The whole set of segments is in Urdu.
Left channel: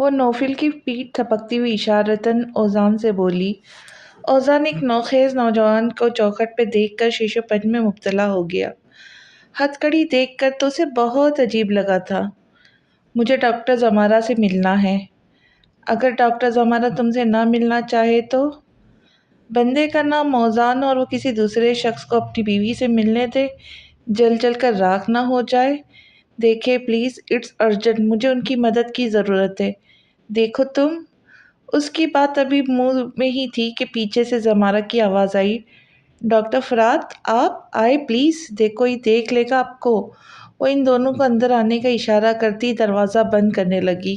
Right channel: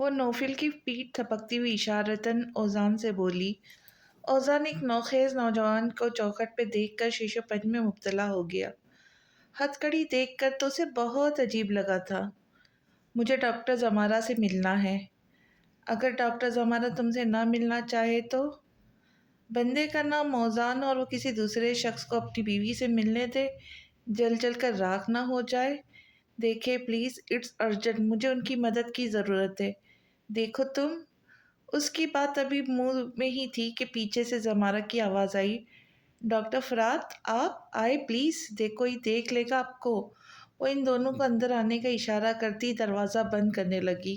وہ نوفل کی پیٹھ تھپکتی ہوئی اشارتاً اوزان سے بولی۔ اوزان ایک نوخیز نوجوان کو چوکھٹ پہ دیکھ کر شیشو پن میں مبتلا ہو گیا۔ ہتھ کڑی دیکھ کر تو اسے بہت عجیب لگا تھا۔ مجھے ڈاکٹر زمارہ سے ملنا ہے۔ اگر ڈاکٹر زمارہ تم سے نہ ملنا چاہے تو؟ بندے کا نام اوزان اور وہ کسی دوسرے شخص کو اپنی بیوی سے ملنے دے، جل جل کر راکھ نہ ہو جائے۔ دیکھے پلیز، اٹس ارجنٹ، مجھے ان کی مدد کی ضرورت ہے۔ دیکھو تم۔ اس کی بات ابھی منہ میں ہی تھی کہ پیچھے سے زمارہ کی آواز آئی، ڈاکٹر فرات آپ آئے پلیز، کوئی دیکھ لے گا آپ کو۔ وہ ان دونوں کو اندر آنے کا اشارہ کرتی دروازہ بند کرنے لگی۔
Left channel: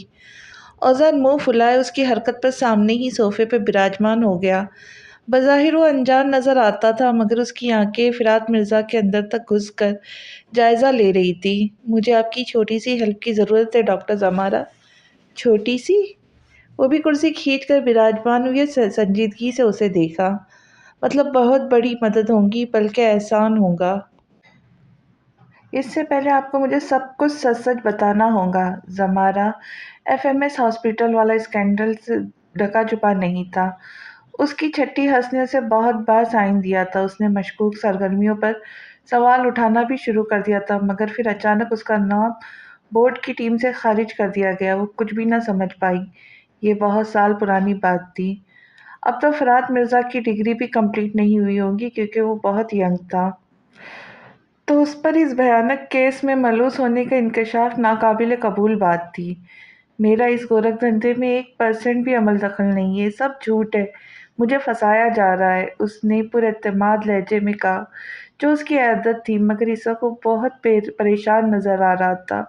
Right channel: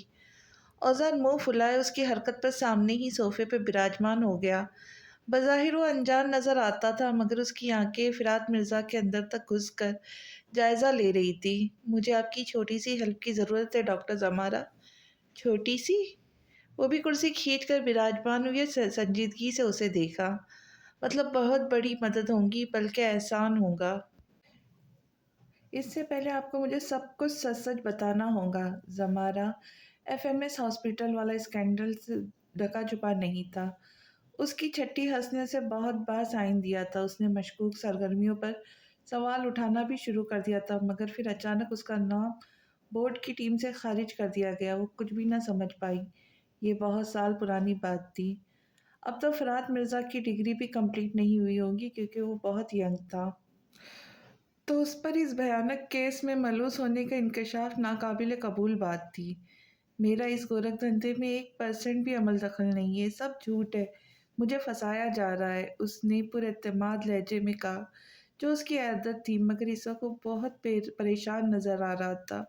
اوزان منہ پھلائے اس کی حرکت پر سامنے ہی صوفے پہ براجمان ہو گیا۔ بظاہر وہ انجان نظر آتا تھا مگر اس کی آنکھیں فرات مرزا کے اندر تک گھس کر جائزہ لے رہی تھی۔ مجھے آپ کی چھوٹی سی ہیلپ کی ضرورت ہے ڈاکٹر زمارہ۔ چھوٹی سی؟ وہ بھی کرسی کھینچ کر براجمان ہوئی، سنجیدگی سے اسے دیکھا۔ مطلب بہت بڑی مدد ہوگی، بلکہ احسان ہوگا۔ اس سے پہلے آپ کو مجھے سب کچھ سچ سچ بتانا ہوگا۔ زمارہ ایف ایم ایس ہاسپٹل والا اسکینڈل سے ڈھکا چھپا نہیں تھا۔ اس کی چھٹی حس نے اسے بہت بار سائن دیا تھا۔ اس نے مشکوک سرگرمیوں پر سوال اٹھانا بھی شروع کر دیا تھا مگر پھر اچانک اس کا نام بورڈ کی ٹیم سے خارج کر دیا گیا۔ وہ کچھ بھی نہ سمجھ پائی۔ یہ بہت سال پرانی بات تھی۔ اب تو فرات مرزا کی ڈگری بھی کمپلیٹ نہیں ہوئی ہوگی کیونکہ وہ بہت ینگ تھا۔ تو اس پر اس بھیانک کیس میں ملوث ہونے کا انکشاف ناقابل قبول بات تھی۔ میرا اس گورکھ دھندے میں 1% بھی عمل دخل نہیں ہے، یہ سب جھوٹ ہے، مجھے پھنسایا جا رہا ہے، اس نے پر اعتماد لہجے میں کہا جو اس کی عادت تھی، مگر اس وقت وہ بہت پریشان نظر آ رہا تھا۔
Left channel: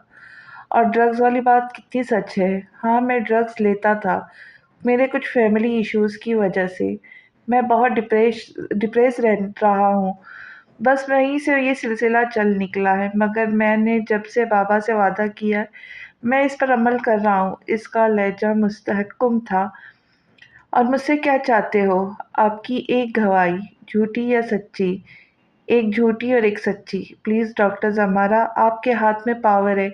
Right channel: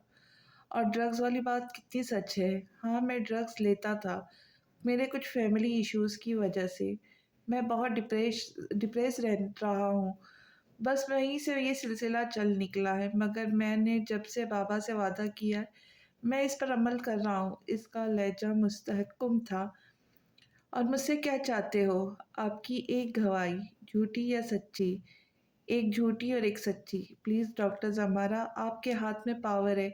اور ڈرگز والی بات کتنی سچ ہے؟ ہاں، میں ڈرگز لیتا تھا، میرے کچھ فیملی ایشوز کی وجہ سے۔ میں بہت ڈپریس رہا ہوں، بس وہیں سے یہ سلسلہ چل نکلا ہے، مگر میں نے جب سے بابا سے وعدہ کیا ہے میں اس پر عمل کر رہا ہوں۔ اس کا لہجہ مستحکم تھا۔ اور مجھ سے کیا چاہتے ہو؟ آپ کی ایک گواہی، جھوٹی یا سچی؟ ایک جھوٹی اور ایک سچی۔ پلیز ڈاکٹر زمارہ، آپ کے ہاتھ میں پاور ہے،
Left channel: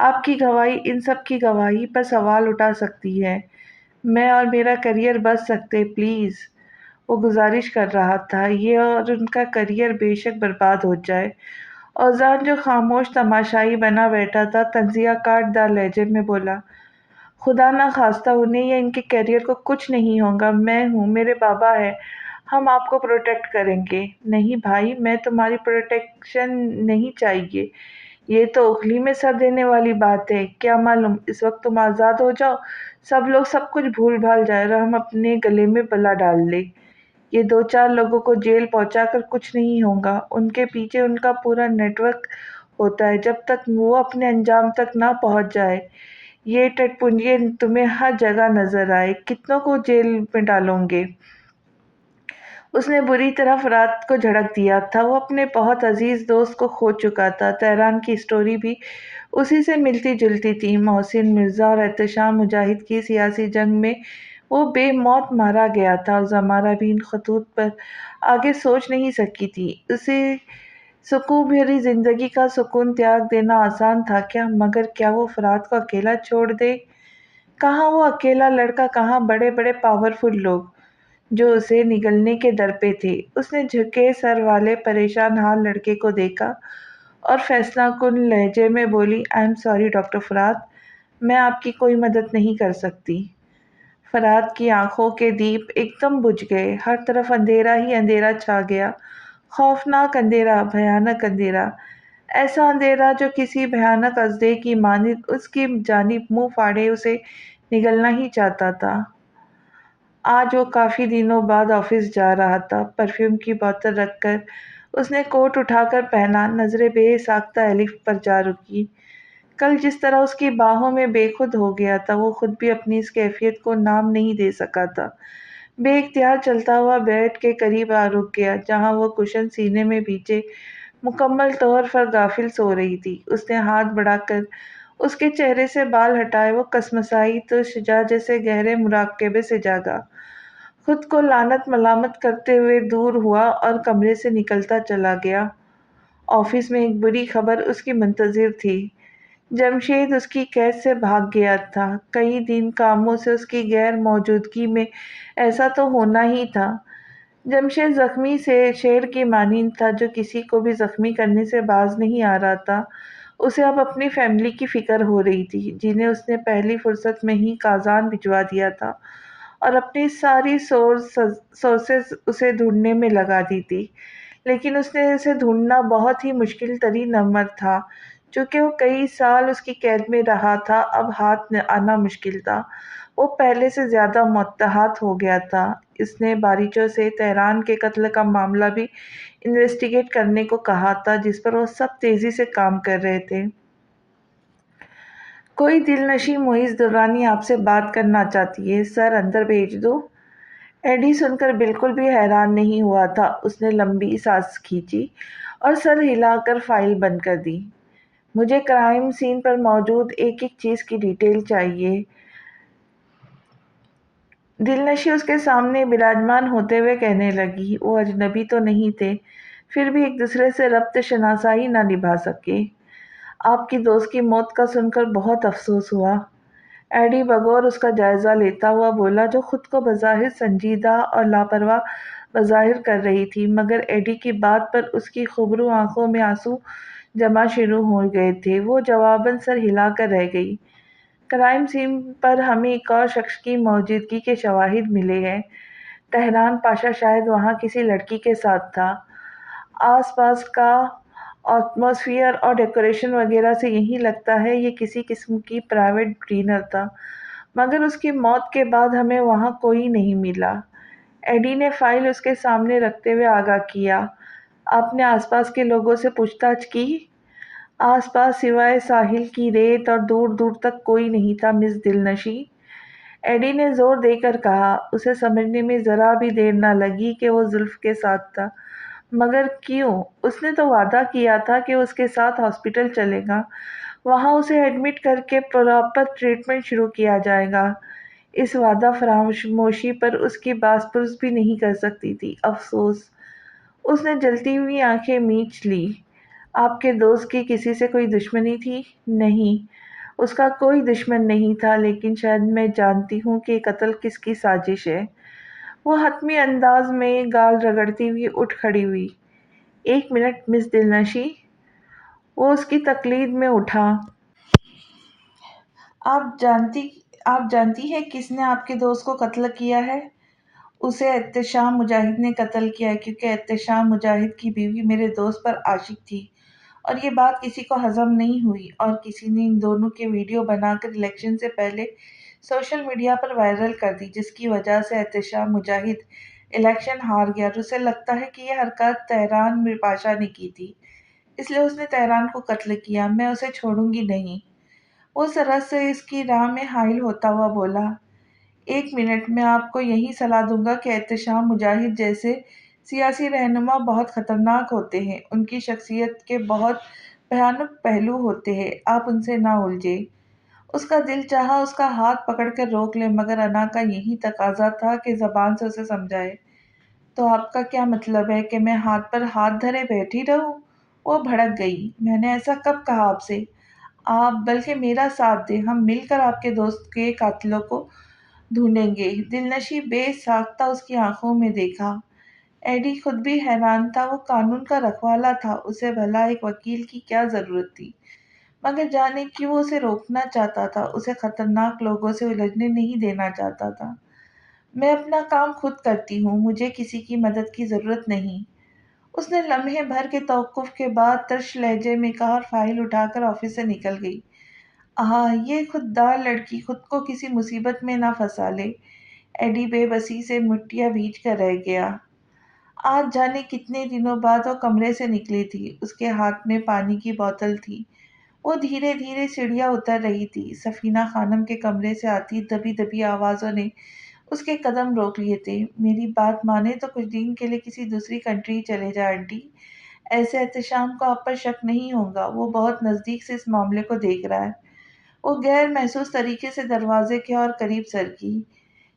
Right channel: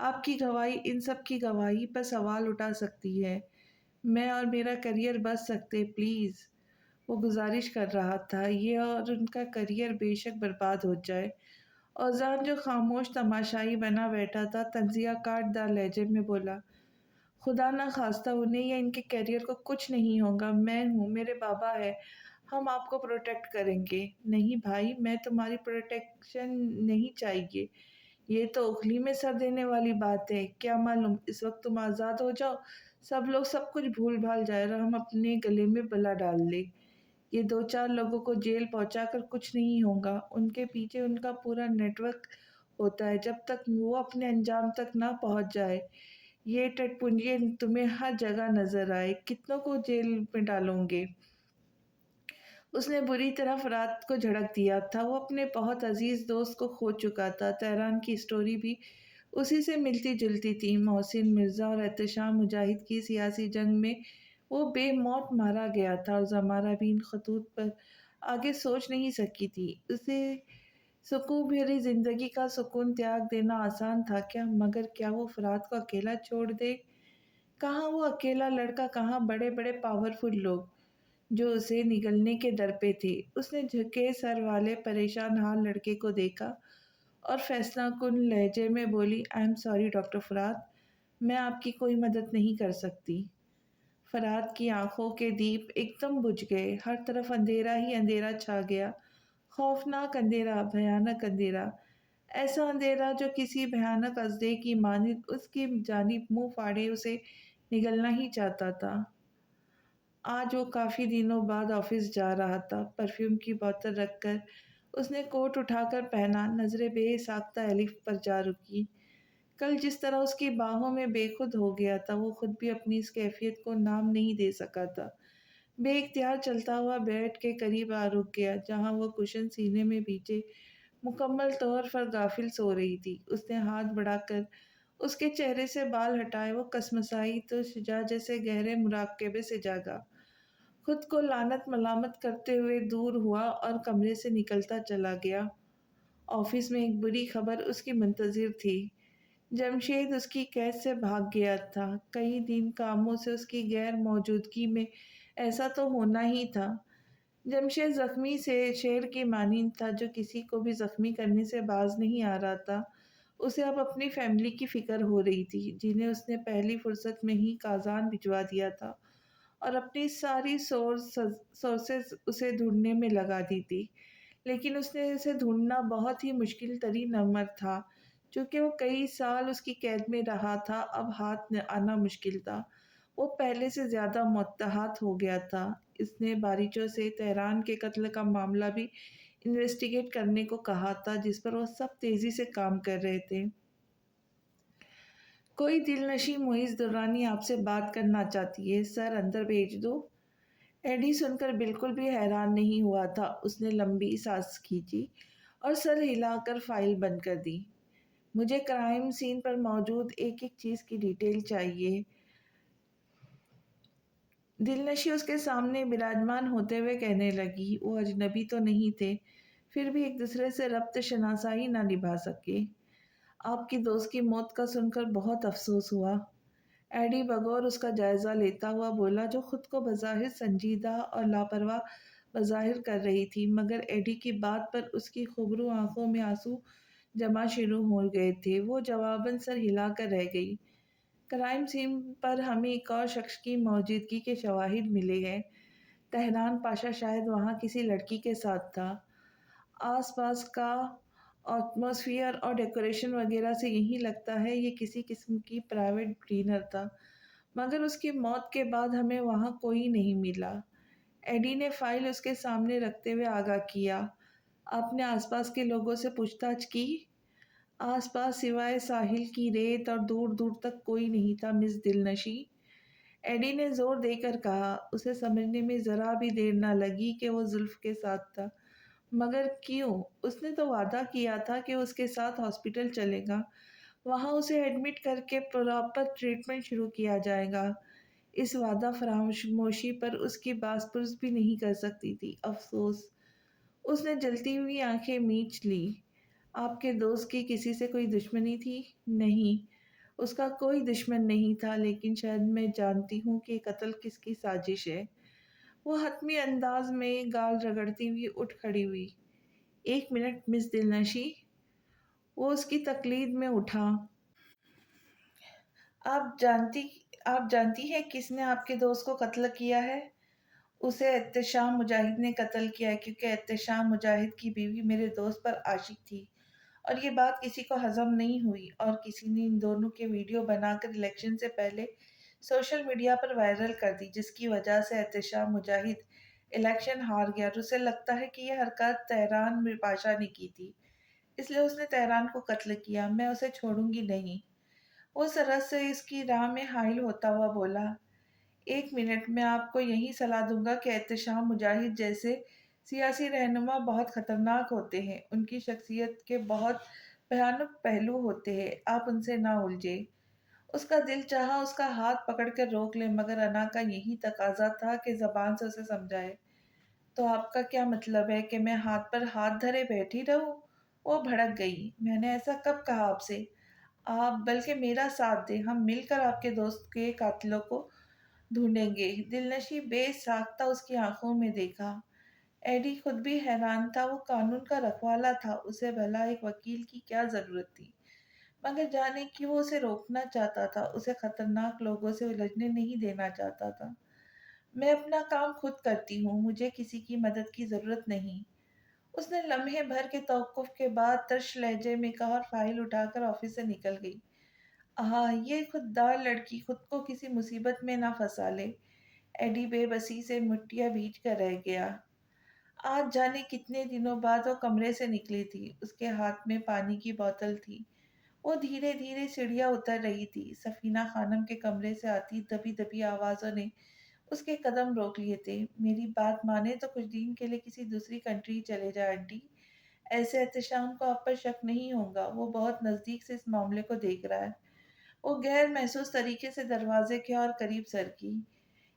آپ کی گواہی ان سب کی گواہی پر سوال اٹھا سکتی ہے، میں اور میرا کیریئر بچ سکتے، پلیز۔ وہ گزارش کر رہا تھا، یہ اور ان کا کیریئر بے شک برباد ہو جائے۔ اوزان جو خاموش تماشائی بنا بیٹھا تھا، تنزیہ کاٹ دار لہجے میں بولا، خدا نہ خواستہ انہیں یا ان کے کیریئر کو کچھ نہیں ہوگا، میں ہوں، میرے بابا ہے، ہم آپ کو پروٹیکٹ کریں گے۔ نہیں بھائی، میں تمہاری پروٹیکشن نہیں چاہیے، یہ تو اخلی میں سر دینے والی بات ہے۔ کیا معلوم اس وقت تم آزاد ہو جاؤ، سب لوگ سب کچھ بھول بھال جائے اور ہم اپنے گلے میں بلا ڈال لیں۔ یہ 2-4 لوگوں کو جیل پہنچا کر کچھ نہیں ہوگا، ان کے پیچھے ان کا پورا نیٹ ورک ہوتا ہے، جب تک وہ اپنے انجام تک نہ پہنچ جائے۔ یہ ٹٹ پنجے تمہیں ہر جگہ نظر آئے، کتنوں کو جیل میں ڈالو گے؟ اس نے بری طرح فرات کو جھڑک دیا تھا۔ وہ اپنے بہت عزیز دوست کو کھو چکا تھا۔ تہران کی سٹوری بھی اسی سے ملتی جلتی تھی۔ محسن مرزا اور احتشام مجاہد کی سیاسی جنگ میں وہ بے موت مارا گیا تھا اور زمارہ بھی ان خطوط پر آگے سوچ نہیں سکی تھی۔ اسے سکون بھری زندگی کا سکون تیاگ دینا آسان تھا کیا؟ مگر کیا وہ فرات کو اکیلا چھوڑ دے؟ کہاں وہ اکیلا لڑکا، کہاں بڑے بڑے پاورفل لوگ جو اسے نگلنے کے در پہ تھے؟ اس نے جھکے سر والے پریشان حال لڑکے کو دیکھا اور فیصلہ کن لہجے میں بولی، آئی ایم سوری ڈاکٹر فرات، میں آپ کی کوئی مدد نہیں کر سکتی۔ فرات کی آنکھوں کے دیپ ایک دم بجھ گئے، ہر طرف اندھیرا ہی اندھیرا چھا گیا، خوفناک اندھیرا، بھیانک اندھیرا، ایسا اندھیرا جو کسی بھیانک اژدہے کی مانند اس کی جانب منہ پھاڑے اسے نگلنا ہی چاہتا تھا۔ آج وہ کافی دنوں بعد آفس جا رہا تھا۔ پرفیوم کی بوتل رکھ کر اس نے کوٹ اٹھا کر پہنا، نظریں بے ساختہ ایلف پر جا رکی۔ کل جس طرح اس کی باہوں میں بے خود ہو گیا تھا، وہ خود بھی اپنی اس کیفیت کو نام نہیں دے سکا تھا۔ بے اختیار چلتا ہوا بیڈ کے قریب آ رک گیا جہاں وہ کشن سینے میں بھیجے مکمل طور پر غافل سو رہی تھی۔ اس نے ہاتھ بڑھا کر اس کے چہرے سے بال ہٹائے، وہ کسمسائی تو شجاع جیسے گہرے مراقبے سے جاگا، خود کو لعنت ملامت کرتے ہوئے دور ہوا اور کمرے سے نکلتا چلا گیا۔ آفس میں ایک بری خبر اس کی منتظر تھی۔ جمشید اس کی قید سے بھاگ گیا تھا۔ کئی دن کاموں سے اس کی غیر موجودگی میں ایسا تو ہونا ہی تھا۔ جمشید زخمی سے شیر کی مانند تھا جو کسی کو بھی زخمی کرنے سے باز نہیں آ رہا تھا۔ اسے اب اپنی فیملی کی فکر ہو رہی تھی جنہیں اس نے پہلی فرصت میں ہی کازان بھجوا دیا تھا اور اپنی ساری سورسز اسے ڈھونڈنے میں لگا دی تھی، لیکن اس نے اسے ڈھونڈنا بہت ہی مشکل ترین امر تھا۔ چونکہ وہ کئی سال اس کی قید میں رہا تھا، اب ہاتھ آنا مشکل تھا۔ وہ پہلے سے زیادہ متحد ہو گیا تھا۔ اس نے باریچوں سے تہران کے قتل کا معاملہ بھی انویسٹیگیٹ کرنے کو کہا تھا، جس پر وہ سب تیزی سے کام کر رہے تھے۔ کوئی دل نشیں معیز درانی آپ سے بات کرنا چاہتی ہے، سر اندر بھیج دو؟ ایڈی سن کر بالکل بھی حیران نہیں ہوا تھا۔ اس نے لمبی سانس کھینچی اور سر ہلا کر فائل بند کر دی۔ مجھے کرائم سین پر موجود ایک ایک چیز کی ڈیٹیل چاہیے۔ دلنشی اس کے سامنے براجمان ہوتے ہوئے کہنے لگی۔ وہ اجنبی تو نہیں تھے، پھر بھی ایک دوسرے سے ربط شناسائی نہ نبھا سکے۔ آپ کی دوست کی موت کا سن کر بہت افسوس ہوا، ایڈی بغور اس کا جائزہ لیتا ہوا بولا، جو خود کو بظاہر سنجیدہ اور لاپرواہ بظاہر کر رہی تھی، مگر ایڈی کی بات پر اس کی خبرو آنکھوں میں آنسو جمع شروع ہو گئے تھے۔ وہ جواباً سر ہلا کر رہ گئی۔ کرائم سین پر ہمیں ایک اور شخص کی موجودگی کے شواہد ملے ہیں۔ تہران پاشا شاید وہاں کسی لڑکی کے ساتھ تھا۔ آس پاس کا ایٹماسفیئر اور ڈیکوریشن وغیرہ سے یہی لگتا ہے یہ کسی قسم کی پرائیویٹ ڈنر تھا، مگر اس کی موت کے بعد ہمیں وہاں کوئی نہیں ملا۔ ایڈی نے فائل اس کے سامنے رکھتے ہوئے آگاہ کیا۔ آپ نے آس پاس کے لوگوں سے پوچھ تاچھ کی؟ آس پاس سوائے ساحل کی ریت اور دور دور تک کوئی نہیں تھا مس دلنشیں، ایڈی نے زور دے کر کہا۔ اسے سمجھنے میں ذرا بھی دیر نہ لگی کہ وہ زلف کے ساتھ تھا، مگر کیوں؟ اس نے تو وعدہ کیا تھا کہ اس کے ساتھ ہاسپٹل چلے گا، وہاں اسے ایڈمٹ کر کے پراپر ٹریٹمنٹ شروع کیا جائے گا۔ اس وعدہ فراموشی پر اس کی باس پرس بھی نہیں کر سکتی تھی۔ افسوس۔ اس نے جلتی ہوئی آنکھیں میچ لی۔ آپ کے دوست کی کسی سے کوئی دشمنی تھی؟ نہیں، اس کا کوئی دشمن نہیں تھا، لیکن شاید میں جانتی ہوں کہ قتل کس کی سازش ہے۔ وہ حتمی انداز میں گال رگڑتی ہوئی اٹھ کھڑی ہوئی۔ ایک منٹ مس دلنشیں، وہ اس کی تقلید میں اٹھا۔ آپ جانتی ہیں کس نے آپ کے دوست کو قتل کیا ہے؟ اسے احتشام مجاہد نے قتل کیا ہے، کیونکہ احتشام مجاہد کی بیوی میرے دوست پر عاشق تھی، اور یہ بات کسی کو ہضم نہیں ہوئی، اور کسی نے ان دونوں کے ویڈیو بنا کر الیکشن سے پہلے سوشل میڈیا پر وائرل کر دی، جس کی وجہ سے احتشام مجاہد الیکشن ہار گیا، اور اسے لگتا ہے کہ یہ حرکت تہران پاشا نے کی تھی، اس لیے اس نے تہران کو قتل کیا۔ میں اسے چھوڑوں گی نہیں۔ وہ سرحد سے اس کی راہ میں حائل ہوتا ہوا بولا۔ ایک منٹ، میں آپ کو یہی صلاح دوں گا کہ احتشام مجاہد جیسے سیاسی رہنما بہت خطرناک ہوتے ہیں، ان کی شخصیت کے بہت بھیانک پہلو ہوتے ہیں، آپ ان سے نہ الجھیں۔ اس کا دل چاہا اس کا ہاتھ پکڑ کر روک لے، مگر انا کا یہی تقاضا تھا کہ زبان سے اسے سمجھائے۔ تو آپ کا کیا مطلب ہے کہ میں ہاتھ پر ہاتھ دھرے بیٹھی رہوں؟ وہ بھڑک گئی۔ میں نے ایسا کب کہا آپ سے؟ آپ بلکہ میرا ساتھ دیں، ہم مل کر آپ کے دوست کے قاتلوں کو ڈھونڈیں گے۔ دلنشیں بے ساختہ اس کی آنکھوں میں دیکھا۔ ایڈی خود بھی حیران تھا۔ وہ قانون کا رکھوالا تھا، اسے بھلا ایک وکیل کی کیا ضرورت تھی؟ مگر جانے کیوں وہ اسے روکنا چاہتا تھا، اسے خطرناک لوگوں سے الجھنے نہیں دینا چاہتا تھا۔ میں اپنا کام خود کرتی ہوں، مجھے کسی کی مدد کی ضرورت نہیں، اس نے لمحے بھر کے توقف کے بعد ترش لہجے میں کہا، اور فائل اٹھا کر آفس سے نکل گئی۔ یہ خوددار لڑکی خود کو کسی مصیبت میں نہ پھنسا لے۔ ایڈی بے بسی سے مٹیاں بھیج کر رہ گیا۔ آج جانے کتنے دنوں بعد وہ کمرے سے نکلی تھی، اس کے ہاتھ میں پانی کی بوتل تھی۔ وہ دھیرے دھیرے سیڑھیاں اتر رہی تھی۔ سفینہ خانم کے کمرے سے آتی دبی دبی آوازوں نے اس کے قدم روک لیے تھے۔ میری بات مانے تو کچھ دن کے لیے کسی دوسری کنٹری چلے جائیں آنٹی، ایسے احتشام کو آپ پر شک نہیں ہوگا، وہ بہت نزدیک سے اس معاملے کو دیکھ رہا ہے۔ وہ غیر محسوس طریقے سے دروازے کے اور قریب سرکی۔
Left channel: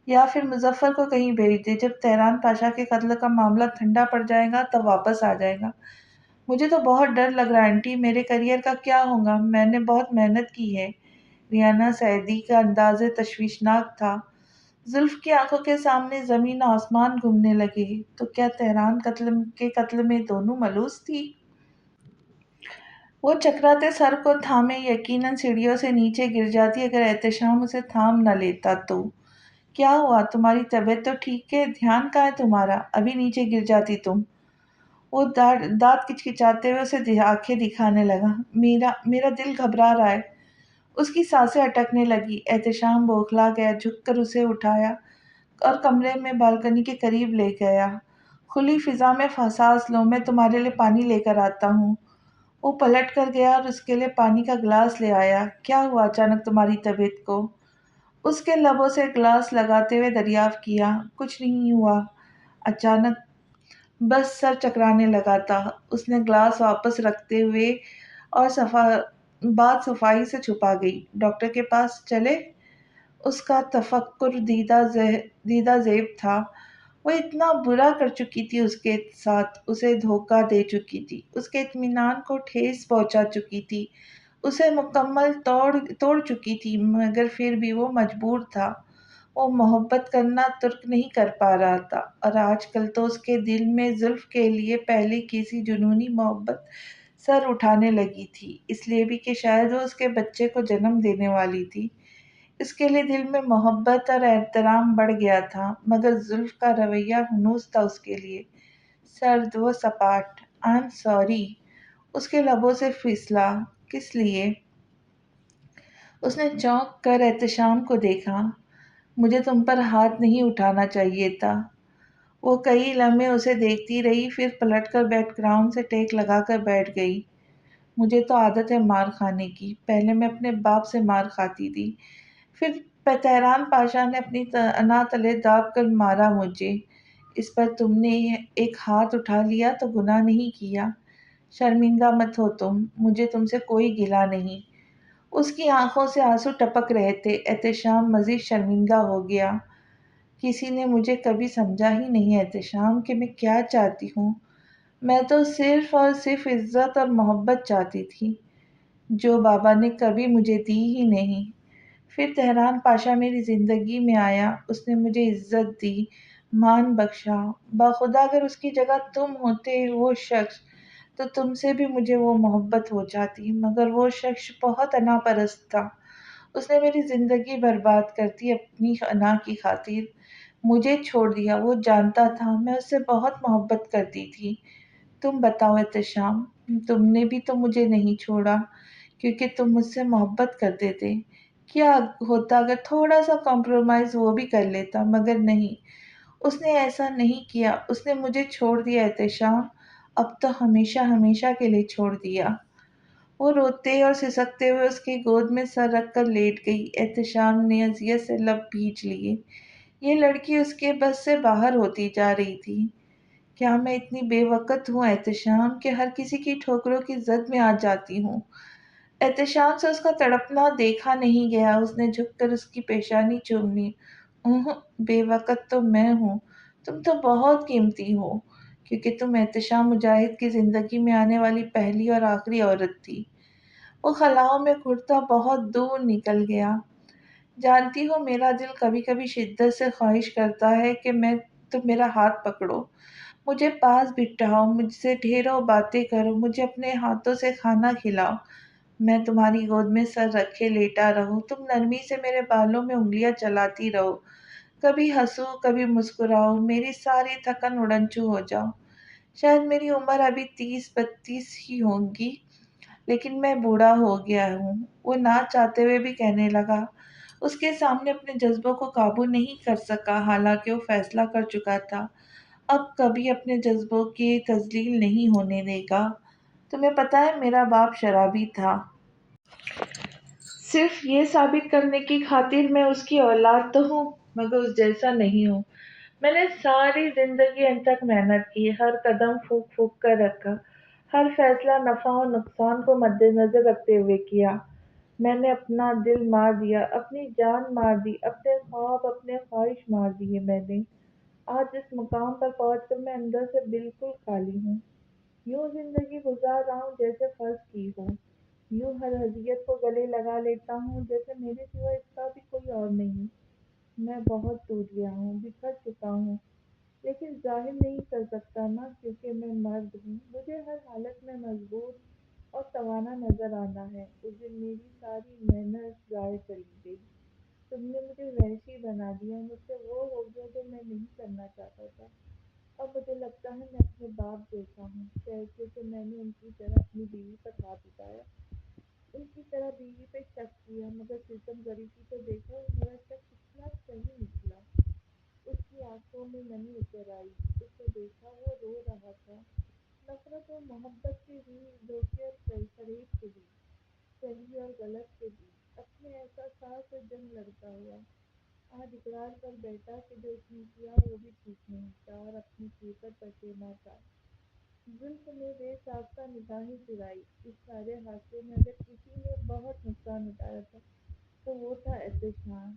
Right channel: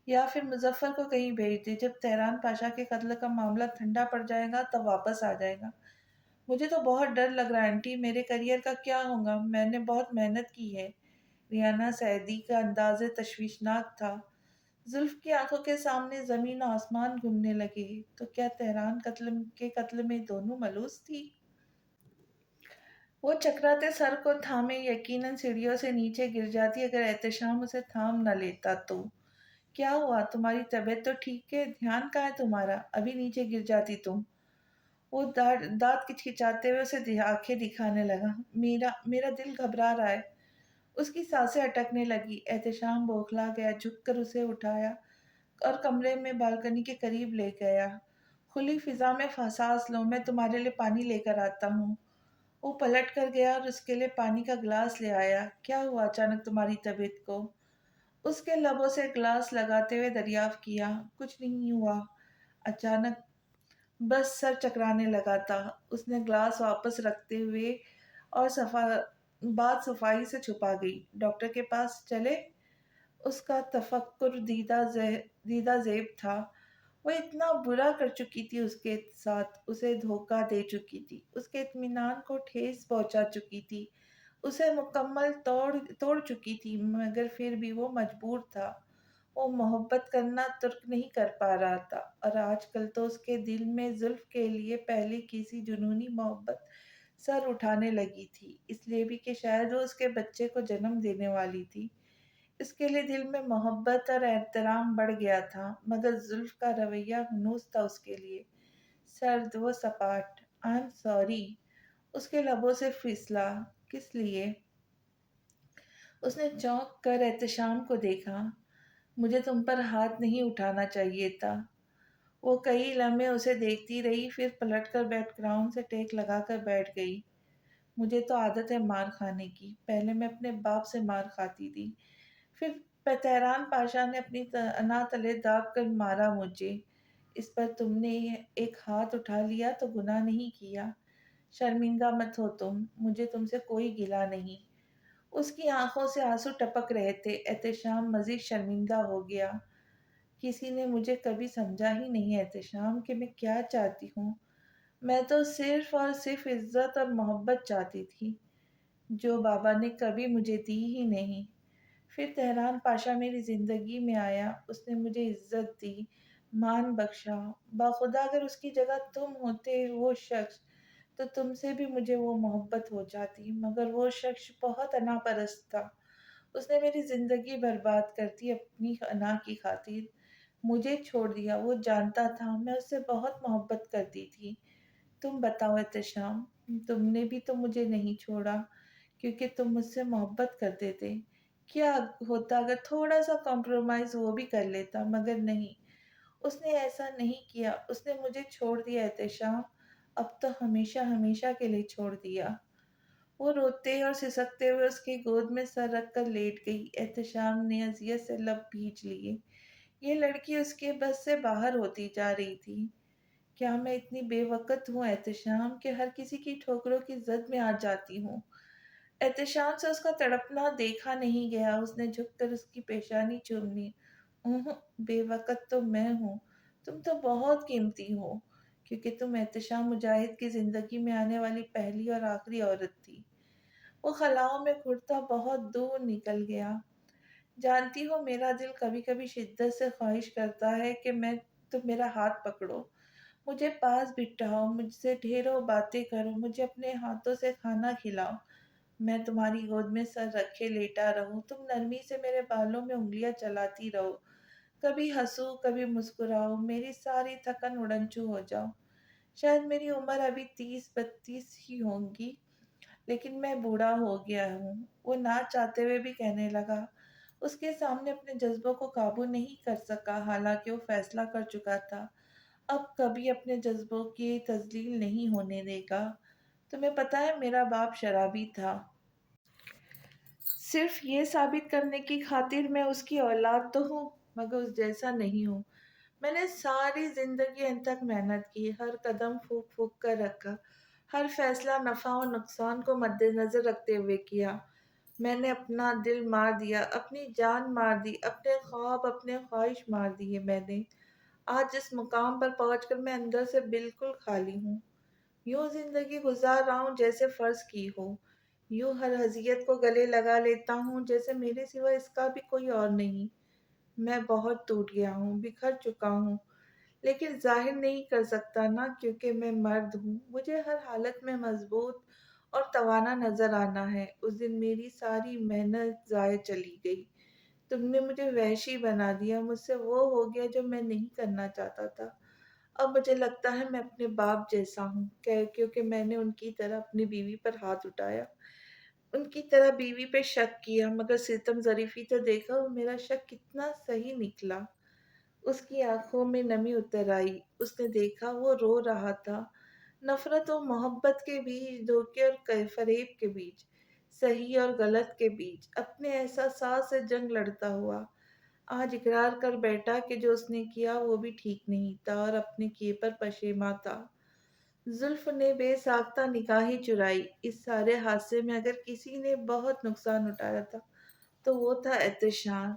یا پھر مظفر کو کہیں بھیج دے، جب تہران پاشا کے قتل کا معاملہ ٹھنڈا پڑ جائے گا تب واپس آ جائے گا۔ مجھے تو بہت ڈر لگ رہا ہے آنٹی، میرے کریئر کا کیا ہوگا؟ میں نے بہت محنت کی ہے۔ ریانا سعیدی کا انداز تشویشناک تھا۔ زلف کی آنکھوں کے سامنے زمین و آسمان گھومنے لگے۔ تو کیا تہران قتل میں دونوں ملوث تھی؟ وہ چکراتے سر کو تھامے یقیناً سیڑھیوں سے نیچے گر جاتی اگر احتشام اسے تھام نہ لیتا تو۔ کیا ہوا؟ تمہاری طبیعت تو ٹھیک ہے؟ دھیان کہاں ہے تمہارا؟ ابھی نیچے گر جاتی تم۔ وہ دانت کچکچاتے ہوئے اسے آنکھیں دکھانے لگا۔ میرا دل گھبرا رہا ہے۔ اس کی سانسیں اٹکنے لگی۔ احتشام بوکھلا گیا، جھک کر اسے اٹھایا اور کمرے میں بالکنی کے قریب لے گیا۔ کھلی فضا میں سانس لو، میں تمہارے لیے پانی لے کر آتا ہوں۔ وہ پلٹ کر گیا اور اس کے لیے پانی کا گلاس لے آیا۔ کیا ہوا اچانک تمہاری طبیعت کو؟ اس کے لبوں سے گلاس لگاتے ہوئے دریافت کیا۔ کچھ نہیں ہوا، اچانک بس سر چکرانے لگا تھا۔ اس نے گلاس واپس رکھتے ہوئے اور بات صفائی سے چھپا گئی۔ ڈاکٹر کے پاس چلے؟ اس کا تفکر دیدہ زیب تھا۔ وہ اتنا برا کر چکی تھی اس کے ساتھ، اسے دھوکہ دے چکی تھی، اس کے اطمینان کو ٹھیس پہنچا چکی تھی، اسے مکمل توڑ چکی تھی، مگر پھر بھی وہ مجبور تھا۔ وہ محبت کرنا ترک نہیں کر پا رہا تھا، اور آج کل تو اس کے دل میں زلف کے لیے پہلے کسی جنونی محبت سر اٹھانے لگی تھی، اس لیے بھی کہ شاید وہ اس کے بچے کو جنم دینے والی تھی۔ اس کے لیے دل میں محبت اور احترام بڑھ گیا تھا، مگر زلف کا رویہ ہنوز تھا اس کے لیے سرد و سپاٹ۔ آئی ایم سوری، اس کے لبوں سے پھسلا۔ کس لیے؟ اس نے چونک کر احتشام کو دیکھا۔ مجھے تم پر ہاتھ نہیں اٹھانا چاہیے تھا۔ وہ کئی لمحے اسے دیکھتی رہی، پھر پلٹ کر بیک گراؤنڈ سے ٹیک لگا کر بیٹھ گئی۔ مجھے تو عادت ہے مار کھانے کی، پہلے میں اپنے باپ سے مار کھاتی تھی، پھر تہران پاشا نے اپنی انا تلے داب کر مارا مجھے، اس پر تم نے ایک ہاتھ اٹھا لیا تو گناہ نہیں کیا۔ شرمندہ مت ہو تم، مجھے تم سے کوئی گلہ نہیں۔ اس کی آنکھوں سے آنسو ٹپک رہے تھے۔ احتشام مزید شرمندہ ہو گیا۔ کسی نے مجھے کبھی سمجھا ہی نہیں احتشام کہ میں کیا چاہتی ہوں۔ میں تو صرف اور صرف عزت اور محبت چاہتی تھی، جو بابا نے کبھی مجھے دی ہی نہیں۔ پھر تہران پاشا میری زندگی میں آیا، اس نے مجھے عزت دی، مان بخشا۔ باخدا اگر اس کی جگہ تم ہوتے، وہ شخص، تو تم سے بھی مجھے وہ محبت ہو جاتی، مگر وہ شخص بہت انا پرست تھا۔ اس نے میری زندگی برباد کر دی اپنی انا کی خاطر، مجھے چھوڑ دیا۔ وہ جانتا تھا میں اس سے بہت محبت کرتی تھی۔ تم بتاؤ احتشام، تم نے بھی تو مجھے نہیں چھوڑا کیونکہ تم مجھ سے محبت کرتے تھے۔ کیا ہوتا اگر تھوڑا سا کمپرومائز وہ بھی کر لیتا؟ مگر نہیں، اس نے ایسا نہیں کیا۔ اس نے مجھے چھوڑ دیا احتشام، اب تو ہمیشہ ہمیشہ کے لیے چھوڑ دیا۔ وہ روتے اور سسکتے ہوئے اس کی گود میں سر رکھ کر لیٹ گئی۔ احتشام نے اذیت سے لب بھینچ لیے۔ یہ لڑکی اس کے بس سے باہر ہوتی جا رہی تھی۔ کیا میں اتنی بے وقت ہوں احتشام کہ ہر کسی کی ٹھوکروں کی زد میں آ جاتی ہوں؟ احتشام سے اس کا تڑپنا دیکھا نہیں گیا۔ اس نے جھک کر اس کی پیشانی چوم لی۔ بے وقت تو میں ہوں، تم تو بہت قیمتی ہو، کیونکہ تم احتشام مجاہد کی زندگی میں آنے والی پہلی اور آخری عورت تھی۔ وہ خلاؤں میں گھٹتا بہت دور نکل گیا۔ جانتی ہو میرا دل کبھی کبھی شدت سے خواہش کرتا ہے کہ تم میرا ہاتھ پکڑو، مجھے پاس بٹھاؤ، مجھ سے ڈھیروں باتیں کرو، مجھے اپنے ہاتھوں سے کھانا کھلاؤ، میں تمہاری گود میں سر رکھے لیٹا رہوں، تم نرمی سے میرے بالوں میں انگلیاں چلاتی رہو، کبھی ہنسو کبھی مسکراؤ، میری ساری تھکن اڑنچو ہو جاؤ۔ شاید میری عمر ابھی 30-32 ہی ہوگی، لیکن میں بوڑھا ہو گیا ہوں۔ وہ نہ چاہتے ہوئے بھی کہنے لگا۔ اس کے سامنے اپنے جذبوں کو قابو نہیں کر سکا، حالانکہ وہ فیصلہ کر چکا تھا اب کبھی اپنے جذبوں کی تذلیل نہیں ہونے دے گا۔ تمہیں پتہ ہے میرا باپ شرابی تھا، صرف یہ ثابت کرنے کی خاطر میں اس کی اولاد تو ہوں مگر اس جیسا نہیں ہوں۔ میں نے ساری زندگی ان تک محنت کی، ہر قدم پھونک پھونک کر رکھا، ہر فیصلہ نفع و نقصان کو مد نظر رکھتے ہوئے کیا۔ میں نے اپنا دل مار دیا، اپنی جان مار دی، اپنے خواب اپنے خواہش مار دیے میں نے۔ آج اس مقام پر پہنچ کر میں اندر سے بالکل خالی ہوں۔ یوں زندگی گزار رہا ہوں جیسے فرض کی ہو، یوں ہر اذیت کو گلے لگا لیتا ہوں جیسے میرے سوا اس کا بھی کوئی اور نہیں۔ میں بہت ٹوٹ گیا ہوں، بکھر چکا ہوں، لیکن ظاہر نہیں کر سکتا نا، کیونکہ میں مرد ہوں۔ مجھے ہر حالت میں مضبوط اور توانا نظر آنا ہے۔ اس دن میری ساری محنت ضائع چلی گئی۔ تم نے مجھے وحشی بنا دیا، مجھ سے وہ ہو گیا جو میں نہیں کرنا چاہتا تھا۔ اب مجھے لگتا ہے میں اپنے باپ جیسا ہوں، کیونکہ میں نے ان کی طرح اپنی بیوی پر ہاتھ اٹھایا، ان کی طرح بیوی پہ شک کیا، مگر ستم ظریفی تو دیکھا، وہ میرا شک کتنا صحیح نکلا۔ اس کی آنکھوں میں نمی اتر آئی، اس نے دیکھا وہ رو رہا تھا۔ نفرت و محبت کے بیچ، دھوکے اور فریب کے بیچ، صحیح اور غلط کے بیچ، اپنے احساسات سے جنگ لڑتا ہوا آج اقرار کر بیٹھا کہ جو اس نے کیا وہ بھی ٹھیک نہیں تھا اور اپنے کیے پر پشیماں تھا۔ زلف نے بے ساختہ نگاہیں چرائی۔ اس سارے حادثے میں اگر کسی نے بہت نقصان اٹھایا تھا تو وہ تھا احتشام۔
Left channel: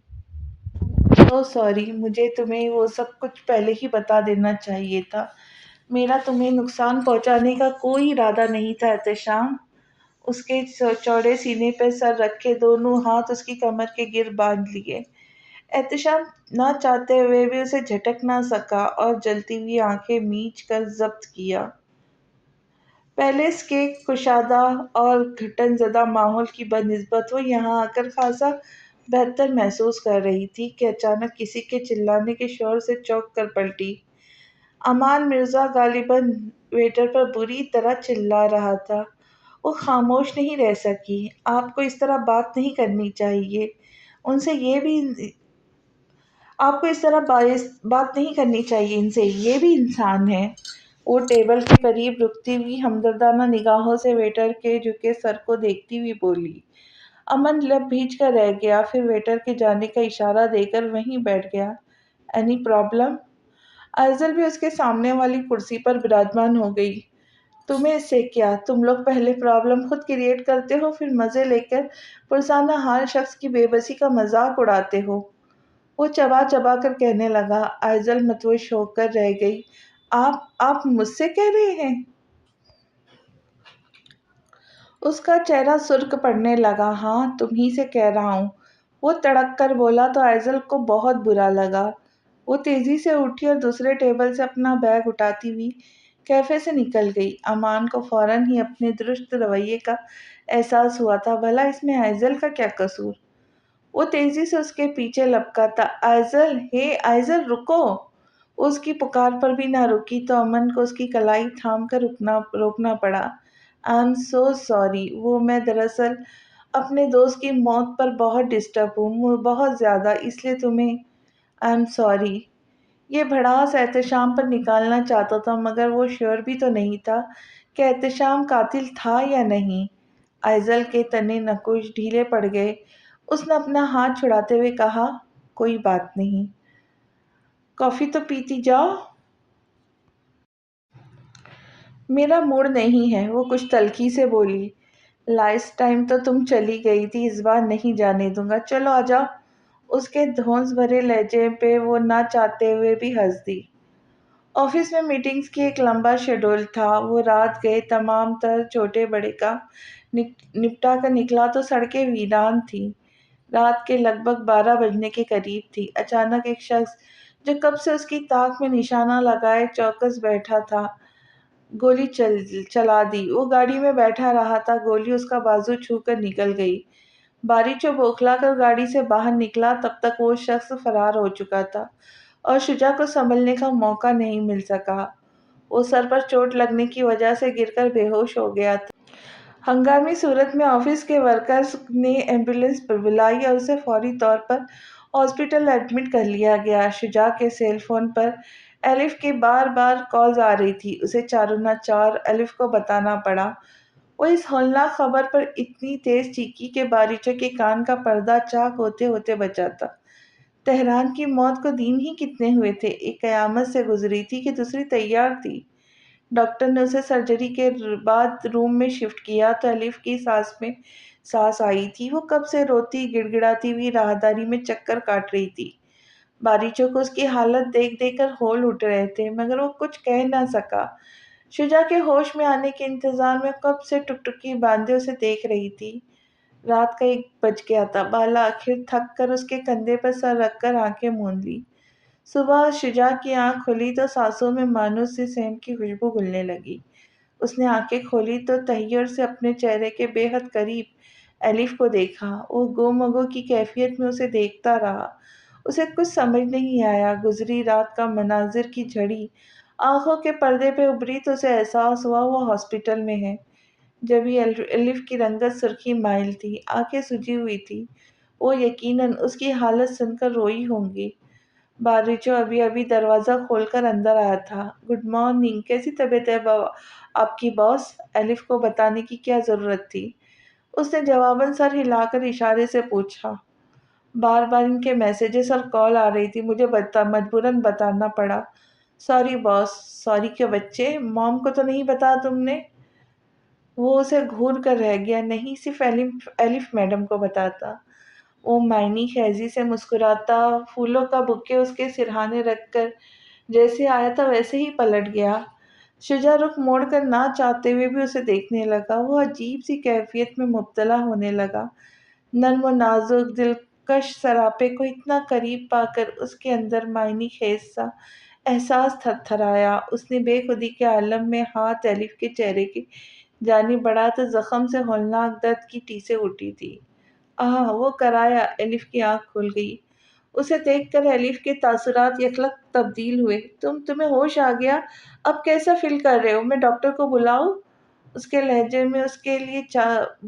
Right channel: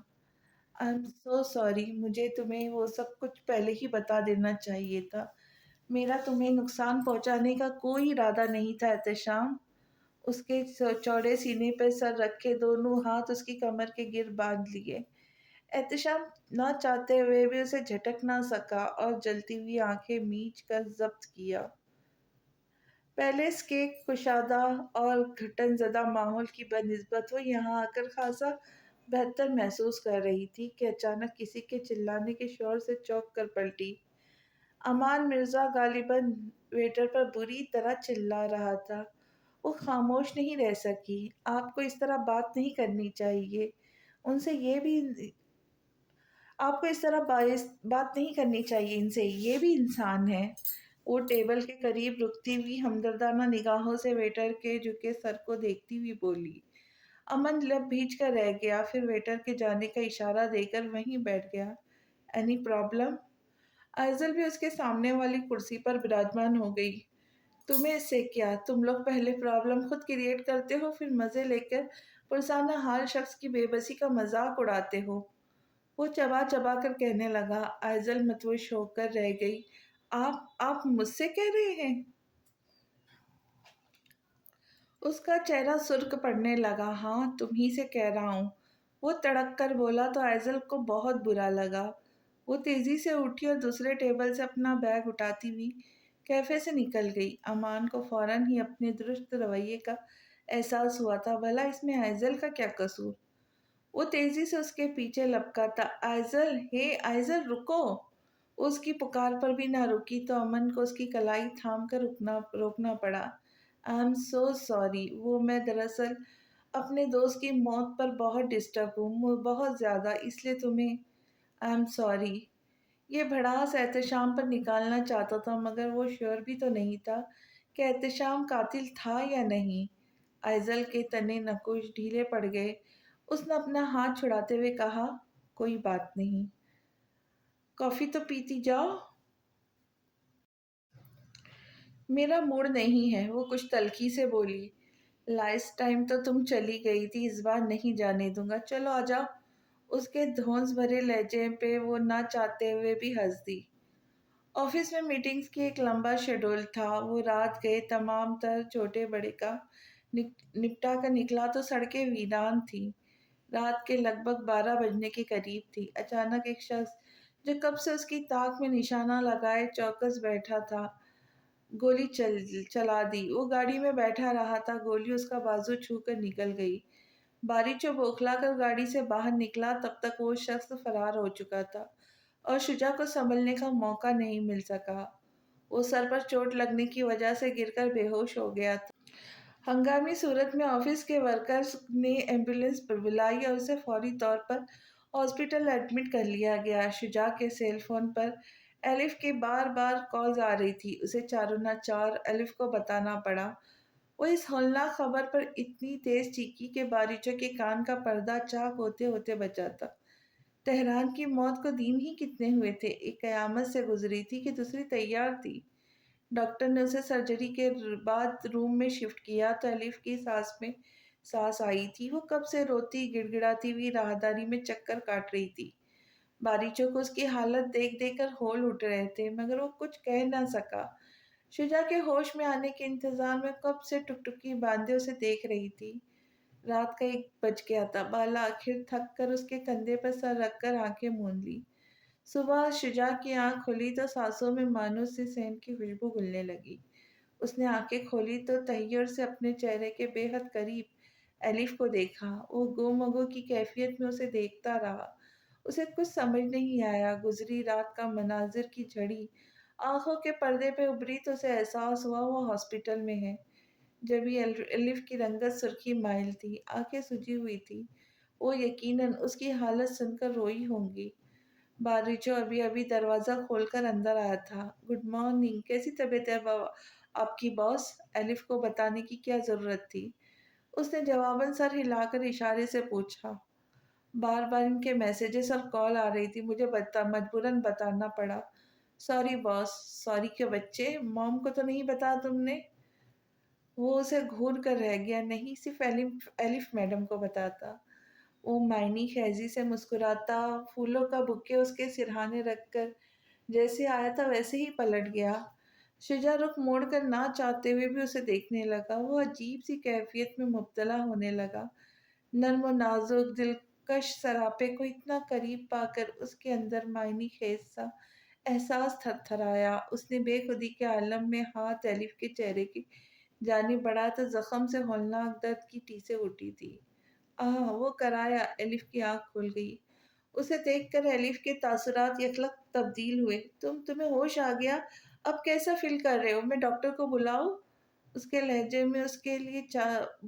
I'm so sorry، مجھے تمہیں وہ سب کچھ پہلے ہی بتا دینا چاہیے تھا۔ میرا تمہیں نقصان پہنچانے کا کوئی ارادہ نہیں تھا احتشام۔ اس کے چوڑے سینے پہ سر رکھے دونوں ہاتھ اس کی کمر کے گر باندھ لیے۔ احتشام نہ چاہتے ہوئے بھی اسے جھٹک نہ سکا اور جلتی ہوئی آنکھیں میچ کر ضبط کیا۔ پیلس کے کشادہ اور گھٹن زدہ ماحول کی بنسبت وہ یہاں آ کر خاصا بہتر محسوس کر رہی تھی کہ اچانک کسی کے چلانے کے شور سے چونک کر پلٹی۔ امان مرزا غالباً ویٹر پر بری طرح چلا رہا تھا۔ وہ خاموش نہیں رہ سکی۔ آپ کو اس طرح بات نہیں کرنی چاہیے ان سے، یہ بھی آپ کو اس طرح بات نہیں کرنی چاہیے ان سے، یہ بھی انسان ہے۔ وہ ٹیبل کے قریب رکتی ہوئی ہمدردانہ نگاہوں سے ویٹر کے جھکے سر کو دیکھتی ہوئی بولی۔ امن لب بھیج کر رہ گیا، پھر ویٹر کے جانے کا اشارہ دے کر وہیں بیٹھ گیا۔ Any problem? ائزل بھی اس کے سامنے والی کرسی پر براجمان ہو گئی۔ تمہیں اس سے کیا؟ تم لوگ پہلے پرابلم خود کریٹ کرتے ہو، پھر مزے لے کر پرسانہ حال شخص کی بے بسی کا مذاق اڑاتے ہو۔ وہ چبا چبا کر کہنے لگا۔ ائزل متوش ہو کر رہ گئی۔ آپ مجھ سے کہہ رہے ہیں؟ اس کا چہرہ سرخ پڑنے لگا۔ ہاں، تم ہی سے کہہ رہا ہوں، وہ تڑک کر بولا تو ائزل کو بہت برا لگا۔ وہ تیزی سے اٹھی اور دوسرے ٹیبل سے اپنا بیگ اٹھاتی ہوئی کیفے سے نکل گئی۔ امان کو فوراً ہی اپنے درست رویے کا احساس ہوا تھا۔ بھلا اس میں ائزل کا کیا قصور؟ وہ تیزی سے اس کے پیچھے لپکا تھا۔ ائزل، ہے ائزل، رکو! وہ اس کی پکار پر بھی نہ رکی تو امن کو اس کی کلائی تھام کر روکنا پڑا۔ آئی ایم سو سوری، میں دراصل اپنے دوست کی موت پر بہت ڈسٹرب ہوں، بہت زیادہ، اس لیے تمہیں آئی ایم سوری۔ یہ بھڑاس احتشام پر نکالنا چاہتا تھا، مگر وہ شیور بھی تو نہیں تھا کہ احتشام قاتل تھا یا نہیں۔ ائزل کے تنے نکوش ڈھیلے پڑ گئے۔ اس نے اپنا ہاتھ چھڑاتے ہوئے کہا، کوئی بات نہیں، کافی تو پیتی جاؤ۔ میرا موڈ نہیں ہے، وہ کچھ تلخی سے بولی۔ لاسٹ ٹائم تو تم چلی گئی تھی، اس بار نہیں جانے دوں گا، چلو آجاؤ۔ اس کے دھونس بھرے لہجے پہ وہ نہ چاہتے ہوئے بھی ہنس دی۔ آفس میں میٹنگز کی ایک لمبا شیڈول تھا۔ وہ رات گئے تمام تر چھوٹے بڑے کام نپٹا کر نکلا تو سڑکیں ویران تھیں۔ رات کے لگ بھگ 12 بجنے کے قریب تھی۔ اچانک ایک شخص جو کب سے اس کی تاک میں نشانہ لگائے چوکس بیٹھا تھا، گولی چلا دی۔ وہ گاڑی میں بیٹھا رہا تھا، گولی اس کا بازو چھو کر نکل گئی۔ باریچو بوکھلا کر گاڑی سے باہر نکلا، تب تک وہ شخص فرار ہو چکا تھا اور شجاع کو سنبھلنے کا موقع نہیں مل سکا۔ وہ سر پر چوٹ لگنے کی وجہ سے گر کر بے ہوش ہو گیا تھا۔ ہنگامی صورت میں آفس کے ورکرز نے ایمبولینس بلائی اور اسے فوری طور پر ہاسپٹل ایڈمٹ کر لیا گیا۔ شجاع کے سیل فون پر الف کی بار بار کالز آ رہی تھی، اسے چاروں نہ چار الف کو بتانا پڑا۔ وہ اس ہولناک خبر پر اتنی تیز چیخی کہ باریچو کے کان کا پردہ چاک ہوتے ہوتے بچا تھا۔ تہران کی موت کو دن ہی کتنے ہوئے تھے، ایک قیامت سے گزری تھی کہ دوسری تیار تھی۔ ڈاکٹر نے اسے سرجری کے بعد روم میں شفٹ کیا تو الف کی سانس میں سانس آئی تھی۔ وہ کب سے روتی گڑ گڑاتی ہوئی راہداری میں چکر کاٹ رہی تھی۔ باریچو کو اس کی حالت دیکھ دیکھ کر ہول اٹھ رہے تھے، مگر وہ کچھ کہہ نہ سکا۔ شجا کے ہوش میں آنے کے انتظار میں کب سے ٹکٹکی باندھے اسے دیکھ رہی تھی۔ رات کا 1 بج گیا تھا۔ بالا آخر تھک کر اس کے کندھے پر سر رکھ کر آنکھیں موند لی۔ صبح شجاع کی آنکھ کھلی تو سانسوں میں مانوس سی سینٹ کی خوشبو گھلنے لگی۔ اس نے آنکھیں کھولی تو تحیر سے اپنے چہرے کے بے حد قریب الف کو دیکھا۔ وہ گو مگو کی کیفیت میں اسے دیکھتا رہا۔ اسے کچھ سمجھ نہیں آیا۔ گزری رات کا مناظر کی جھڑی آنکھوں کے پردے پہ ابھری تو اسے احساس ہوا وہ ہاسپٹل میں ہے۔ جبھی الف کی رنگت سرخی مائل تھی، آنکھیں سجی ہوئی تھی۔ وہ یقیناً اس کی حالت سن کر روئی ہوں گی۔ باریچو ابھی ابھی دروازہ کھول کر اندر آیا تھا۔ گڈ مارننگ، کیسی طبیعت ہے آپ کی باس؟ الف کو بتانے کی کیا ضرورت تھی؟ اس نے جواباً سر ہلا کر اشارے سے پوچھا۔ بار بار ان کے میسیجز اور کال آ رہی تھی، مجھے مجبوراً بتانا پڑا۔ سوری باس۔ سوری کے بچے، موم کو تو نہیں بتایا تم نے؟ وہ اسے گھور کر رہ گیا۔ نہیں، صرف الف میڈم کو بتاتا۔ وہ معنی خیزی سے مسکراتا پھولوں کا بکے اس کے سرہانے رکھ کر جیسے آیا تھا ویسے ہی پلٹ گیا۔ شجاع رخ موڑ کر نہ چاہتے ہوئے بھی اسے دیکھنے لگا۔ وہ عجیب سی کیفیت میں مبتلا ہونے لگا۔ نرم و نازک دلکش سراپے کو اتنا قریب پا کر اس کے اندر معنی خیز سا احساس تھر تھرایا۔ اس نے بے خودی کے عالم میں ہاتھ الف کے چہرے کی جانب بڑھا تو زخم سے ہولناک درد کی ٹیسیں اٹھی تھی۔ وہ کرایا۔ الف کی آنکھ کھل گئی۔ اسے دیکھ کر الف کے تاثرات یکلخت تبدیل ہوئے۔ تمہیں ہوش آ گیا؟ اب کیسا فیل کر رہے ہو؟ میں ڈاکٹر کو بلاؤں؟ اس کے لہجے میں اس کے لیے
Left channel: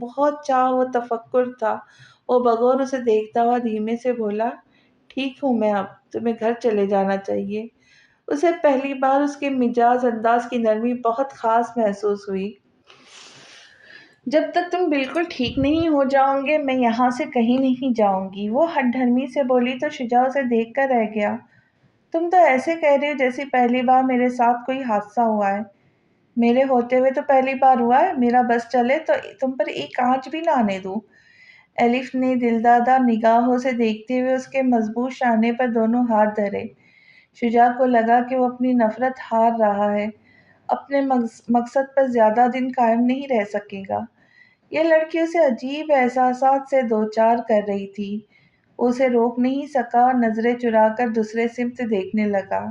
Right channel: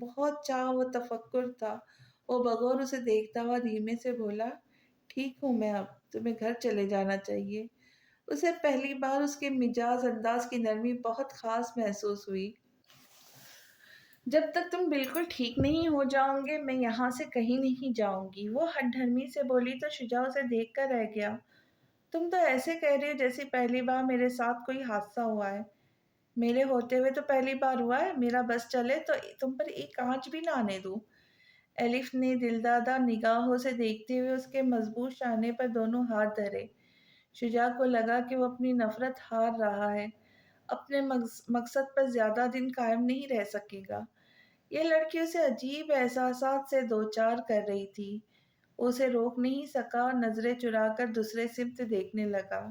بہت چاہ و تفکر تھا۔ وہ بغور اسے دیکھتا ہوا دھیمے سے بولا، ٹھیک ہوں میں اب، تمہیں گھر چلے جانا چاہیے۔ اسے پہلی بار اس کے مجاز انداز کی نرمی بہت خاص محسوس ہوئی۔ جب تک تم بالکل ٹھیک نہیں ہو جاؤ گے میں یہاں سے کہیں نہیں جاؤں گی، وہ ہٹ دھرمی سے بولی تو شجاع اسے دیکھ کر رہ گیا۔ تم تو ایسے کہہ رہی ہو جیسے پہلی بار میرے ساتھ کوئی حادثہ ہوا ہے۔ میرے ہوتے ہوئے تو پہلی بار ہوا ہے، میرا بس چلے تو تم پر ایک آنچ بھی نہ آنے دوں۔ الف نے دلدادہ نگاہوں سے دیکھتے ہوئے اس کے مضبوط شانے پر دونوں ہاتھ دھرے۔ شجاع کو لگا کہ وہ اپنی نفرت ہار رہا ہے، اپنے مقصد پر زیادہ دن قائم نہیں رہ سکے گا۔ یہ لڑکی اسے عجیب احساسات سے دوچار کر رہی تھی۔ وہ اسے روک نہیں سکا اور نظریں چرا کر دوسرے سمت دیکھنے لگا۔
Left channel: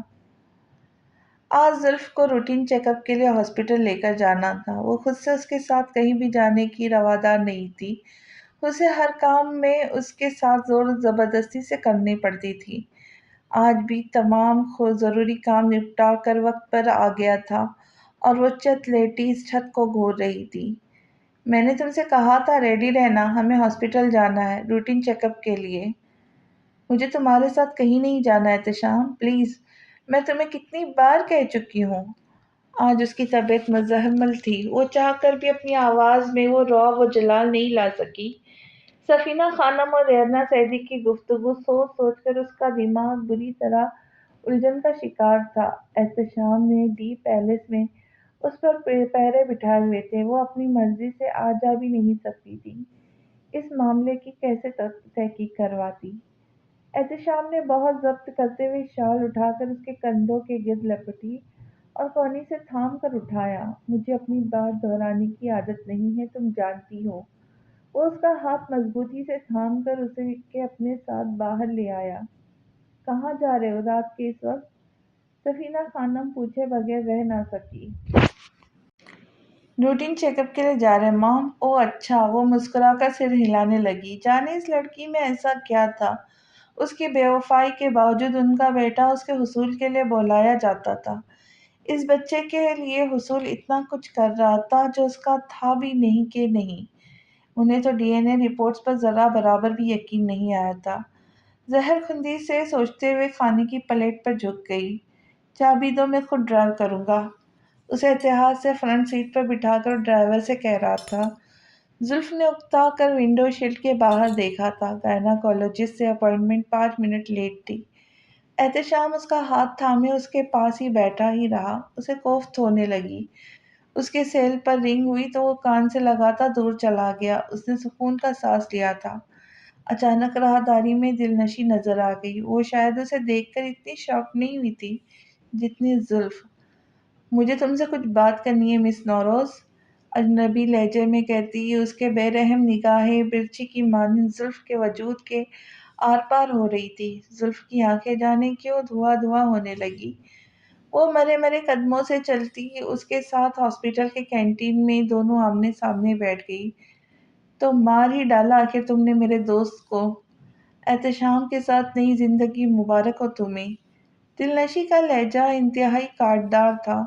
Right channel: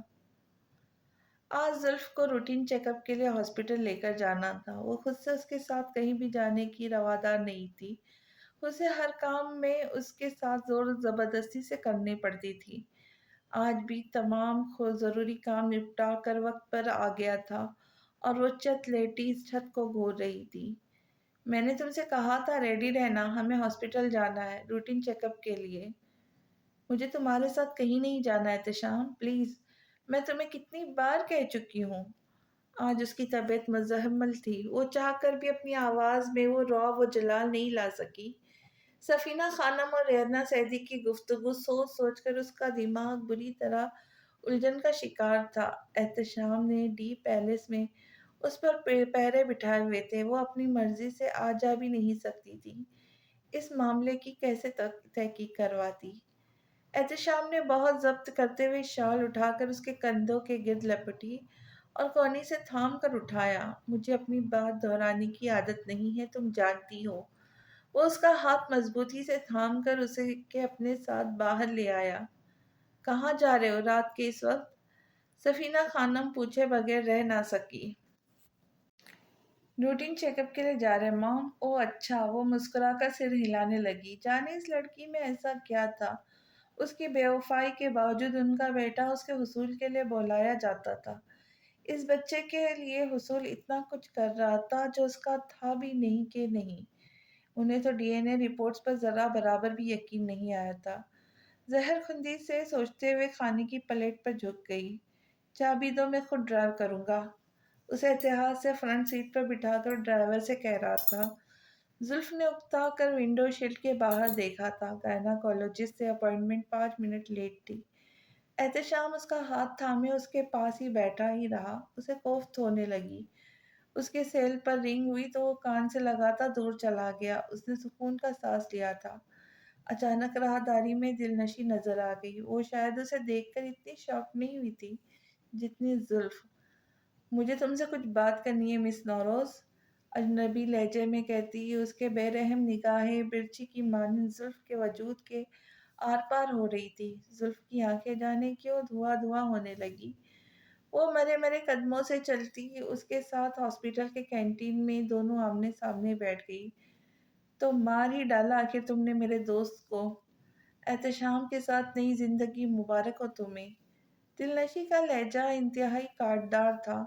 آج زلف کو روٹین چیک اپ کے لیے ہاسپٹل لے کر جانا تھا۔ وہ خود سے اس کے ساتھ کہیں بھی جانے کی روادار نہیں تھی۔ اسے ہر کام میں اس کے ساتھ زور زبردستی سے کرنی پڑتی تھی۔ آج بھی تمام ضروری کام نپٹا کر وقت پر آ گیا تھا اور وہ چت لیٹی اس چھت کو گھور رہی تھی۔ میں نے تم سے کہا تھا ریڈی رہنا، ہمیں ہاسپٹل جانا ہے روٹین چیک اپ کے لیے۔ مجھے تمہارے ساتھ کہیں نہیں جانا ہے احتشام، پلیز، میں تمہیں کتنی بار کہہ چکی ہوں۔ آج اس کی طبیعت مزمل تھی۔ وہ چاہ کر بھی اپنی آواز میں وہ رعب و جلال نہیں لا سکی۔ سفینہ خانم اور ریحانہ سعیدی کی گفتگو سوچ سوچ کر اس کا دماغ بری طرح الجھن کا شکار تھا۔ احتشام نے ڈی پیلس میں اس پر پہرے بٹھائے ہوئے تھے۔ وہ اپنی مرضی سے آ جا بھی نہیں سکتی تھی۔ اس معاملے کی کیسے تحقیق کرواتی؟ احتشام نے بہت ضبط کرتے ہوئے شال اٹھا کر اس کے کندھوں کے گرد لپٹی اور کونی سے تھام کر اٹھایا۔ مجھے اپنی بات دہرانے کی عادت نہیں ہے، تم جانتی ہو۔ وہ اس کا ہاتھ مضبوطی سے تھام کر اسے کے اپنے ساتھ باہر لے آیا۔ کہاں جا رہے ہو رات کے اس وقت؟ سفینہ خانم پوچھے بغیر رہ نہ سکی۔ روٹین چیک اپ کے لیے جا رہے مام؟ اوہ اچھا، وہ مسکرا کر سر ہلانے لگی۔ جانے اس لڑکی میں ایسا کیا تھا؟ اس کی بے وفائی کے باوجود ان کا بیٹا اس کے حصول کے لیے بلایا جاتا تھا۔ اس بچے کے لیے حصول اتنا کچھ کر رہا تھا جو اس کا تھا بھی نہیں کہ نہیں۔ انہیں تو ڈی این اے رپورٹس پر ذرا برابر بھی یقین نہیں آیا تھا۔ زہر خندی سے سوچتے ہوئے کھانے کی پلیٹ پر جھک گئی۔ چابی دو، میں خود ڈرائیو کروں گا، اسے اتحاد سے فرنٹ سیٹ پر بٹھا کر ڈرائیور سے کہہ رہا تھا۔ زلف نے اکتا کر ونڈو شیلڈ کے باہر دیکھا تھا۔ گائناکولوجسٹ سے اپائنٹمنٹ 5 منٹ لیٹ تھی۔ احتشام اس کا ہاتھ تھامے اس کے پاس ہی بیٹھا ہی رہا۔ اسے کوفت ہونے لگی۔ اس کے سیل پر رنگ ہوئی تو وہ کان سے لگاتا دور چلا گیا۔ اس نے سکون کا سانس لیا تھا۔ اچانک راہداری میں دلنشی نظر آ گئی۔ وہ شاید اسے دیکھ کر اتنی شاک نہیں ہوئی تھی جتنی زلف۔ مجھے تم سے کچھ بات کرنی ہے مس نوروز، اجنبی لہجے میں کہتی اس کے بے رحم نگاہیں برچی کی مانند زلف کے وجود کے آر پار ہو رہی تھی۔ زلف کی آنکھیں جانے کیوں دھواں دھواں ہونے لگی۔ وہ مرے مرے قدموں سے چلتی اس کے ساتھ ہاسپٹل کے کینٹین میں دونوں آمنے سامنے بیٹھ گئی۔ تو مار ہی ڈالا آخر تم نے میرے دوست کو۔ احتشام کے ساتھ نئی زندگی مبارک ہو تمہیں۔ دلنشی کا لہجہ انتہائی کاٹدار تھا۔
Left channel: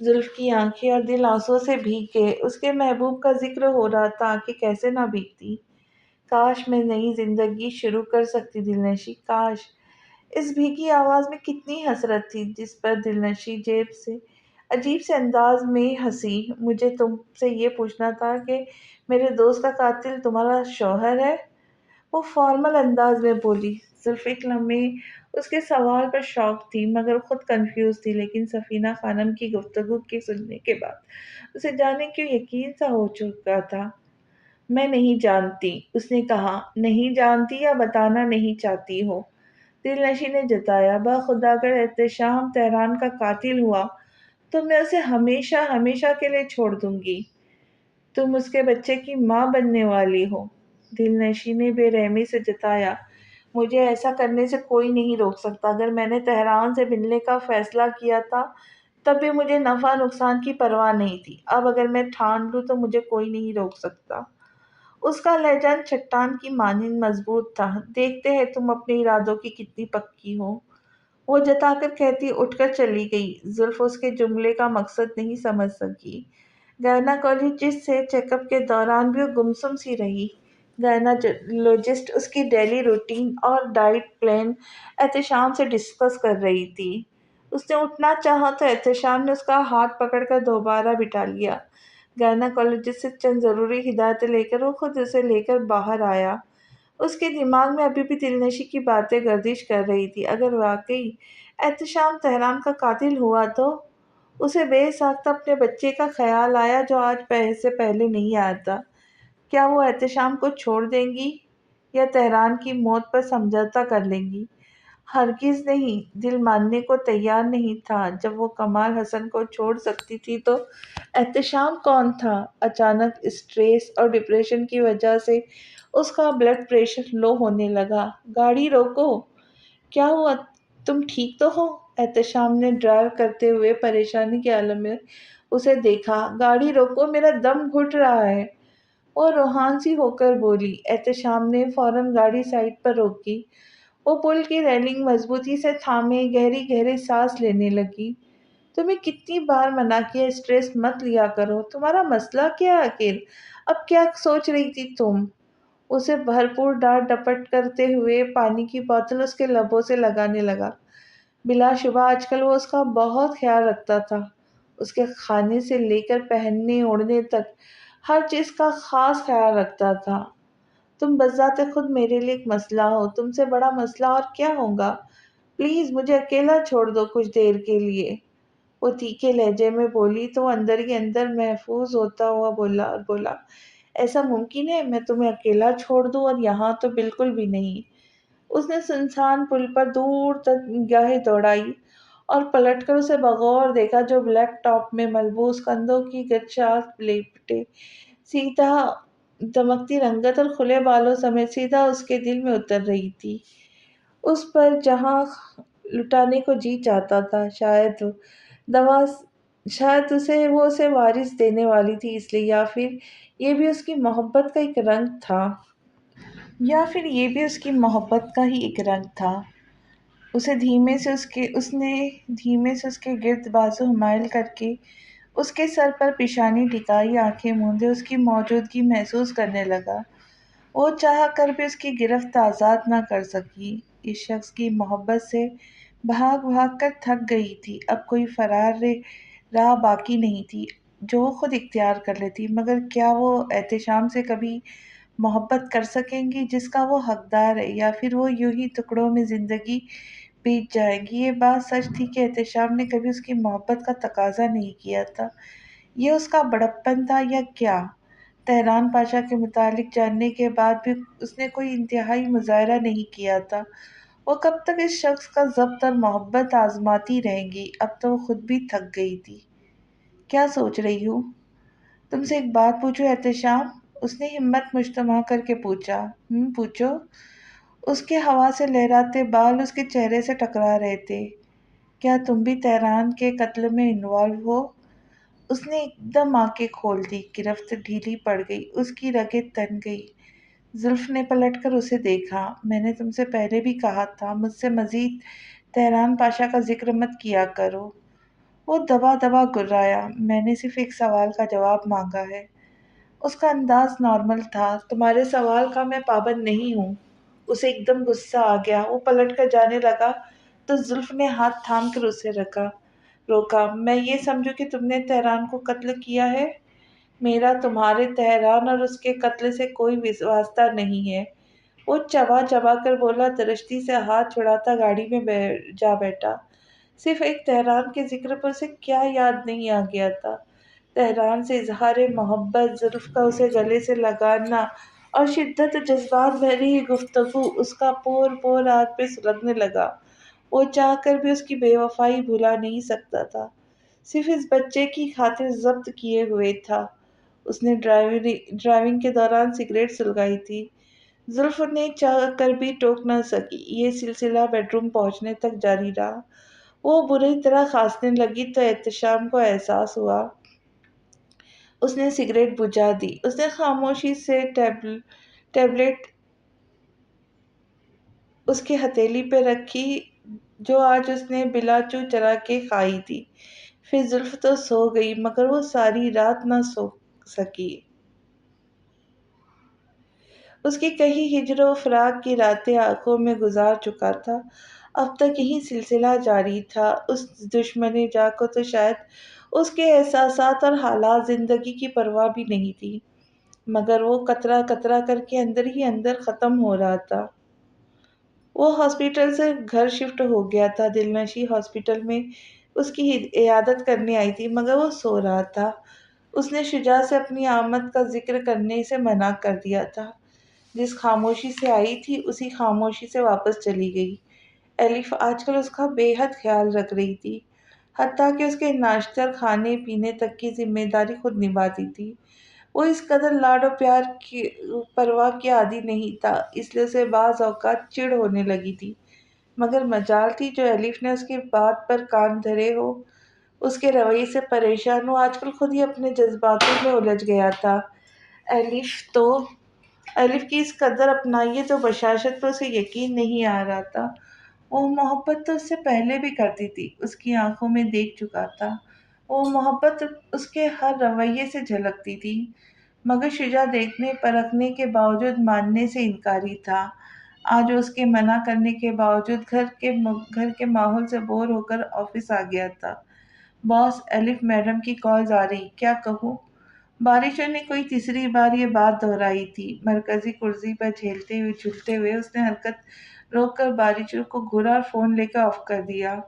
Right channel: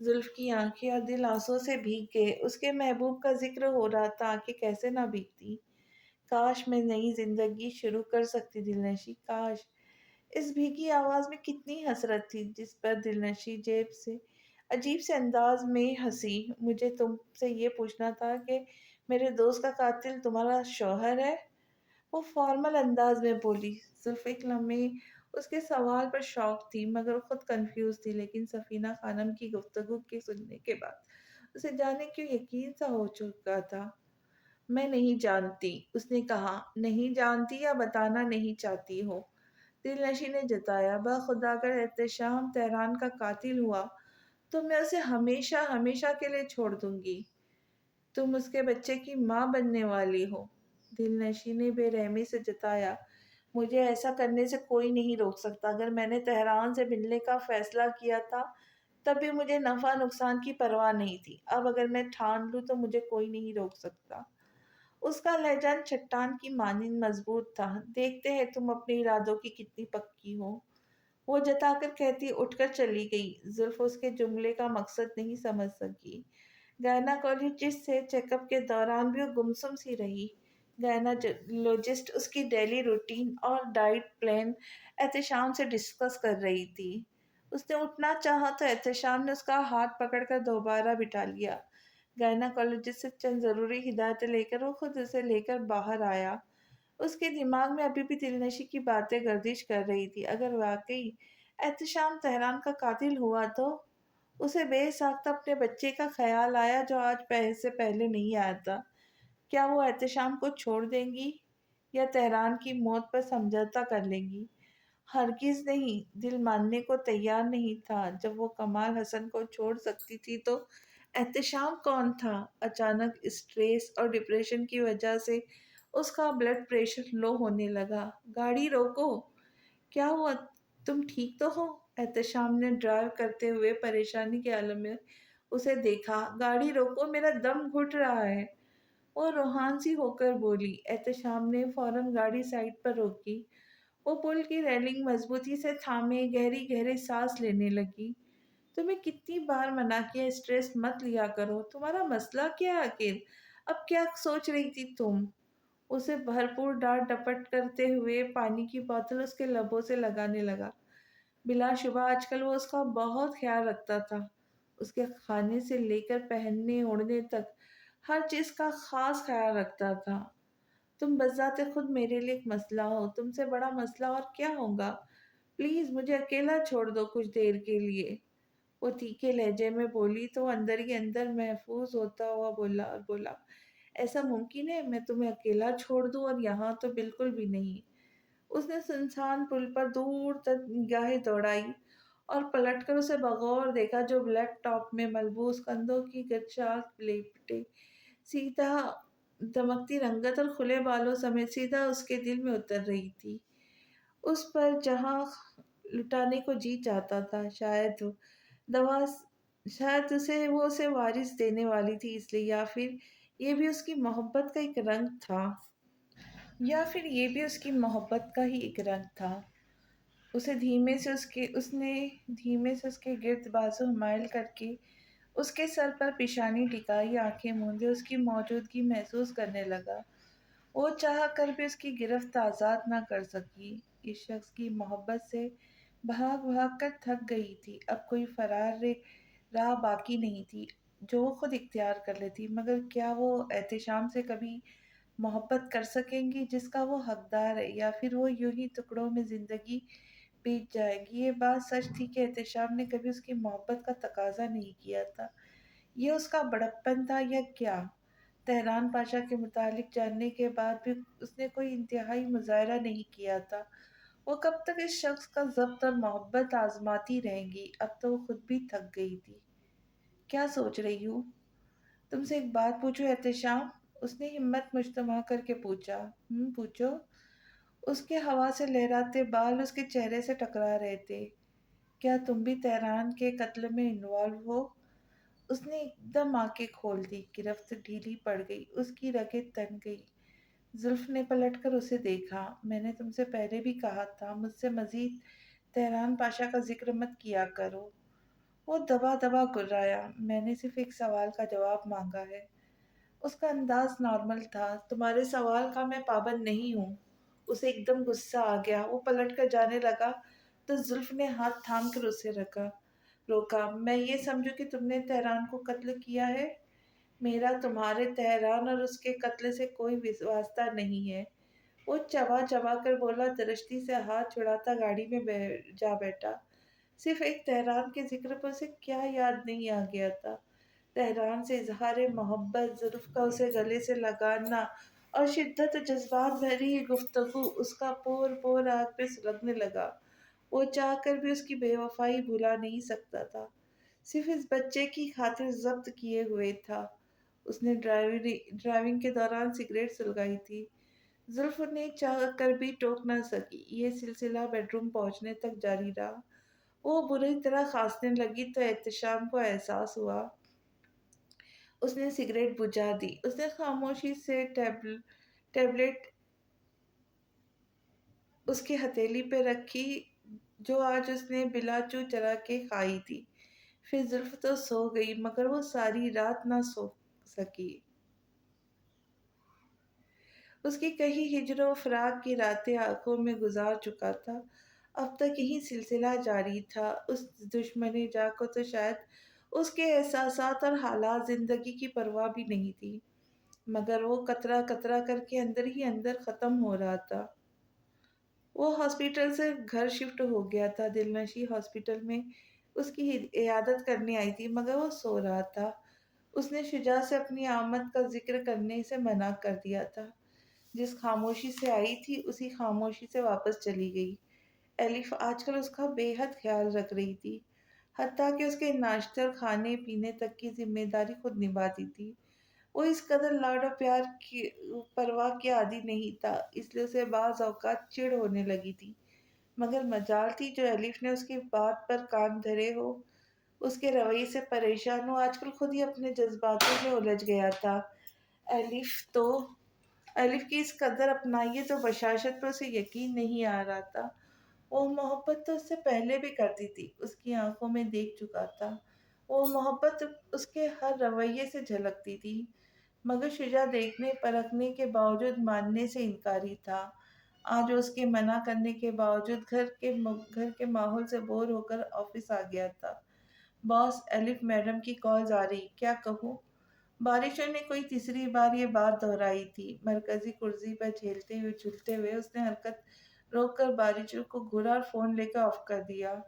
زلف کی آنکھیں اور دل آنسوں سے بھیگ گئے۔ اس کے محبوب کا ذکر ہو رہا تھا، آنکھیں کیسے نہ بھیگتی۔ کاش میں نئی زندگی شروع کر سکتی دلنشی، کاش۔ اس بھیگی آواز میں کتنی حسرت تھی، جس پر دلنشی جیب سے عجیب سے انداز میں ہنسی۔ مجھے تم سے یہ پوچھنا تھا کہ میرے دوست کا قاتل تمہارا شوہر ہے؟ وہ فارمل انداز میں بولی۔ صرف ایک لمحے اس کے سوال پر شاک تھی مگر خود کنفیوز تھی، لیکن سفینہ خانم کی گفتگو کے سننے کے بعد اسے جانے کیوں یقین سا ہو چکا تھا۔ میں نہیں جانتی، اس نے کہا۔ نہیں جانتی یا بتانا نہیں چاہتی ہو؟ دل نشی نے جتایا۔ بخدا اگر احتشام تہران کا قاتل ہوا تو میں اسے ہمیشہ ہمیشہ کے لیے چھوڑ دوں گی۔ تم اس کے بچے کی ماں بننے والی ہو۔ دل نشی نے بے رحمی سے جتایا۔ مجھے ایسا کرنے سے کوئی نہیں روک سکتا۔ اگر میں نے تہران سے ملنے کا فیصلہ کیا تھا تب بھی مجھے نفع نقصان کی پرواہ نہیں تھی۔ اب اگر میں ٹھان لوں تو مجھے کوئی نہیں روک سکتا۔ اس کا لہجہ چٹان کی مانند مضبوط تھا۔ دیکھتے ہیں تم اپنے ارادوں کی کتنی پکی ہو، وہ جتا کر کہتی اٹھ کر چلی گئی۔ زلف اس کے جملے کا مقصد نہیں سمجھ سکی۔ گائناکولوجسٹ سے چیک اپ کے دوران بھی وہ گمسم سی رہی۔ گائناکولوجسٹ اس کی ڈیلی روٹین اور ڈائٹ پلان احتشام سے ڈسکس کر رہی تھی۔ اس نے اٹھنا چاہا تو احتشام نے اس کا ہاتھ پکڑ کر دوبارہ بٹھا لیا۔ گائناکولوجسٹ سے چند ضروری ہدایتیں لے کر وہ خود اسے لے کر باہر آیا۔ اس کے دماغ میں ابھی بھی دلنشی کی باتیں گردش کر رہی تھی۔ اگر واقعی احتشام تہران کا قاتل ہوا تو اسے بے ساختہ اپنے بچے کا خیال آیا جو آج سے پہلے نہیں آیا تھا۔ کیا وہ احتشام کو چھوڑ دیں گی یا تہران کی موت پر سمجھوتہ کر لیں گی؟ ہرگز نہیں۔ دل ماننے کو تیار نہیں تھا۔ جب وہ کمال حسن کو چھوڑ سکتی تھی تو احتشام کون تھا؟ اچانک اسٹریس اور ڈپریشن کی وجہ سے اس کا بلڈ پریشر لو ہونے لگا۔ گاڑی روکو۔ کیا ہوا؟ تم ٹھیک تو ہو؟ احتشام نے ڈرائیو کرتے ہوئے پریشانی کے عالم میں اسے دیکھا۔ گاڑی روکو، میرا دم گھٹ رہا ہے، وہ روحان سی ہو کر بولی۔ احتشام نے فوراً گاڑی سائڈ پر روکی۔ وہ پل کی ریلنگ مضبوطی سے تھامے گہری گہری سانس لینے لگی۔ تمہیں کتنی بار منع کیا اسٹریس مت لیا کرو، تمہارا مسئلہ کیا ہے آخر؟ اب کیا سوچ رہی تھی تم؟ اسے بھرپور ڈانٹ ڈپٹ کرتے ہوئے پانی کی بوتل اس کے لبوں سے لگانے لگا۔ بلا شبہ آج کل وہ اس کا بہت خیال رکھتا تھا۔ اس کے کھانے سے لے کر پہننے اوڑھنے تک ہر چیز کا خاص خیال رکھتا تھا۔ تم بذات خود میرے لیے ایک مسئلہ ہو، تم سے بڑا مسئلہ اور کیا ہوگا؟ پلیز مجھے اکیلا چھوڑ دو کچھ دیر کے لیے، وہ تیکھے لہجے میں بولی تو اندر ہی اندر محفوظ ہوتا ہوا بولا ایسا ممکن ہے میں تمہیں اکیلا چھوڑ دوں؟ اور یہاں تو بالکل بھی نہیں۔ اس نے سنسان پل پر دور تک نگاہیں دوڑائی اور پلٹ کر اسے بغور دیکھا جو بلیک ٹاپ میں ملبوس، کندھوں کی گچھاس لپٹے، سیدھا دمکتی رنگت اور کھلے بالوں سمیت سیدھا اس کے دل میں اتر رہی تھی۔ اس پر جہاں لٹانے کو جی چاہتا تھا، دوا شاید وہ اسے وارث دینے والی تھی اس لیے، یا پھر یہ بھی اس کی محبت کا ایک رنگ تھا۔ اس نے دھیمے سے اس کے گرد بازو حمائل کر کے اس کے سر پر پیشانی ٹکائی، آنکھیں موندے اس کی موجودگی محسوس کرنے لگا۔ وہ چاہ کر بھی اس کی گرفت آزاد نہ کر سکی۔ اس شخص کی محبت سے بھاگ بھاگ کر تھک گئی تھی۔ اب کوئی فرار راہ باقی نہیں تھی جو وہ خود اختیار کر لیتی۔ مگر کیا وہ احتشام سے کبھی محبت کر سکیں گی جس کا وہ حقدار ہے، یا پھر وہ یوں ہی ٹکڑوں میں زندگی بیت جائے گی؟ یہ بات سچ تھی کہ احتشام نے کبھی اس کی محبت کا تقاضا نہیں کیا تھا۔ یہ اس کا بڑپن تھا یا کیا؟ تہران پاشا کے متعلق جاننے کے بعد بھی اس نے کوئی انتہائی مظاہرہ نہیں کیا تھا۔ وہ کب تک اس شخص کا ضبط اور محبت آزماتی رہیں گی؟ اب تو وہ خود بھی تھک گئی تھی۔ کیا سوچ رہی ہوں؟ تم سے ایک بات پوچھو احتشام؟ اس نے ہمت مجتمع کر کے پوچھا۔ پوچھو۔ اس کے ہوا سے لہراتے بال اس کے چہرے سے ٹکرا رہے تھے۔ کیا تم بھی تہران کے قتل میں انوالو ہو؟ اس نے ایک دم آنکھیں کھول دی، گرفت ڈھیلی پڑ گئی، اس کی رگیں تن گئی۔ زلف نے پلٹ کر اسے دیکھا۔ میں نے تم سے پہلے بھی کہا تھا مجھ سے مزید تہران پاشا کا ذکر مت کیا کرو۔ وہ دبا دبا گرایا۔ میں نے صرف ایک سوال کا جواب مانگا ہے۔ اس کا انداز نارمل تھا۔ تمہارے سوال کا میں پابند نہیں ہوں۔ اسے ایک دم غصہ آ گیا۔ وہ پلٹ کر جانے لگا تو زلف نے ہاتھ تھام کر اسے روکا۔ میں یہ سمجھوں کہ تم نے تہران کو قتل کیا ہے؟ میرا تمہارے تہران اور اس کے قتل سے کوئی واسطہ نہیں ہے۔ وہ چبا چبا کر بولا، درشتی سے ہاتھ چھڑاتا گاڑی میں جا بیٹھا۔ صرف ایک تہران کے ذکر پر اسے کیا یاد نہیں آ گیا تھا؟ تہران سے اظہار محبت، زلف کا اسے گلے سے لگانا اور شدت جذبات بھری گفتگو اس کا پور پور آگ پہ سلگنے لگا۔ وہ چاہ کر بھی اس کی بے وفائی بھلا نہیں سکتا تھا۔ صرف اس بچے کی خاطر ضبط کیے ہوئے تھا۔ اس نے ڈرائیونگ کے دوران سگریٹ سلگائی تھی۔ زلف نے چاہ کر بھی ٹوک نہ سکی۔ یہ سلسلہ بیڈ روم پہنچنے تک جاری رہا۔ وہ بری طرح کھانسنے لگی تو احتشام کو احساس ہوا۔ اس نے سگریٹ بجھا دی۔ اس نے خاموشی سے ٹیبلٹ اس کی ہتھیلی پہ رکھی جو آج اس نے بلا چو چرا کے کھائی تھی۔ پھر زلف تو سو گئی مگر وہ ساری رات نہ سو سکی۔ اس کی کئی ہجر و فراق کی راتیں آنکھوں میں گزار چکا تھا۔ اب تک یہی سلسلہ جاری تھا۔ اس دشمن جاں کو تو شاید اس کے احساسات اور حالات زندگی کی پرواہ بھی نہیں تھی، مگر وہ قطرہ قطرہ کر کے اندر ہی اندر ختم ہو رہا تھا۔ وہ ہاسپٹل سے گھر شفٹ ہو گیا تھا۔ دلنشی ہاسپٹل میں اس کی عیادت کرنے آئی تھی مگر وہ سو رہا تھا۔ اس نے شجاع سے اپنی آمد کا ذکر کرنے سے منع کر دیا تھا۔ جس خاموشی سے آئی تھی اسی خاموشی سے واپس چلی گئی۔ ایلف آج کل اس کا بے حد خیال رکھ رہی تھی، حتیٰ کہ اس کے ناشتے اور کھانے پینے تک کی ذمہ داری خود نبھاتی تھی۔ وہ اس قدر لاڈ و پیار کی پرواہ کی عادی نہیں تھا، اس لیے اسے بعض اوقات چڑ ہونے لگی تھی، مگر مجال تھی جو ایلف نے اس کی بات پر کان دھرے ہو، اس کے رویے سے پریشان ہو، آج کل خود ہی اپنے جذباتوں میں الجھ گیا تھا۔ ایلف کی اس قدر اپنائیت و بشاشت پر اسے یقین نہیں آ رہا تھا۔ وہ محبت تو اس سے پہلے بھی کرتی تھی، اس کی آنکھوں میں دیکھ چکا تھا۔ وہ محبت اس کے ہر رویے سے جھلکتی تھی، مگر شجاع دیکھنے پرکھنے کے باوجود ماننے سے انکاری تھا۔ آج وہ اس کے منع کرنے کے باوجود گھر کے ماحول سے بور ہو کر آفس آ گیا تھا۔ باس، ایلف میڈم کی کالز آ رہی، کیا کہوں؟ بارشوں نے کوئی تیسری بار یہ بات دہرائی تھی۔ مرکزی کرسی پر جھولتے ہوئے اس نے حرکت روک کر بارشوں کو گھورا اور فون لے کر آف کر دیا۔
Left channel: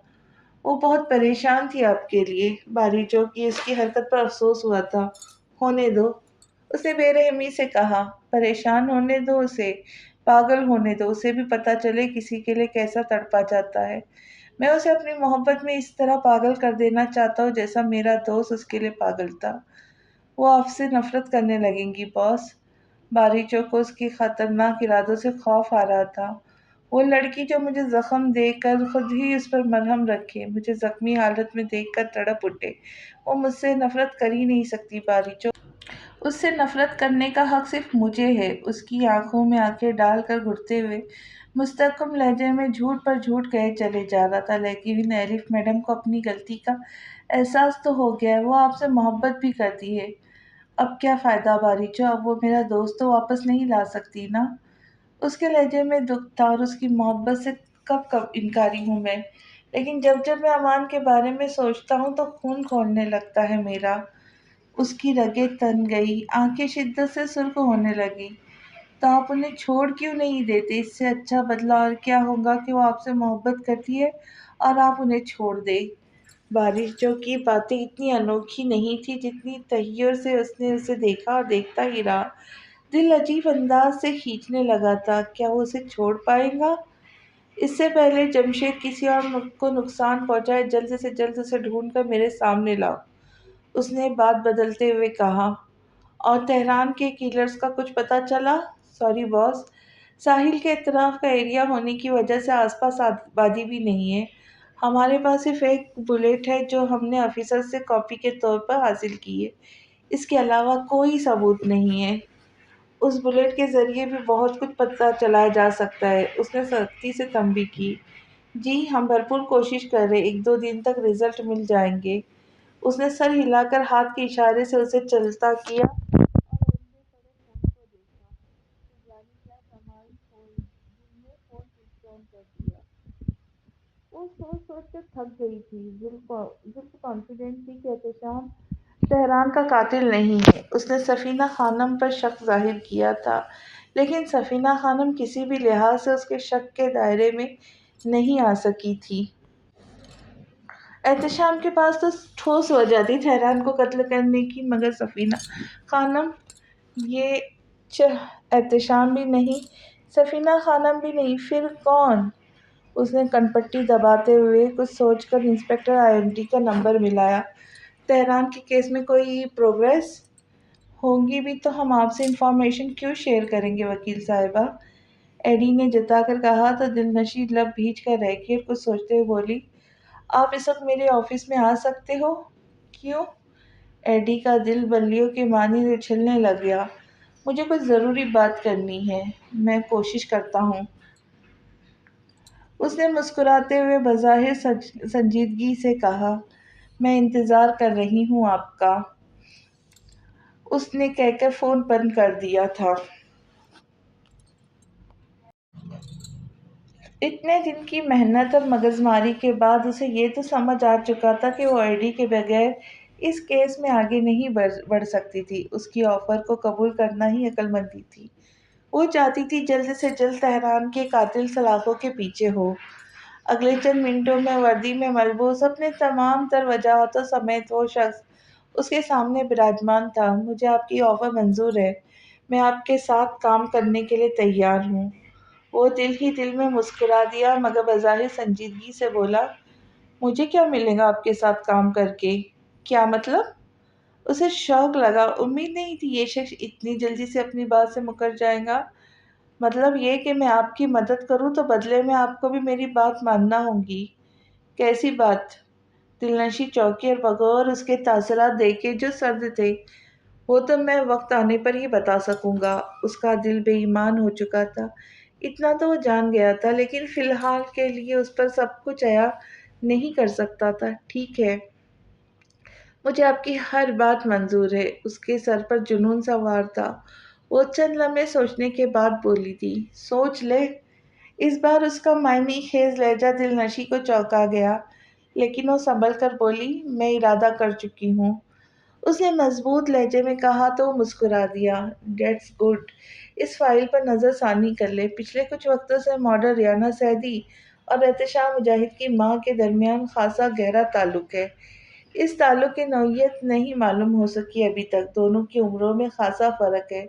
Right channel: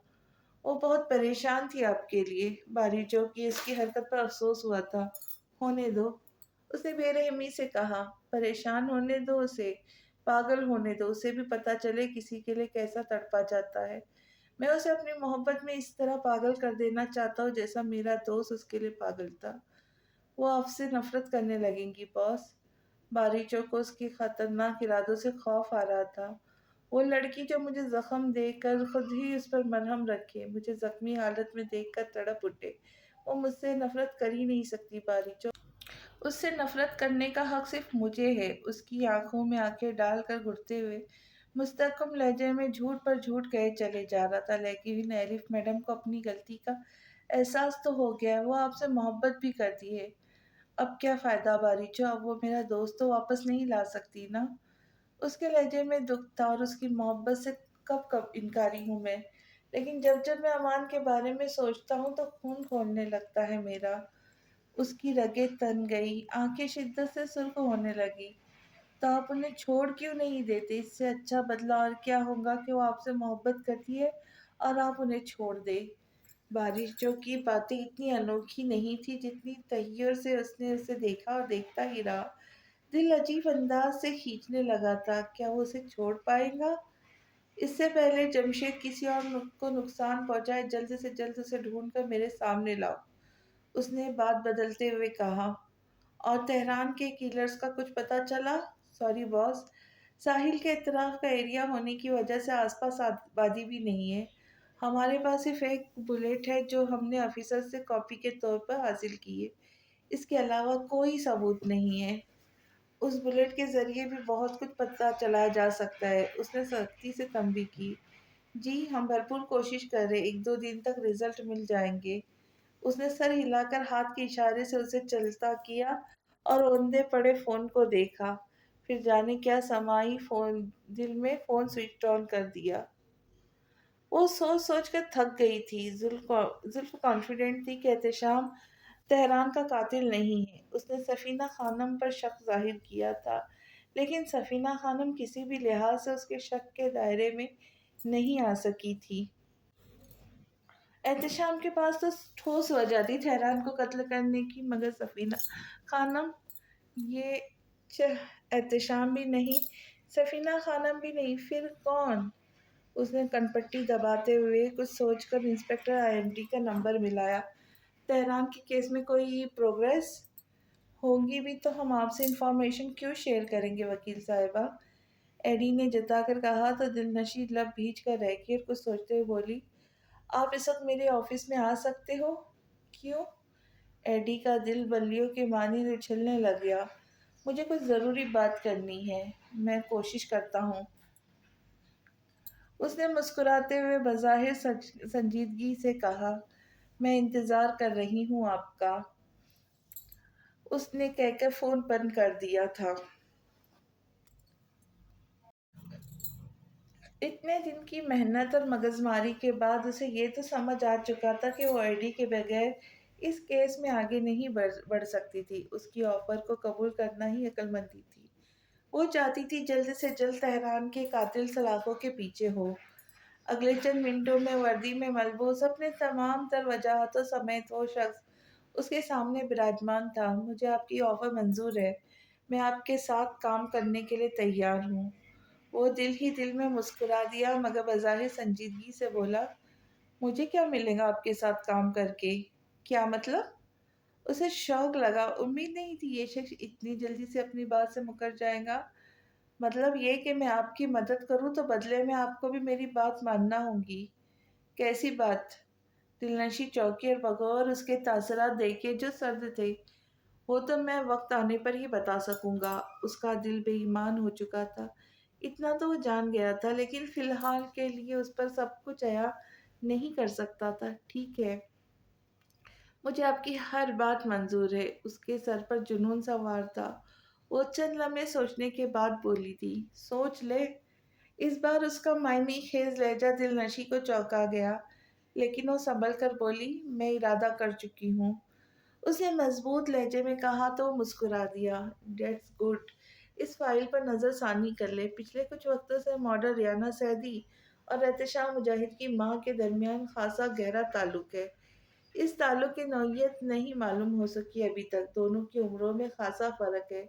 وہ بہت پریشان تھی آپ کے لیے۔ بارشوں کی اس کی حرکت پر افسوس ہوا تھا۔ ہونے دو، اس نے بے رحمی سے کہا۔ پریشان ہونے دو اسے، پاگل ہونے دو، اسے بھی پتہ چلے کسی کے لیے کیسا تڑپا جاتا ہے۔ میں اسے اپنی محبت میں اس طرح پاگل کر دینا چاہتا ہوں جیسا میرا دوست اس کے لیے پاگل تھا۔ وہ آپ سے نفرت کرنے لگیں گی باس۔ باریچوں کو اس کی خطرناک ارادوں سے خوف آ رہا تھا۔ وہ لڑکی جو مجھے زخم دے کر خود ہی اس پر مرہم رکھے، مجھے زخمی حالت میں دیکھ کر تڑپ اٹھے، وہ مجھ سے نفرت کر ہی نہیں سکتی باریچوں۔ اس سے نفرت کرنے کا حق صرف مجھے ہے۔ اس کی آنکھوں میں آنکھیں ڈال کر گھٹتے ہوئے مستحکم لہجے میں جھوٹ پر جھوٹ کہے چلے جا رہا تھا، لیکن ایلف میڈم کو اپنی غلطی کا احساس تو ہو گیا ہے، وہ آپ سے محبت بھی کرتی ہے۔ اب کیا فائدہ باریچو، اب وہ میرا دوست تو واپس نہیں لا سکتی نا؟ اس کے لہجے میں دکھ تھا، اور اس کی محبت سے کب کب انکاری ہوں میں، لیکن جب جب میں امان کے بارے میں سوچتا ہوں تو خون کھولنے لگتا ہے میرا۔ اس کی رگیں تن گئی، آنکھیں شدت سے سرخ ہونے لگی۔ تو آپ انہیں چھوڑ کیوں نہیں دیتے؟ اس سے اچھا بدلہ اور کیا ہوگا کہ وہ آپ سے محبت کرتی ہے اور آپ انہیں چھوڑ دیں۔ بارشوں کی باتیں اتنی انوکھی نہیں تھی جتنی تحیر سے اس نے اسے دیکھا اور دیکھتا ہی رہا۔ دل عجیب انداز سے کھینچنے لگا تھا، کیا وہ اسے چھوڑ پائے گا؟ اس سے پہلے جمشید کسی اور کو نقصان پہنچائے، جلد سے جلد اسے ڈھونڈ کر میرے سامنے لاؤ، اس نے بات بدلتے ہوئے کہا۔ اور تہران کے کیلرز کا کچھ پتہ چلا؟ سوری باس، ساحل کے اطراف کا ایریا ہونے کی وجہ سے آس پاس آبادی بھی نہیں ہے۔ ہمارے پاس صرف ایک بلیٹ ہے جو ہم نے آفیسر سے کاپی کے طور پر حاصل کی ہے، اس کے علاوہ کوئی ثبوت نہیں ہے۔ اس بلیٹ کے ذریعے بھی بہت کچھ پتہ چلایا جا سکتا ہے، اس نے سختی سے تنبیہ کی۔ جی ہم بھرپور کوشش کر رہے، ایک دو دن تک رزلٹ مل جائیں گے۔ اس نے سر ہلا کر ہاتھ کے اشارے سے اسے چلتا کیا اور اوندے پڑے فون کو دیکھا، پھر جانے کیا سمائی دل میں فون سوئچ آن کر دیا۔ وہ سوچ سوچ کر تھک گئی تھی۔ زلف کانفیڈنٹ تھی کہ احتشام تہران کا قاتل نہیں ہے۔ اس نے سفینہ خانم پر شک ظاہر کیا تھا، لیکن سفینہ خانم کسی بھی لحاظ سے اس کے شک کے دائرے میں نہیں آ سکی تھی۔ احتشام کے پاس تو ٹھوس وجہ تھی تہران کو قتل کرنے کی، مگر سفینہ خانم یہ احتشام بھی نہیں، سفینہ خانم بھی نہیں، پھر کون؟ اس نے کنپٹی دباتے ہوئے کچھ سوچ کر انسپکٹر IMT کا نمبر ملایا۔ تہران کے کیس میں کوئی پروگریس؟ ہوگی بھی تو ہم آپ سے انفارمیشن کیوں شیئر کریں گے وکیل صاحبہ؟ ایڈی نے جتا کر کہا تو دل نشیں لب بھیج کر رہ گئی، کچھ سوچتے ہوئے بولی، آپ اس وقت میرے آفس میں آ سکتے ہو؟ کیوں؟ ایڈی کا دل بلیوں کے مانند اچھلنے لگ گیا۔ مجھے کچھ ضروری بات کرنی ہے، میں کوشش کرتا ہوں۔ اس نے مسکراتے ہوئے بظاہر سنجیدگی سے کہا، میں انتظار کر رہی ہوں آپ کا۔ اس نے کہہ کر فون بند کر دیا تھا۔ اتنے دن کی محنت اور مغزماری کے بعد اسے یہ تو سمجھ آ چکا تھا کہ وہ ایڈی کے بغیر اس کیس میں آگے نہیں بڑھ سکتی تھی۔ اس کی آفر کو قبول کرنا ہی عقل مندی تھی۔ وہ چاہتی تھی جلد سے جلد تہران کے قاتل سلاخوں کے پیچھے ہو۔ اگلے چند منٹوں میں وردی میں ملبوس اپنے تمام تر وجاہتوں سمیت وہ شخص اس کے سامنے براجمان تھا۔ مجھے آپ کی آفر منظور ہے، میں آپ کے ساتھ کام کرنے کے لیے تیار ہوں۔ وہ دل ہی دل میں مسکرا دیا مگر بظاہر سنجیدگی سے بولا، مجھے کیا ملے گا آپ کے ساتھ کام کر کے؟ کیا مطلب؟ اسے شوق لگا، امید نہیں تھی یہ شخص اتنی جلدی سے اپنی بات سے مکر جائے گا۔ مطلب یہ کہ میں آپ کی مدد کروں تو بدلے میں آپ کو بھی میری بات ماننا ہوگی۔ کیسی بات؟ دلنشیں چوکی اور بغور اس کے تاثرات دیکھے جو سرد تھے۔ وہ تو میں وقت آنے پر ہی بتا سکوں گا۔ اس کا دل بے ایمان ہو چکا تھا، اتنا تو وہ جان گیا تھا، لیکن فی الحال کے لیے اس پر سب کچھ عیا نہیں کر سکتا تھا۔ ٹھیک ہے، مجھے آپ کی ہر بات منظور ہے۔ اس کے سر پر جنون سوار تھا۔ وہ چند لمحے سوچنے کے بعد بولی تھی، سوچ لے۔ اس بار اس کا معنی خیز لہجہ دل نشیں کو چونکا گیا، لیکن وہ سنبھل کر بولی، میں ارادہ کر چکی ہوں۔ اس نے مضبوط لہجے میں کہا تو وہ مسکرا دیا۔ ڈیٹس گڈ، اس فائل پر نظر ثانی کر لے۔ پچھلے کچھ وقتوں سے ماڈل ریانہ سیدی اور احتشام مجاہد کی ماں کے درمیان خاصا گہرا تعلق ہے۔ اس تعلق کی نوعیت نہیں معلوم ہو سکی ابھی تک۔ دونوں کی عمروں میں خاصا فرق ہے،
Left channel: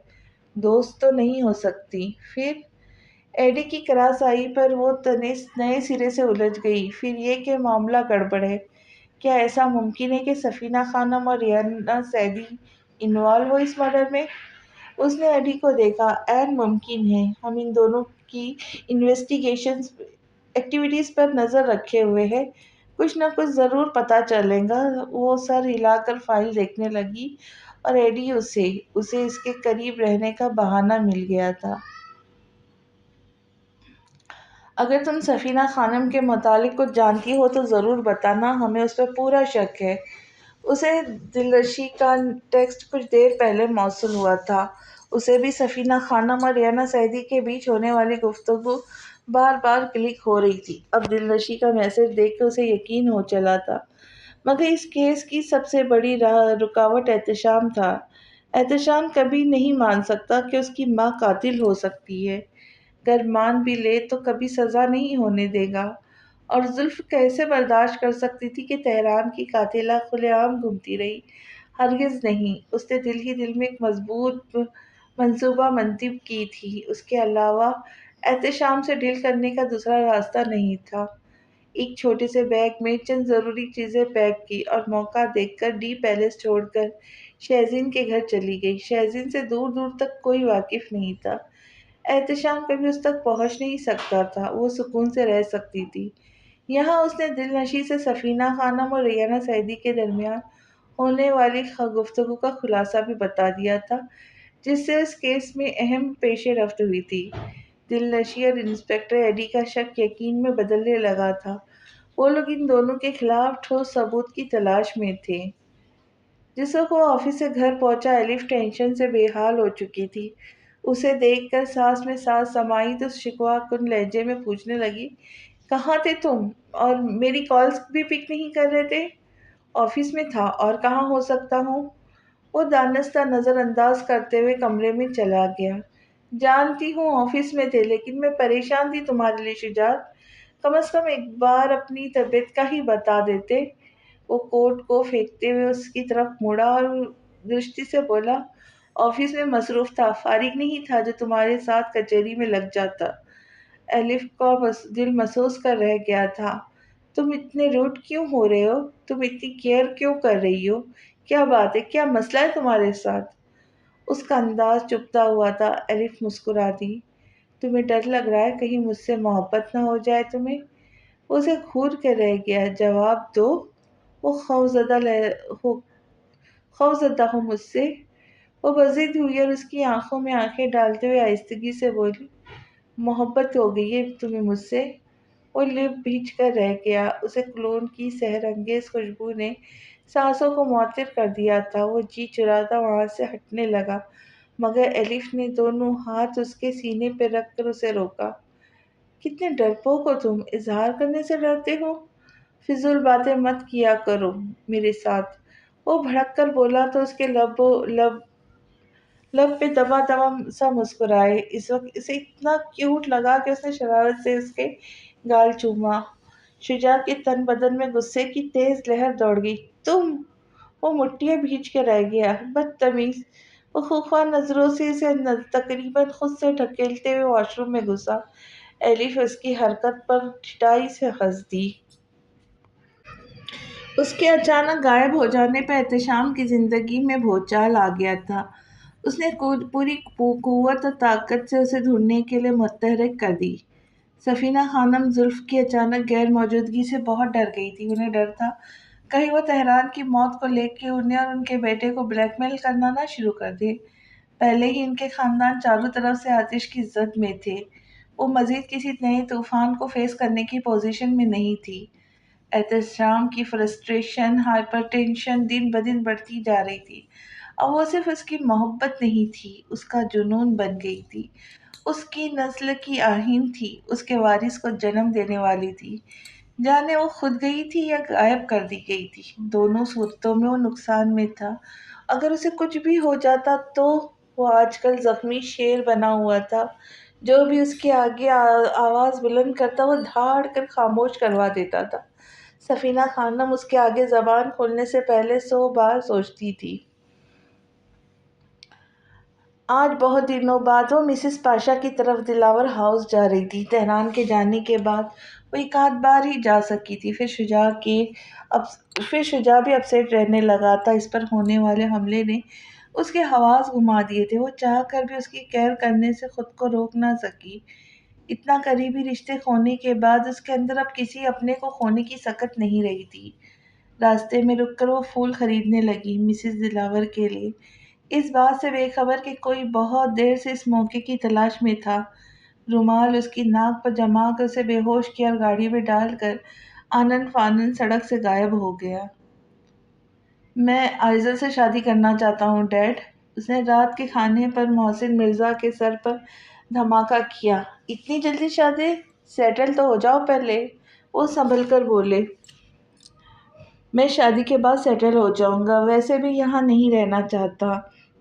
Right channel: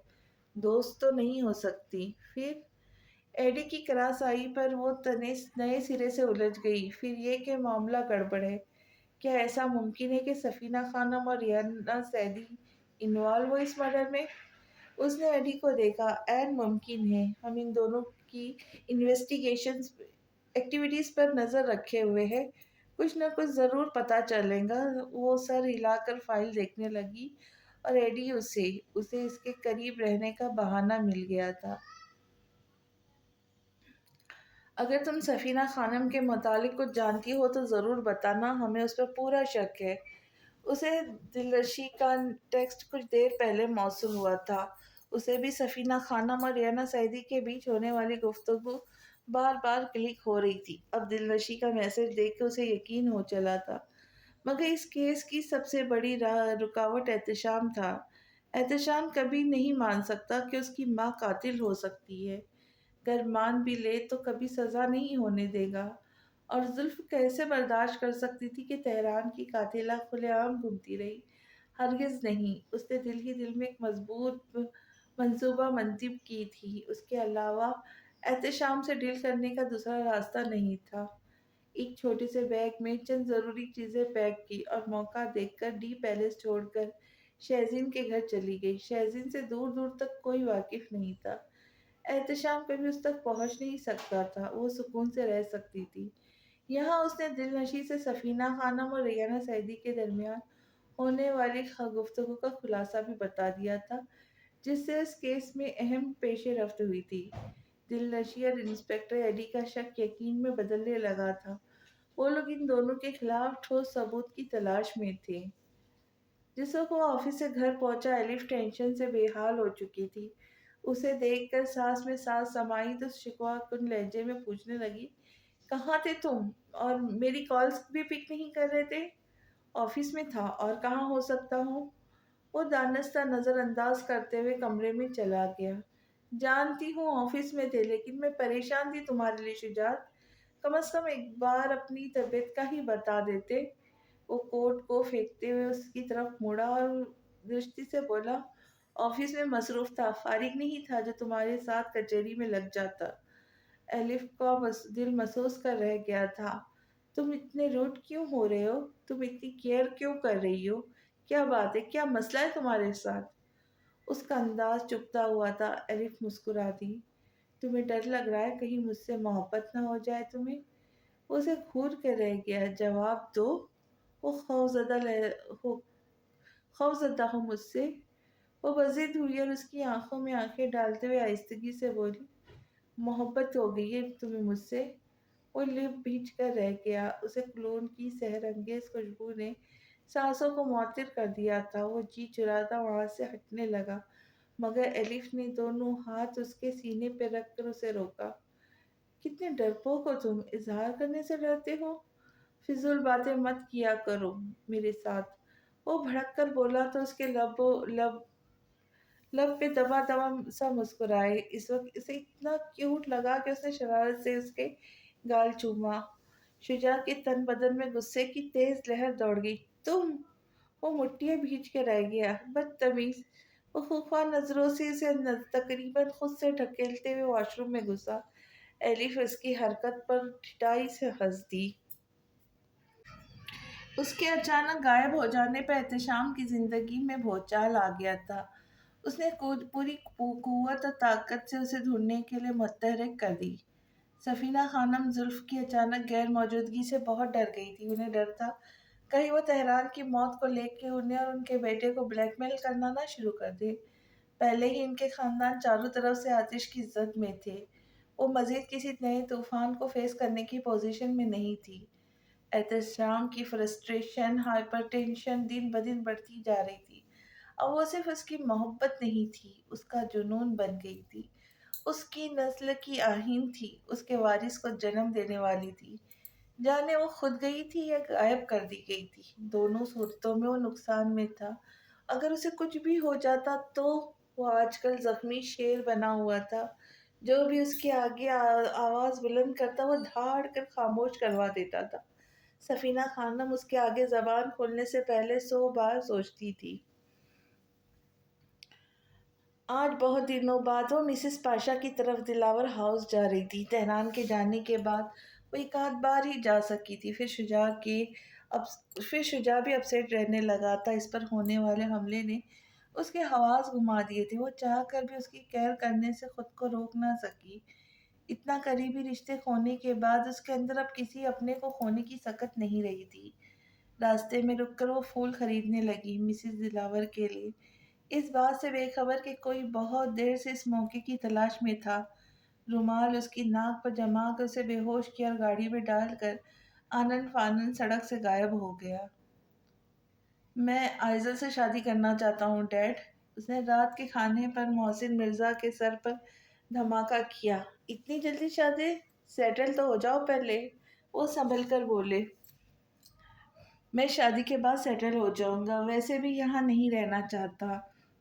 دوست تو نہیں ہو سکتی۔ پھر؟ ایڈی کی کراس آئی پر وہ نئے سرے سے الجھ گئی۔ پھر یہ کہ معاملہ گڑبڑ ہے۔ کیا ایسا ممکن ہے کہ سفینہ خانم اور ریانہ سیدی انوالو ہو اس مرڈر میں؟ اس نے ایڈی کو دیکھا، عین ممکن ہے۔ ہم ان دونوں کی انویسٹیگیشن ایکٹیویٹیز پر نظر رکھے ہوئے ہیں، کچھ نہ کچھ ضرور پتہ چلے گا۔ وہ سر ہلا کر فائل دیکھنے لگی اور ایڈی اسے اس کے قریب رہنے کا بہانہ مل گیا تھا۔ اگر تم سفینہ خانم کے متعلق کچھ جانتی ہو تو ضرور بتانا، ہمیں اس پر پورا شک ہے۔ اسے دلنشیں کا ٹیکسٹ کچھ دیر پہلے موصول ہوا تھا۔ اسے بھی سفینہ خانم اور ریانہ سیدی کے بیچ ہونے والی گفتگو بار بار کلک ہو رہی تھی۔ اب دلنشیں کا میسج دیکھ کے اسے یقین ہو چلا تھا، مگر اس کیس کی سب سے بڑی رکاوٹ احتشام تھا۔ احتشام کبھی نہیں مان سکتا کہ اس کی ماں قاتل ہو سکتی ہے، گر مان بھی لے تو کبھی سزا نہیں ہونے دے گا۔ اور زلف کیسے برداشت کر سکتی تھی کہ تہران کی قاتلہ کھلے عام گھومتی رہی؟ ہرگز نہیں۔ اس نے دل ہی دل میں ایک مضبوط منصوبہ منتب کی تھی۔ اس کے علاوہ احتشام سے ڈیل کرنے کا دوسرا راستہ نہیں تھا۔ ایک چھوٹے سے بیگ میں چند ضروری چیزیں پیک کی اور موقع دیکھ کر ڈی پیلس چھوڑ کر شہزین کے گھر چلی گئی۔ شہزین سے دور دور تک کوئی واقف نہیں تھا۔ احتشام کبھی اس تک پہنچ نہیں سکتا تھا، وہ سکون سے رہ سکتی تھی۔ یہاں اس نے دل نشی سے سفینہ خانم اور ریانہ سعیدی کے درمیان ہونے والی گفتگو کا خلاصہ بھی بتا دیا تھا، جس سے اس کیس میں اہم پیش رفت ہوئی تھی۔ دل نشی اور انسپکٹر ایڈی کا شک یقین میں بدلنے لگا تھا۔ وہ لوگ ان دونوں کے خلاف ٹھوس ثبوت کی تلاش میں تھے۔ جس وقت وہ آفس سے گھر پہنچا، الف ٹینشن سے بے حال ہو چکی تھی۔ اسے دیکھ کر سانس میں سانس سمائی تو شکوہ کن لہجے میں پوچھنے لگی، کہاں تھے تم؟ اور میری کالز بھی پک نہیں کر رہے تھے؟ آفس میں تھا، اور کہاں ہو سکتا ہوں؟ وہ دانستہ نظر انداز کرتے ہوئے کمرے میں چلا گیا۔ جانتی ہوں آفس میں تھے، لیکن میں پریشان تھی تمہارے لیے شجاعت۔ کم از کم ایک بار اپنی طبیعت کا ہی بتا دیتے۔ وہ کوٹ کو پھینکتے ہوئے اس کی طرف مڑا اور درستی سے بولا، آفس میں مصروف تھا، فارغ نہیں تھا جو تمہارے ساتھ کچہری میں لگ جاتا۔ الف کا دل محسوس کر رہ گیا تھا۔ تم اتنے روٹ کیوں ہو رہے ہو؟ تم اتنی کیئر کیوں کر رہی ہو؟ کیا بات ہے؟ کیا مسئلہ ہے تمہارے ساتھ؟ اس کا انداز چپتا ہوا تھا۔ الف مسکرا دی۔ تمہیں ڈر لگ رہا ہے کہیں مجھ سے محبت نہ ہو جائے تمہیں؟ اسے گھور کے رہ گیا، جواب دو۔ وہ خوفزدہ ہو مجھ سے؟ وہ بضد ہوئی اور اس کی آنکھوں میں آنکھیں ڈالتے ہوئے آہستگی سے بولی، محبت ہو گئی ہے تمہیں مجھ سے؟ وہ لپ بھیج کر رہ گیا۔ اسے کلون کی سحر انگیز خوشبو نے سانسوں کو معطر کر دیا تھا۔ وہ جی چراتا وہاں سے ہٹنے لگا، مگر الف نے دونوں ہاتھ اس کے سینے پہ رکھ کر اسے روکا۔ کتنے ڈرپوک ہو تم، اظہار کرنے سے ڈرتے ہو؟ فضول باتیں مت کیا کرو میرے ساتھ۔ وہ بھڑک کر بولا تو اس کے لب پہ دبا دبا سا مسکرائے۔ اس وقت اسے اتنا کیوٹ لگا کہ اس نے شرارت سے اس کے گال چوما۔ شجاع کے تن بدن میں غصے کی تیز لہر دوڑ گئی۔ تم! وہ مٹیاں بھیج کے رہ گیا، بدتمیز! وہ خوفا نظروں سے اسے تقریباً خود سے ڈھکیلتے ہوئے واش روم میں گھسا۔ الف اس کی حرکت پر ٹھٹائی سے ہنس دی۔ اس کے اچانک غائب ہو جانے پہ احتشام کی زندگی میں بھونچال آ گیا تھا۔ اس نے پوری قوت اور طاقت سے اسے ڈھونڈنے کے لیے متحرک کر دی۔ سفینہ خانم زلف کی اچانک غیر موجودگی سے بہت ڈر گئی تھی۔ انہیں ڈر تھا کہیں وہ تہران کی موت کو لے کے انہیں اور ان کے بیٹے کو بلیک میل کرنا نہ شروع کر دے۔ پہلے ہی ان کے خاندان چاروں طرف سے آتش کی زد میں تھے۔ وہ مزید کسی نئے طوفان کو فیس کرنے کی پوزیشن میں نہیں تھی۔ احتشام کی فرسٹریشن، ہائپر ٹینشن دن بدن بڑھتی جا رہی تھی۔ اب وہ صرف اس کی محبت نہیں تھی، اس کا جنون بن گئی تھی۔ اس کی نسل کی آہین تھی، اس کے وارث کو جنم دینے والی تھی۔ جانے وہ خود گئی تھی یا غائب کر دی گئی تھی، دونوں صورتوں میں وہ نقصان میں تھا۔ اگر اسے کچھ بھی ہو جاتا تو؟ وہ آج کل زخمی شیر بنا ہوا تھا۔ جو بھی اس کے آگے آواز بلند کرتا وہ دھاڑ کر خاموش کروا دیتا تھا۔ سفینہ خانم اس کے آگے زبان کھولنے سے پہلے 100 بار سوچتی تھی۔ آج بہت دنوں بعد وہ مسز پاشا کی طرف دلاور ہاؤس جا رہی تھی۔ تہران کے جانے کے بعد وہ ایک آدھ بار ہی جا سکی تھی۔ پھر شجاع بھی اپسیٹ رہنے لگا تھا۔ اس پر ہونے والے حملے نے اس کے حواس گھما دیے تھے۔ وہ چاہ کر بھی اس کی کیئر کرنے سے خود کو روک نہ سکی۔ اتنا قریبی رشتے کھونے کے بعد اس کے اندر اب کسی اپنے کو کھونے کی سکت نہیں رہی تھی۔ راستے میں رک کر وہ پھول خریدنے لگی، مسز دلاور کے لیے، اس بات سے بے خبر کہ کوئی بہت دیر سے اس موقع کی تلاش میں تھا۔ رومال اس کی ناک پر جما کر اسے بے ہوش کیا اور گاڑی میں ڈال کر آنن فانن سڑک سے غائب ہو گیا۔ میں آئزل سے شادی کرنا چاہتا ہوں ڈیڈ۔ اس نے رات کے کھانے پر محسن مرزا کے سر پر دھماکہ کیا۔ اتنی جلدی شادی؟ سیٹل تو ہو جاؤ پہلے۔ وہ سنبھل کر بولے، میں شادی کے بعد سیٹل ہو جاؤں گا، ویسے بھی یہاں نہیں رہنا چاہتا،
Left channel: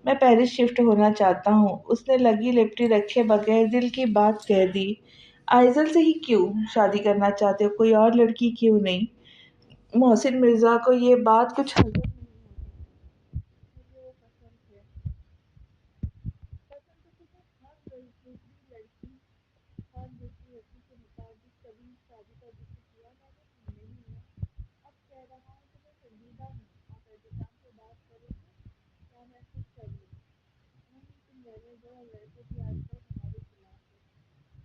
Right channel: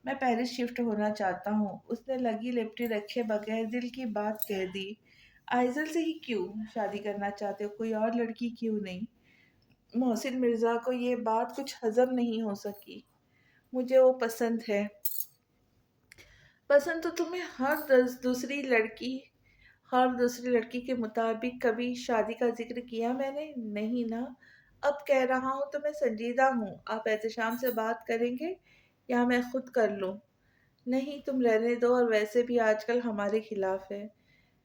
میں پیرس شفٹ ہونا چاہتا ہوں۔ اس نے لگی لپٹی رکھے بغیر دل کی بات کہہ دی۔ آئزل سے ہی کیوں شادی کرنا چاہتے ہو؟ کوئی اور لڑکی کیوں نہیں؟ محسن مرزا کو یہ بات کچھ ہضم نہیں ہو سکی۔ مجھے وہ پسند ہے۔ پسند تو تمہیں ہر دوسری لڑکی اور دوسری لڑکی کے مطابق کبھی شادی کا ذکر کیا میں نے؟ نہیں نا۔ اب کہہ رہا ہوں تو میں سنجیدہ ہوں۔ آپ احتشام سے بات کریں گے یا میں خود کر لوں؟ نہیں، تم رہنے دو، اور ویسے بھی آج کل ہمارے خلاف ہے۔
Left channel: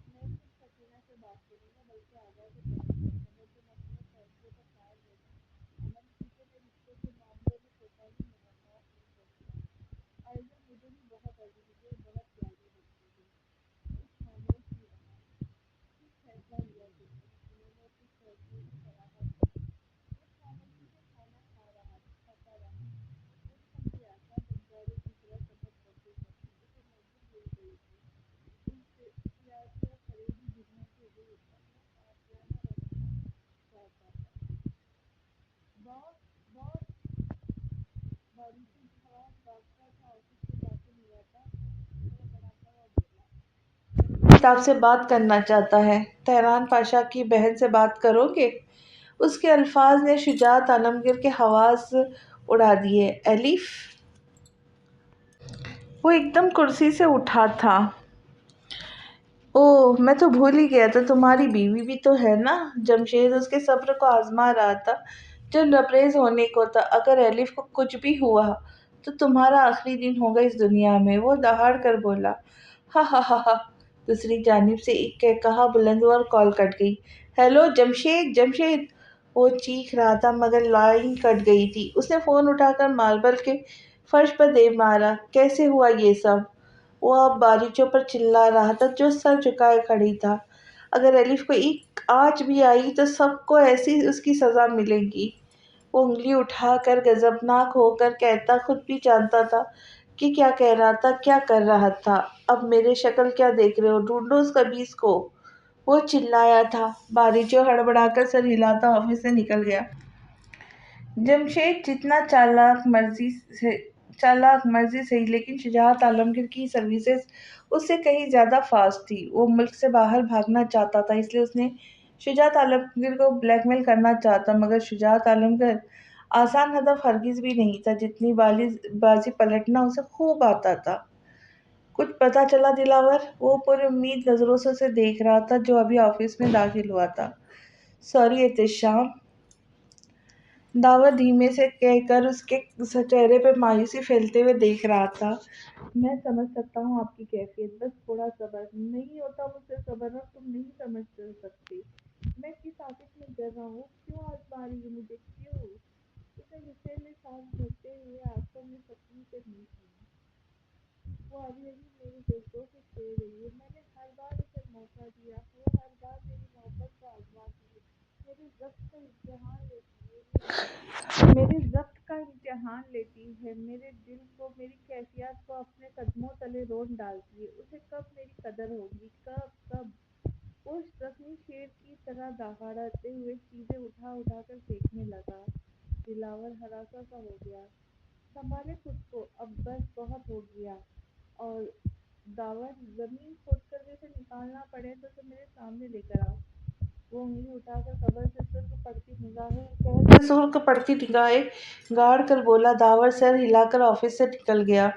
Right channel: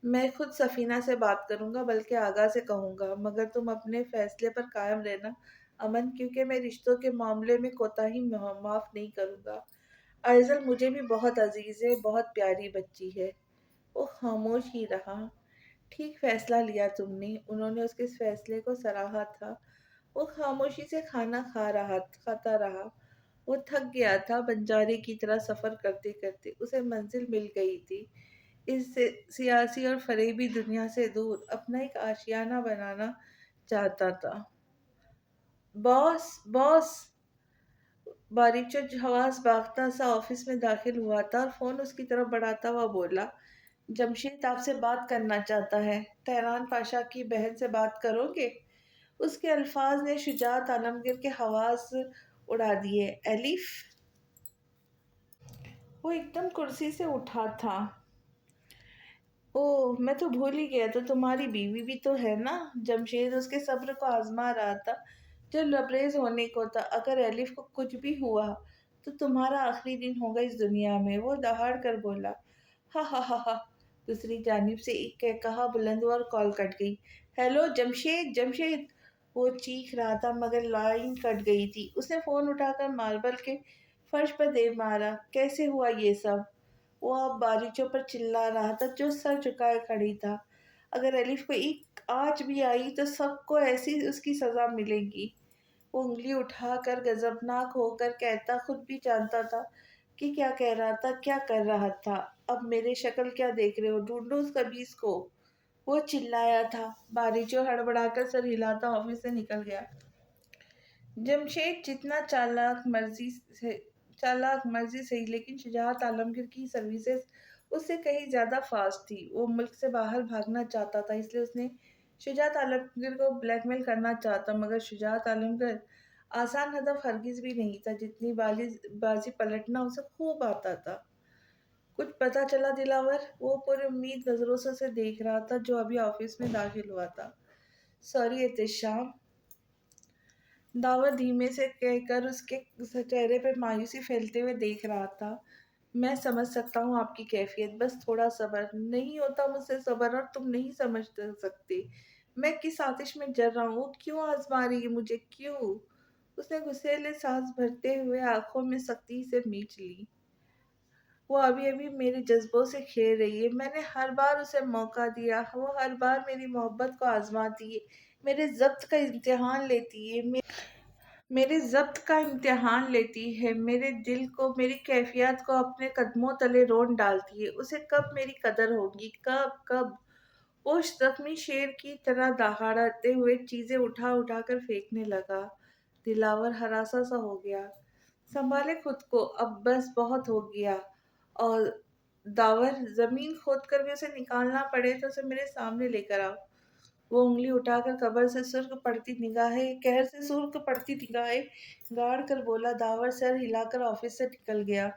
میں خود سفینہ سے بات کروں گا، بلکہ آغا سے کہوں گا، مگر تم اپنے فیصلے پر قائم رہنا امن، کیونکہ میں رشتوں کے معاملے میں کوتاہی معاف نہیں کروں گا۔ ائزل مجھے بھی بہت عزیز ہے، بہت پیاری بچی ہے۔ وہ خاموش ہی رہا۔ ٹھیک فیصلہ لیا تم نے، انہوں نے اس کے اس فیصلے کو سراہا تھا۔ وہ خاموشی سے کھانا کھاتا رہا۔ وہ تھک گیا تھا، بنجارے کی طرح سفر کرتے کرتے اسے منزل مل گئی تھی۔ اس سیاسی اور فریبی دنیا سے دور اپنا ایک آشیانہ بنانا چاہتا تھا۔ باس باس! باریچو حواس باختہ سا آفس میں داخل ہوا تھا اور فون اس کی طرف بڑھاتا ہوا بولا، جمشید آپ سے بات کرنا چاہتا ہے۔ تہران پاشا کی بہن سے بات کرو گے؟ اس کے الفاظ نے شجاعت عالمگیر کے حواس اڑا دیے۔ ایلف! وہ ایک دم کرسی سے اٹھا تھا۔ اوہ، میں تو بھول ہی گیا تھا، تمہاری بیوی بھی تو ہے نا؟ جمشید اس کے صبر کو آزما رہا تھا جو لبریز ہونے کو تھا۔ اگر ایلف کو کچھ بھی ہوا تو تمہارا آخری دن ہوگا اس دنیا میں، وہ دہاڑ کر بولا۔ ہا ہا ہا ہا! دوسری جانب سے ایک قہقہا بلند ہوا اور کال کٹ گئی۔ ہیلو جمشید، جمشید! وہ چیخ رہا تھا مگر لائن کٹ گئی تھی۔ اس نے فون اٹھا کر ماربل کے فرش پر دے مارا۔ کیسے ہوا یہ سب؟ وہ اب باریچوں پر چلا رہا تھا جو سر جھکائے کھڑی تھا۔ اگر ایلف کو ایک آنچ بھی آئی تو سب کو ایسی اس کی سزا ملے گی۔ وہ انگلی اٹھا کر غضبناک ہو کر کہتا، خود بھی جانتا تھا کہ کیا کہہ رہا تھا، کیا کر رہا تھا۔ اب میرے شکل کیا دیکھ رہے ہو، ڈھونڈو اس خبیث کو! وہ چلایا تھا۔ باریچو ہڑبڑا کر سر ہلاتا آفس سے نکل گیا۔ جمشید جتنا چالاک مرضی سہی، لیکن شجاعت عالمگیر کی سروسز اس سے کہیں زیادہ فاسٹ تھی۔ وہ ملک سے باہر بھاگنا چاہتا تھا، اس لیے اس نے شجاعت عالمگیر کو بلیک میل کرنا چاہتا، مگر شجاعت عالمگیر آسان ہدف ہرگز بھی نہیں تھا، جتنی بازی پلٹنا اسے خوب آتا تھا۔ کچھ پتہ چلا دلاور؟ وہ پر امید نظروں سے اسے دیکھ رہا تھا جو ابھی آفس میں داخل ہوا تھا۔ سوری احتشام! داور دھیمے سے کہہ کر اس کے چہرے پہ مایوسی پھیلتے ہوئے دیکھ رہا تھا۔ میں سمجھ سکتا ہوں آپ کی کیفیت، بس تھوڑا صبر۔ نہیں ہوتا مجھ سے صبر، اور تم نہیں سمجھ سکتے میں کس آتش میں جل رہا ہوں۔ وہ کیوں آزما رہی ہے مجھے، کیوں؟ اس نے غصے سانس بھرتے ہوئے آنکھوں میں سختی سے میچ لی۔ وہ ابھی ابھی میرے جذبوں سے کھیل رہی ہے۔ میں نے ہر بار اسے موقع دیا، وہ ہر بار میری محبت کو آزماتی ہے، میرے ضبط کا امتحان لیتی ہے، میرے دل کو، میری کیفیت کو اپنے قدموں تلے رون ڈالتی ہے۔ اسے کب میری قدر ہوگی، کب؟ وہ زخمی شیر کی طرح دہاڑتے ہوئے چیزیں اٹھا اٹھا کر پھینکنے لگا۔ دلاور ہراساں سا ہو گیا۔ سنبھالے خود کو، اب بس بہت ہو گیا۔ اور داور، زمین کھود کر بھی اسے نکالنا پڑے تو اسے میرے سامنے لے کر آؤ۔ وہ انگلی اٹھا کر قہر سے سرخ پڑتی نگاہیں گاڑ کر بولا۔ داور سر ہلا کر آفس سے نکل گیا۔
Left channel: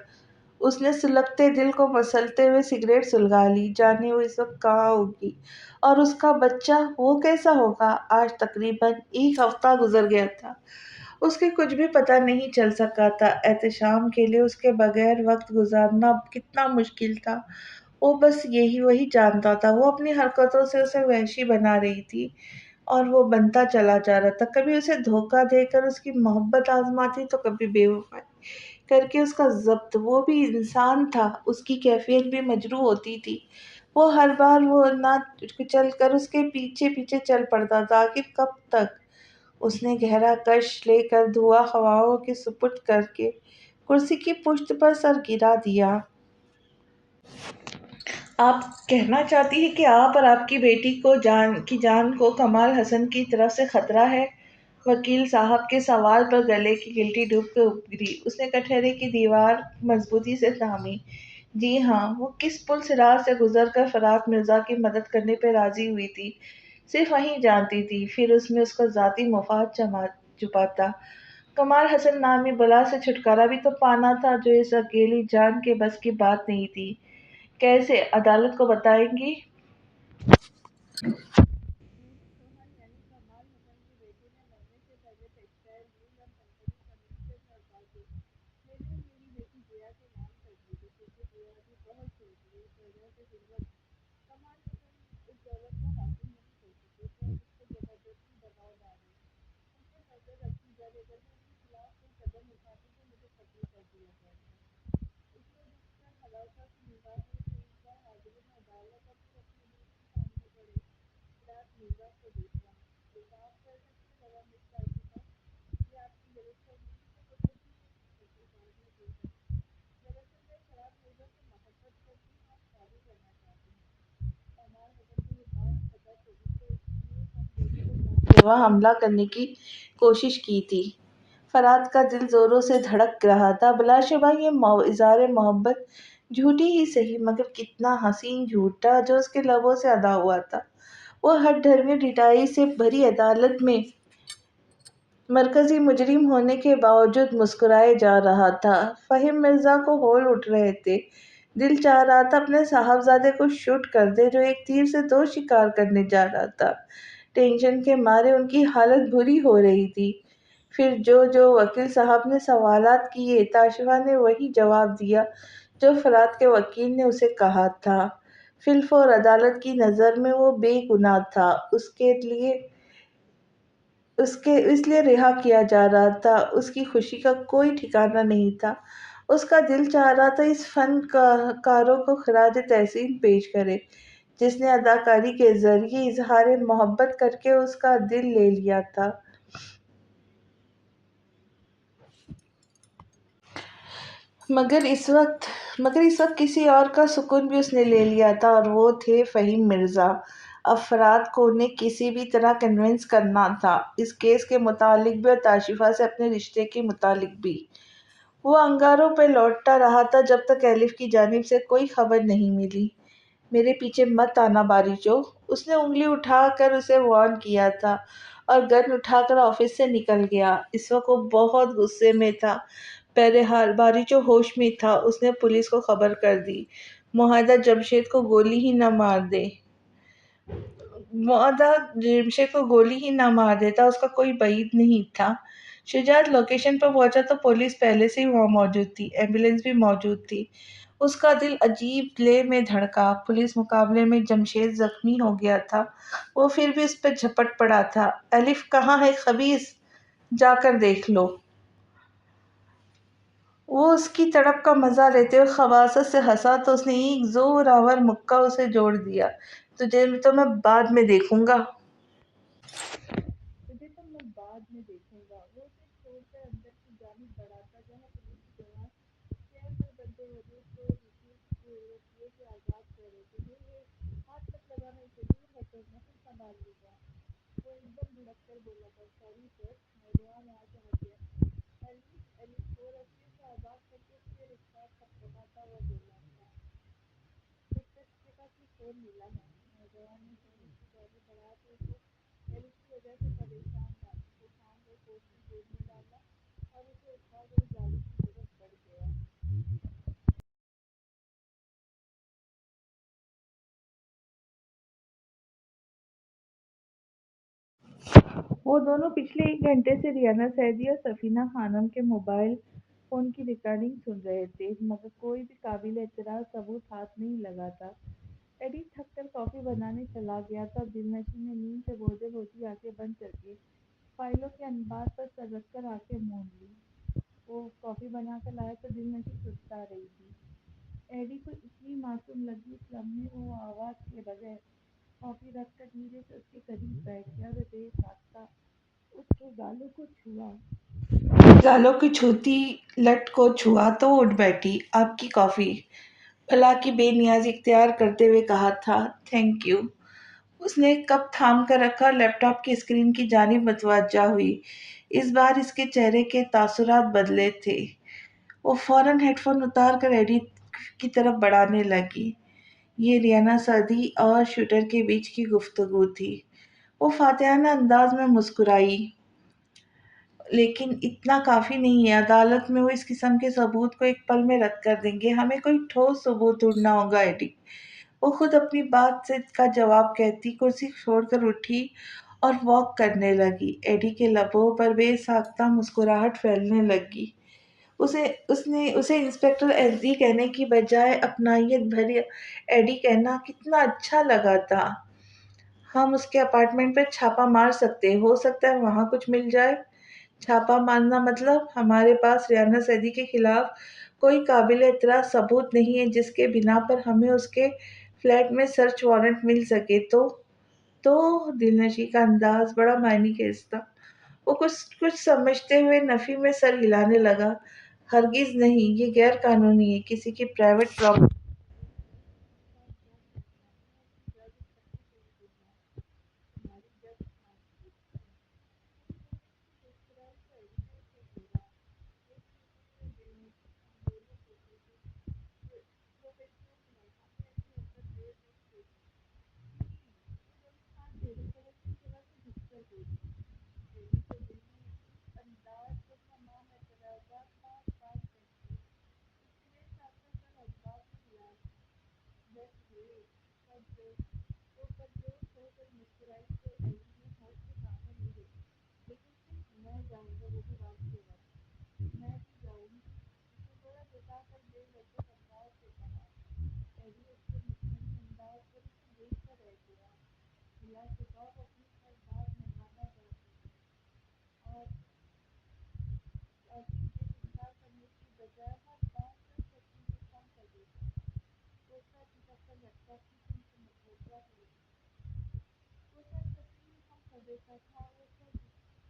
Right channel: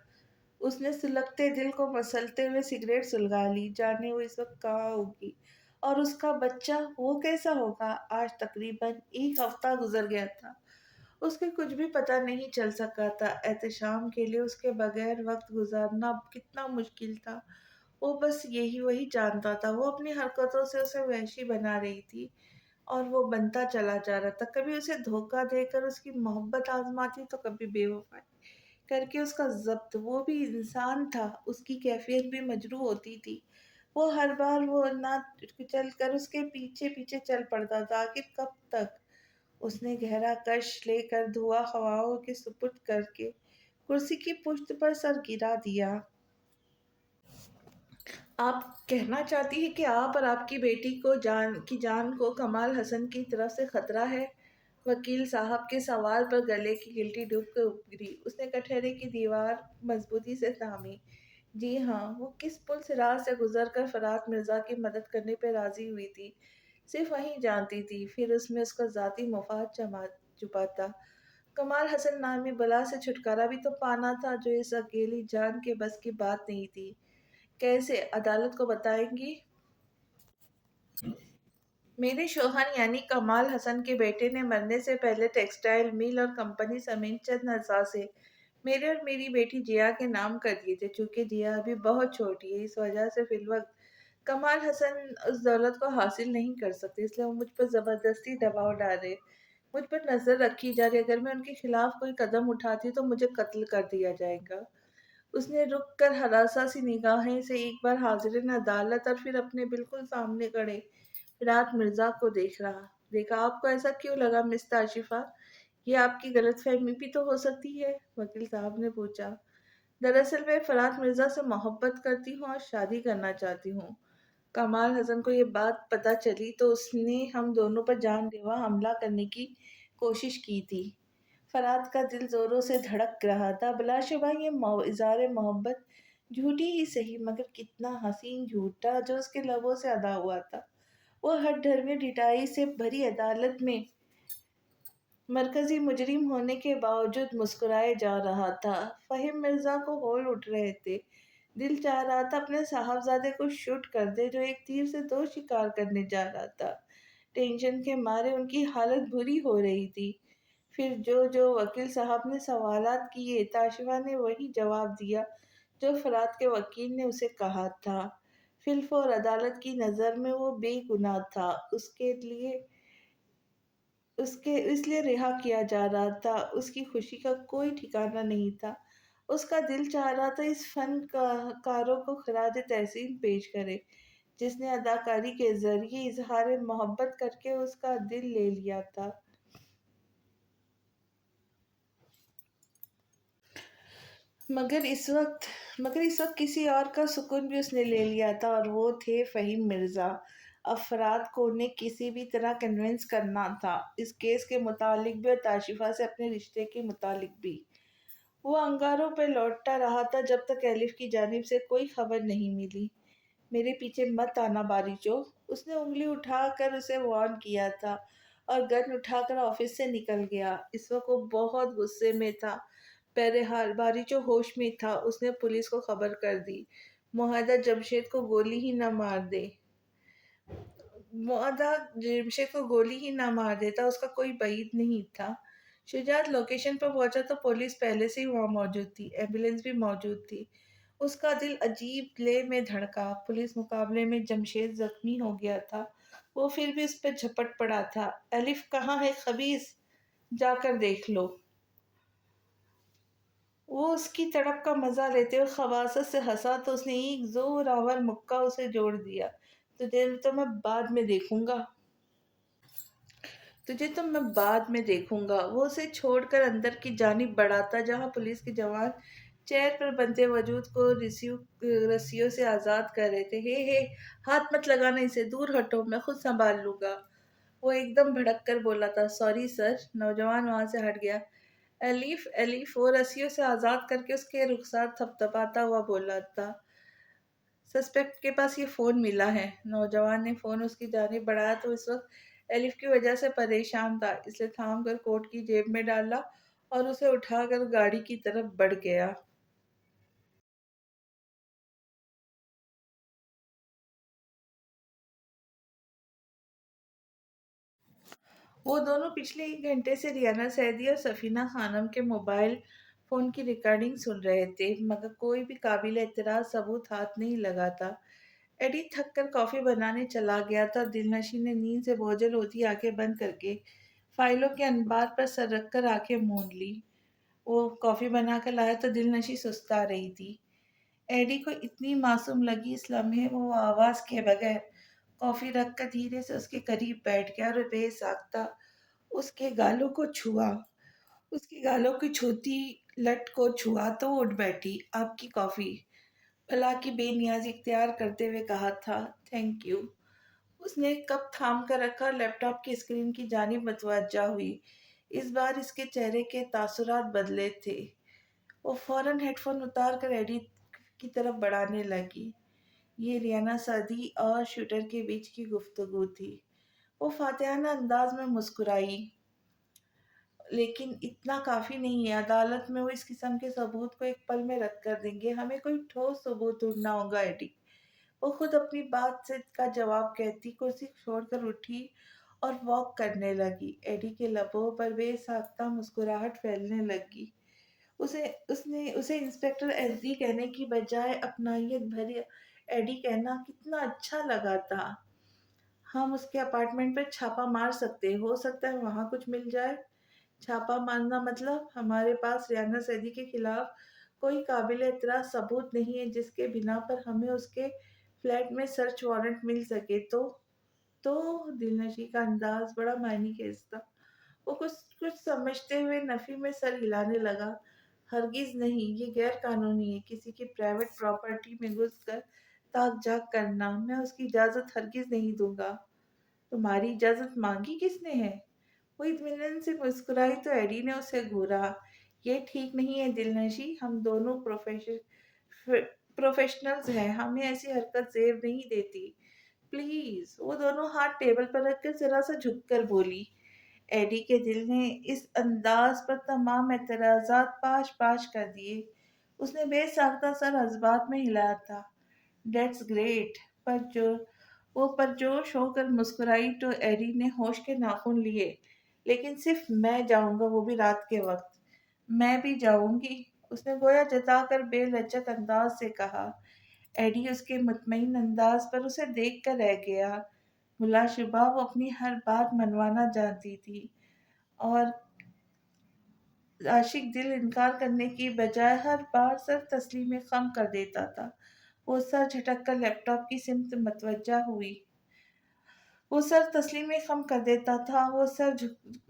اس نے سلگتے دل کو مسلتے ہوئے سگریٹ سلگا لی۔ جانے وہ اس وقت کہاں ہوگی، اور اس کا بچہ وہ کیسا ہوگا؟ آج تقریباً 1 ہفتہ گزر گیا تھا، اس کے کچھ بھی پتہ نہیں چل سکا تھا۔ احتشام کے لیے اس کے بغیر وقت گزارنا کتنا مشکل تھا، وہ بس وہی جانتا تھا۔ وہ اپنی حرکتوں سے اسے وحشی بنا رہی تھی، اور وہ بنتا چلا جا رہا تھا۔ کبھی اسے دھوکہ دے کر اس کی محبت آزماتی تو کبھی بے وفائی کر کے اس کا ضبط۔ وہ بھی انسان تھا، اس کی کیفیت بھی مجروح ہوتی تھی۔ وہ ہر بار وہ نہ کچل کر اس کے پیچھے پیچھے چل پڑتا تھا۔ آخر کب تک؟ اس نے گہرا کش لے کر دھواں ہواؤں کے سپرد کر کے کرسی کی پشت پر سر گرا دیا۔ آپ کہنا چاہتی ہیں کہ آپ اور آپ کی بیٹی کی جان کو کمال حسن کی طرف سے خطرہ ہے؟ وکیل صاحب کے سوال پر گلے کی گلٹی ڈوب کر ابھری۔ اس نے کٹہرے کی دیوار مضبوطی سے تھامی۔ جی ہاں، وہ کس پل صراط سے گزر کر فرات مرزا کی مدد کرنے پہ راضی ہوئی تھی، صرف وہی جانتی تھی۔ پھر اس میں اس کا ذاتی مفاد چھپا تھا۔ کمال حسن نامی بلا سے چھٹکارا بھی تو پانا تھا جو اس اکیلی جان کے بس کی بات نہیں تھی۔ کیسے؟ عدالت کو بتائیں گی؟ میرے شوہر یعنی کمال حسن کے بیٹے نے مرنے سے پہلے ٹیکسٹائل مل اور کمپنی سمیت چند اثاثے میرے اور میری بیٹی جیا کے نام کر دیے تھے، چونکہ جیا ابھی بہت چھوٹی ہے، اس وجہ سے فی الوقت کمال حسن اس دولت کو حاصل نہیں کر سکتے، اس لیے وہ مجھ پر زبردستی دباؤ ڈال رہے، مجھ پر نظر رکھی جا رہی، اگر میں ان کے خلاف کوئی قدم اٹھاتی تو مجھے قتل کر دیا جائے گا۔ اس نے رک کر ہراساں سی نگاہیں سے ایک بار حاضرین عدالت اور پھر اپنے بالکل سامنے کھڑے رات مرزا کو دیکھا۔ آپ کو ایسا کیوں لگا مس تاشفہ؟ یہ آپ کی غلط فہمی بھی تو ہو سکتی ہے، وکیل صاحب نے پوچھا۔ دراصل میں فرات مرزا سے محبت کرتی ہوں اور شادی کرنا چاہتی ہوں۔ کمال حسن کو یہ بات پتہ چلی تو اس نے ہم دونوں پر جان لیوا حملہ کرنے کی کوشش کی تھی۔ فرات کا دل زوروں سے دھڑک رہا تھا، بلا شبہ یہ اظہار محبت جھوٹی ہی صحیح، مگر کتنا حسین جھوٹ تھا جو اس کے لبوں سے ادا ہوا تھا۔ وہ ہر ڈھرمی ڈٹائی سے بھری عدالت میں مرکزی مجرم ہونے کے باوجود مسکرائے جا رہا تھا۔ فہیم مرزا کو ہول اٹھ رہے تھے، دل چاہ رہا تھا اپنے صاحبزادے کو شوٹ کر دے جو ایک تیر سے دو شکار کرنے جا رہا تھا۔ ٹینشن کے مارے ان کی حالت بری ہو رہی تھی۔ پھر جو جو وکیل صاحب نے سوالات کیے، تاشفہ نے وہی جواب دیا جو فرات کے وکیل نے اسے کہا تھا۔ فی الفور عدالت کی نظر میں وہ بے گناہ تھا، اس لیے رہا کیا جا رہا تھا۔ اس کی خوشی کا کوئی ٹھکانہ نہیں تھا۔ اس کا دل چاہ رہا تھا اس فن کاروں کو خراج تحسین پیش کرے جس نے اداکاری کے ذریعے اظہار محبت کر کے اس کا دل لے لیا تھا۔ مگر اس وقت کسی اور کا سکون بھی اس نے لے لیا تھا، اور وہ تھے فہیم مرزا۔ اب فرات کو انہیں کسی بھی طرح کنونس کرنا تھا، اس کیس کے متعلق بھی اور تاشفہ سے اپنے رشتے کے متعلق بھی۔ وہ انگاروں پہ لوٹتا رہا تھا جب تک ایلف کی جانب سے کوئی خبر نہیں ملی۔ میرے پیچھے مت آنا باریچو، اس نے انگلی اٹھا کر اسے وارن کیا تھا اور گن اٹھا کر آفس سے نکل گیا۔ اس وقت وہ بہت غصے میں تھا۔ بہرحال باریچو ہوش میں تھا، اس نے پولیس کو خبر کر دی۔ معاہدہ جمشید کو گولی ہی نہ مار دے معاہدہ جمشید کو گولی ہی نہ مار دیتا، اس کا کوئی بعید نہیں تھا۔ شجاعت لوکیشن پر پہنچا تو پولیس پہلے سے ہی وہاں موجود تھی، ایمبولینس بھی موجود تھی۔ اس کا دل عجیب لے میں دھڑکا۔ پولیس مقابلے میں جمشید زخمی ہو گیا تھا، وہ پھر بھی اس پہ جھپٹ پڑا تھا۔ الف کہاں ہے خبیث؟ جا کر دیکھ لو۔ وہ اس کی تڑپ کا مزہ لیتے ہوئے خباثت سے ہنسا تو اس نے ایک زور آور مکہ اسے جوڑ دیا۔ تجھے تو میں بعد میں دیکھوں گا تجھے تو میں بعد میں دیکھوں گا۔ وہ اسے چھوڑ کر اندر کی جانب بڑھا تھا جہاں پولیس کے جوان چہر پر بندھے وجود کو رسیوں سے آزاد کر رہے تھے۔ ہے ہاتھ مت لگانا اسے، دور ہٹو، میں خود سنبھال لوں گا، وہ ایک دم بھڑک کر بولا تھا۔ سوری سر، نوجوان وہاں سے ہٹ گیا۔ ایلیف وہ رسیوں سے آزاد کر کے اس کے رخسار تھپتھپاتا ہوا بولا تھا۔ سسپیکٹ کے پاس یہ فون ملا ہے۔ نوجوان نے فون اس کی جانب بڑھایا تو اس وقت ایلف کی وجہ سے پریشان تھا، اس لیے تھام کر کوٹ کی جیب میں ڈالا اور اسے اٹھا کر گاڑی کی طرف بڑھ گیا۔ وہ دونوں پچھلے ایک گھنٹے سے ریانہ سیدی اور سفینہ خانم کے موبائل فون کی ریکارڈنگ سن رہے تھے، مگر کوئی بھی قابل اعتراض ثبوت ہاتھ نہیں لگا تھا۔ ایڈی تھک کر کافی بنانے چلا گیا تھا اور دل نشیں نے نیند سے بوجھل ہوتی آنکھیں بند کر کے فائلوں کے انبار پر سر رکھ کر آنکھیں مونڈ لی۔ وہ کافی بنا کر لایا تو دل نشیں سستا رہی تھی۔ ایڈی کو اتنی معصوم لگی اس لمحے وہ آواز کے بغیر کافی رکھ کر دھیرے سے اس کے قریب بیٹھ گیا اور بے ساختہ اس کے گالوں کو چھوا۔ گالوں کی چھوتی لٹ کو چھوا تو اٹھ بیٹھی۔ آپ کی کافی، بھلا کی بے نیازی اختیار کرتے ہوئے کہا تھا۔ Thank you. اس نے کپ تھام کر رکھا اور لیپ ٹاپ کی اسکرین کی جانب متوجہ ہوئی۔ اس بار اس کے چہرے کے تاثرات بدلے تھے۔ وہ فوراً ہیڈ فون اتار کر ایڈی کی طرف بڑھانے لگی۔ یہ ریانہ سعدی اور شوٹر کے بیچ کی گفتگو تھی۔ وہ فاتحانہ انداز میں مسکرائی۔ لیکن اتنا کافی نہیں ہے، عدالت میں وہ اس قسم کے ثبوت کو ایک پل میں رد کر دیں گے، ہمیں کوئی ٹھوس ثبوت ڈھونڈنا ہوگا ایڈی۔ وہ خود اپنی بات سے کا جواب کہتی کرسی چھوڑ کر اٹھی اور واک کرنے لگی۔ ایڈی کے لبوں پر بے ساختہ مسکراہٹ پھیلنے لگی۔ اسے انسپکٹر ایڈی کہنے کی بجائے اپنائیت بھری ایڈی کہنا کتنا اچھا لگا تھا۔ ہم اس کے اپارٹمنٹ پر چھاپا مار سکتے، ہو سکتا ہے وہاں کچھ مل جائے۔ چھاپا مارنا مطلب ہمارے پاس ریانہ سیدی کے خلاف کوئی قابل اعتراض ثبوت نہیں ہے جس کے بنا پر ہمیں اس کے فلیٹ میں سرچ وارنٹ مل سکے تو دلنشی کا انداز بڑا معنی خیز تھا۔ وہ کچھ کچھ سمجھتے ہوئے نفی میں سر ہلانے لگا۔ ہرگز نہیں، یہ غیر قانونی ہے، کسی کی پرائیویٹ پراپرٹی میں گھس کر تاک جھاک کرنا۔ میں اس کی اجازت ہرگز نہیں دوں گا۔ تمہاری اجازت مانگی کس نے ہے؟ وہ اطمینان سے مسکرائی تو ایڈی نے اسے گھورا۔ یہ ٹھیک نہیں ہے دلنشی، ہم دونوں پروفیشنلز ہیں، ہمیں ایسی حرکت زیب نہیں دیتی۔ پلیز۔ وہ دونوں ہاتھ ٹیبل پر رکھ کر ذرا سا جھک کر بولی۔ ایڈی کے دل نے اس انداز پر تمام اعتراضات پاش پاش کر دیے۔ اس نے بے ساختہ سر جذبات میں ہلایا تھا۔ That's great. وہ پرجوش ہو کر مسکرائی تو ایڈی نے ہوش کے ناخن لیے۔ لیکن صرف میں جاؤں گا، وہ بھی رات کے وقت۔ میں بھی جاؤں گی، اس نے گویا جتا کر بے لچک انداز سے کہا۔ ایڈی اس کے مطمئن انداز پر اسے دیکھ کر رہ گیا۔ بلا شبہ وہ اپنی ہر بات منوانا جانتی تھی اور عاشق دل انکار کرنے کی بجائے ہر بار سر تسلیم خم کر دیتا تھا۔ وہ سر جھٹک کر لیپ ٹاپ کی سمت متوجہ ہوئی۔ وہ سر تسلیم خم کر دیتا تھا۔ وہ سر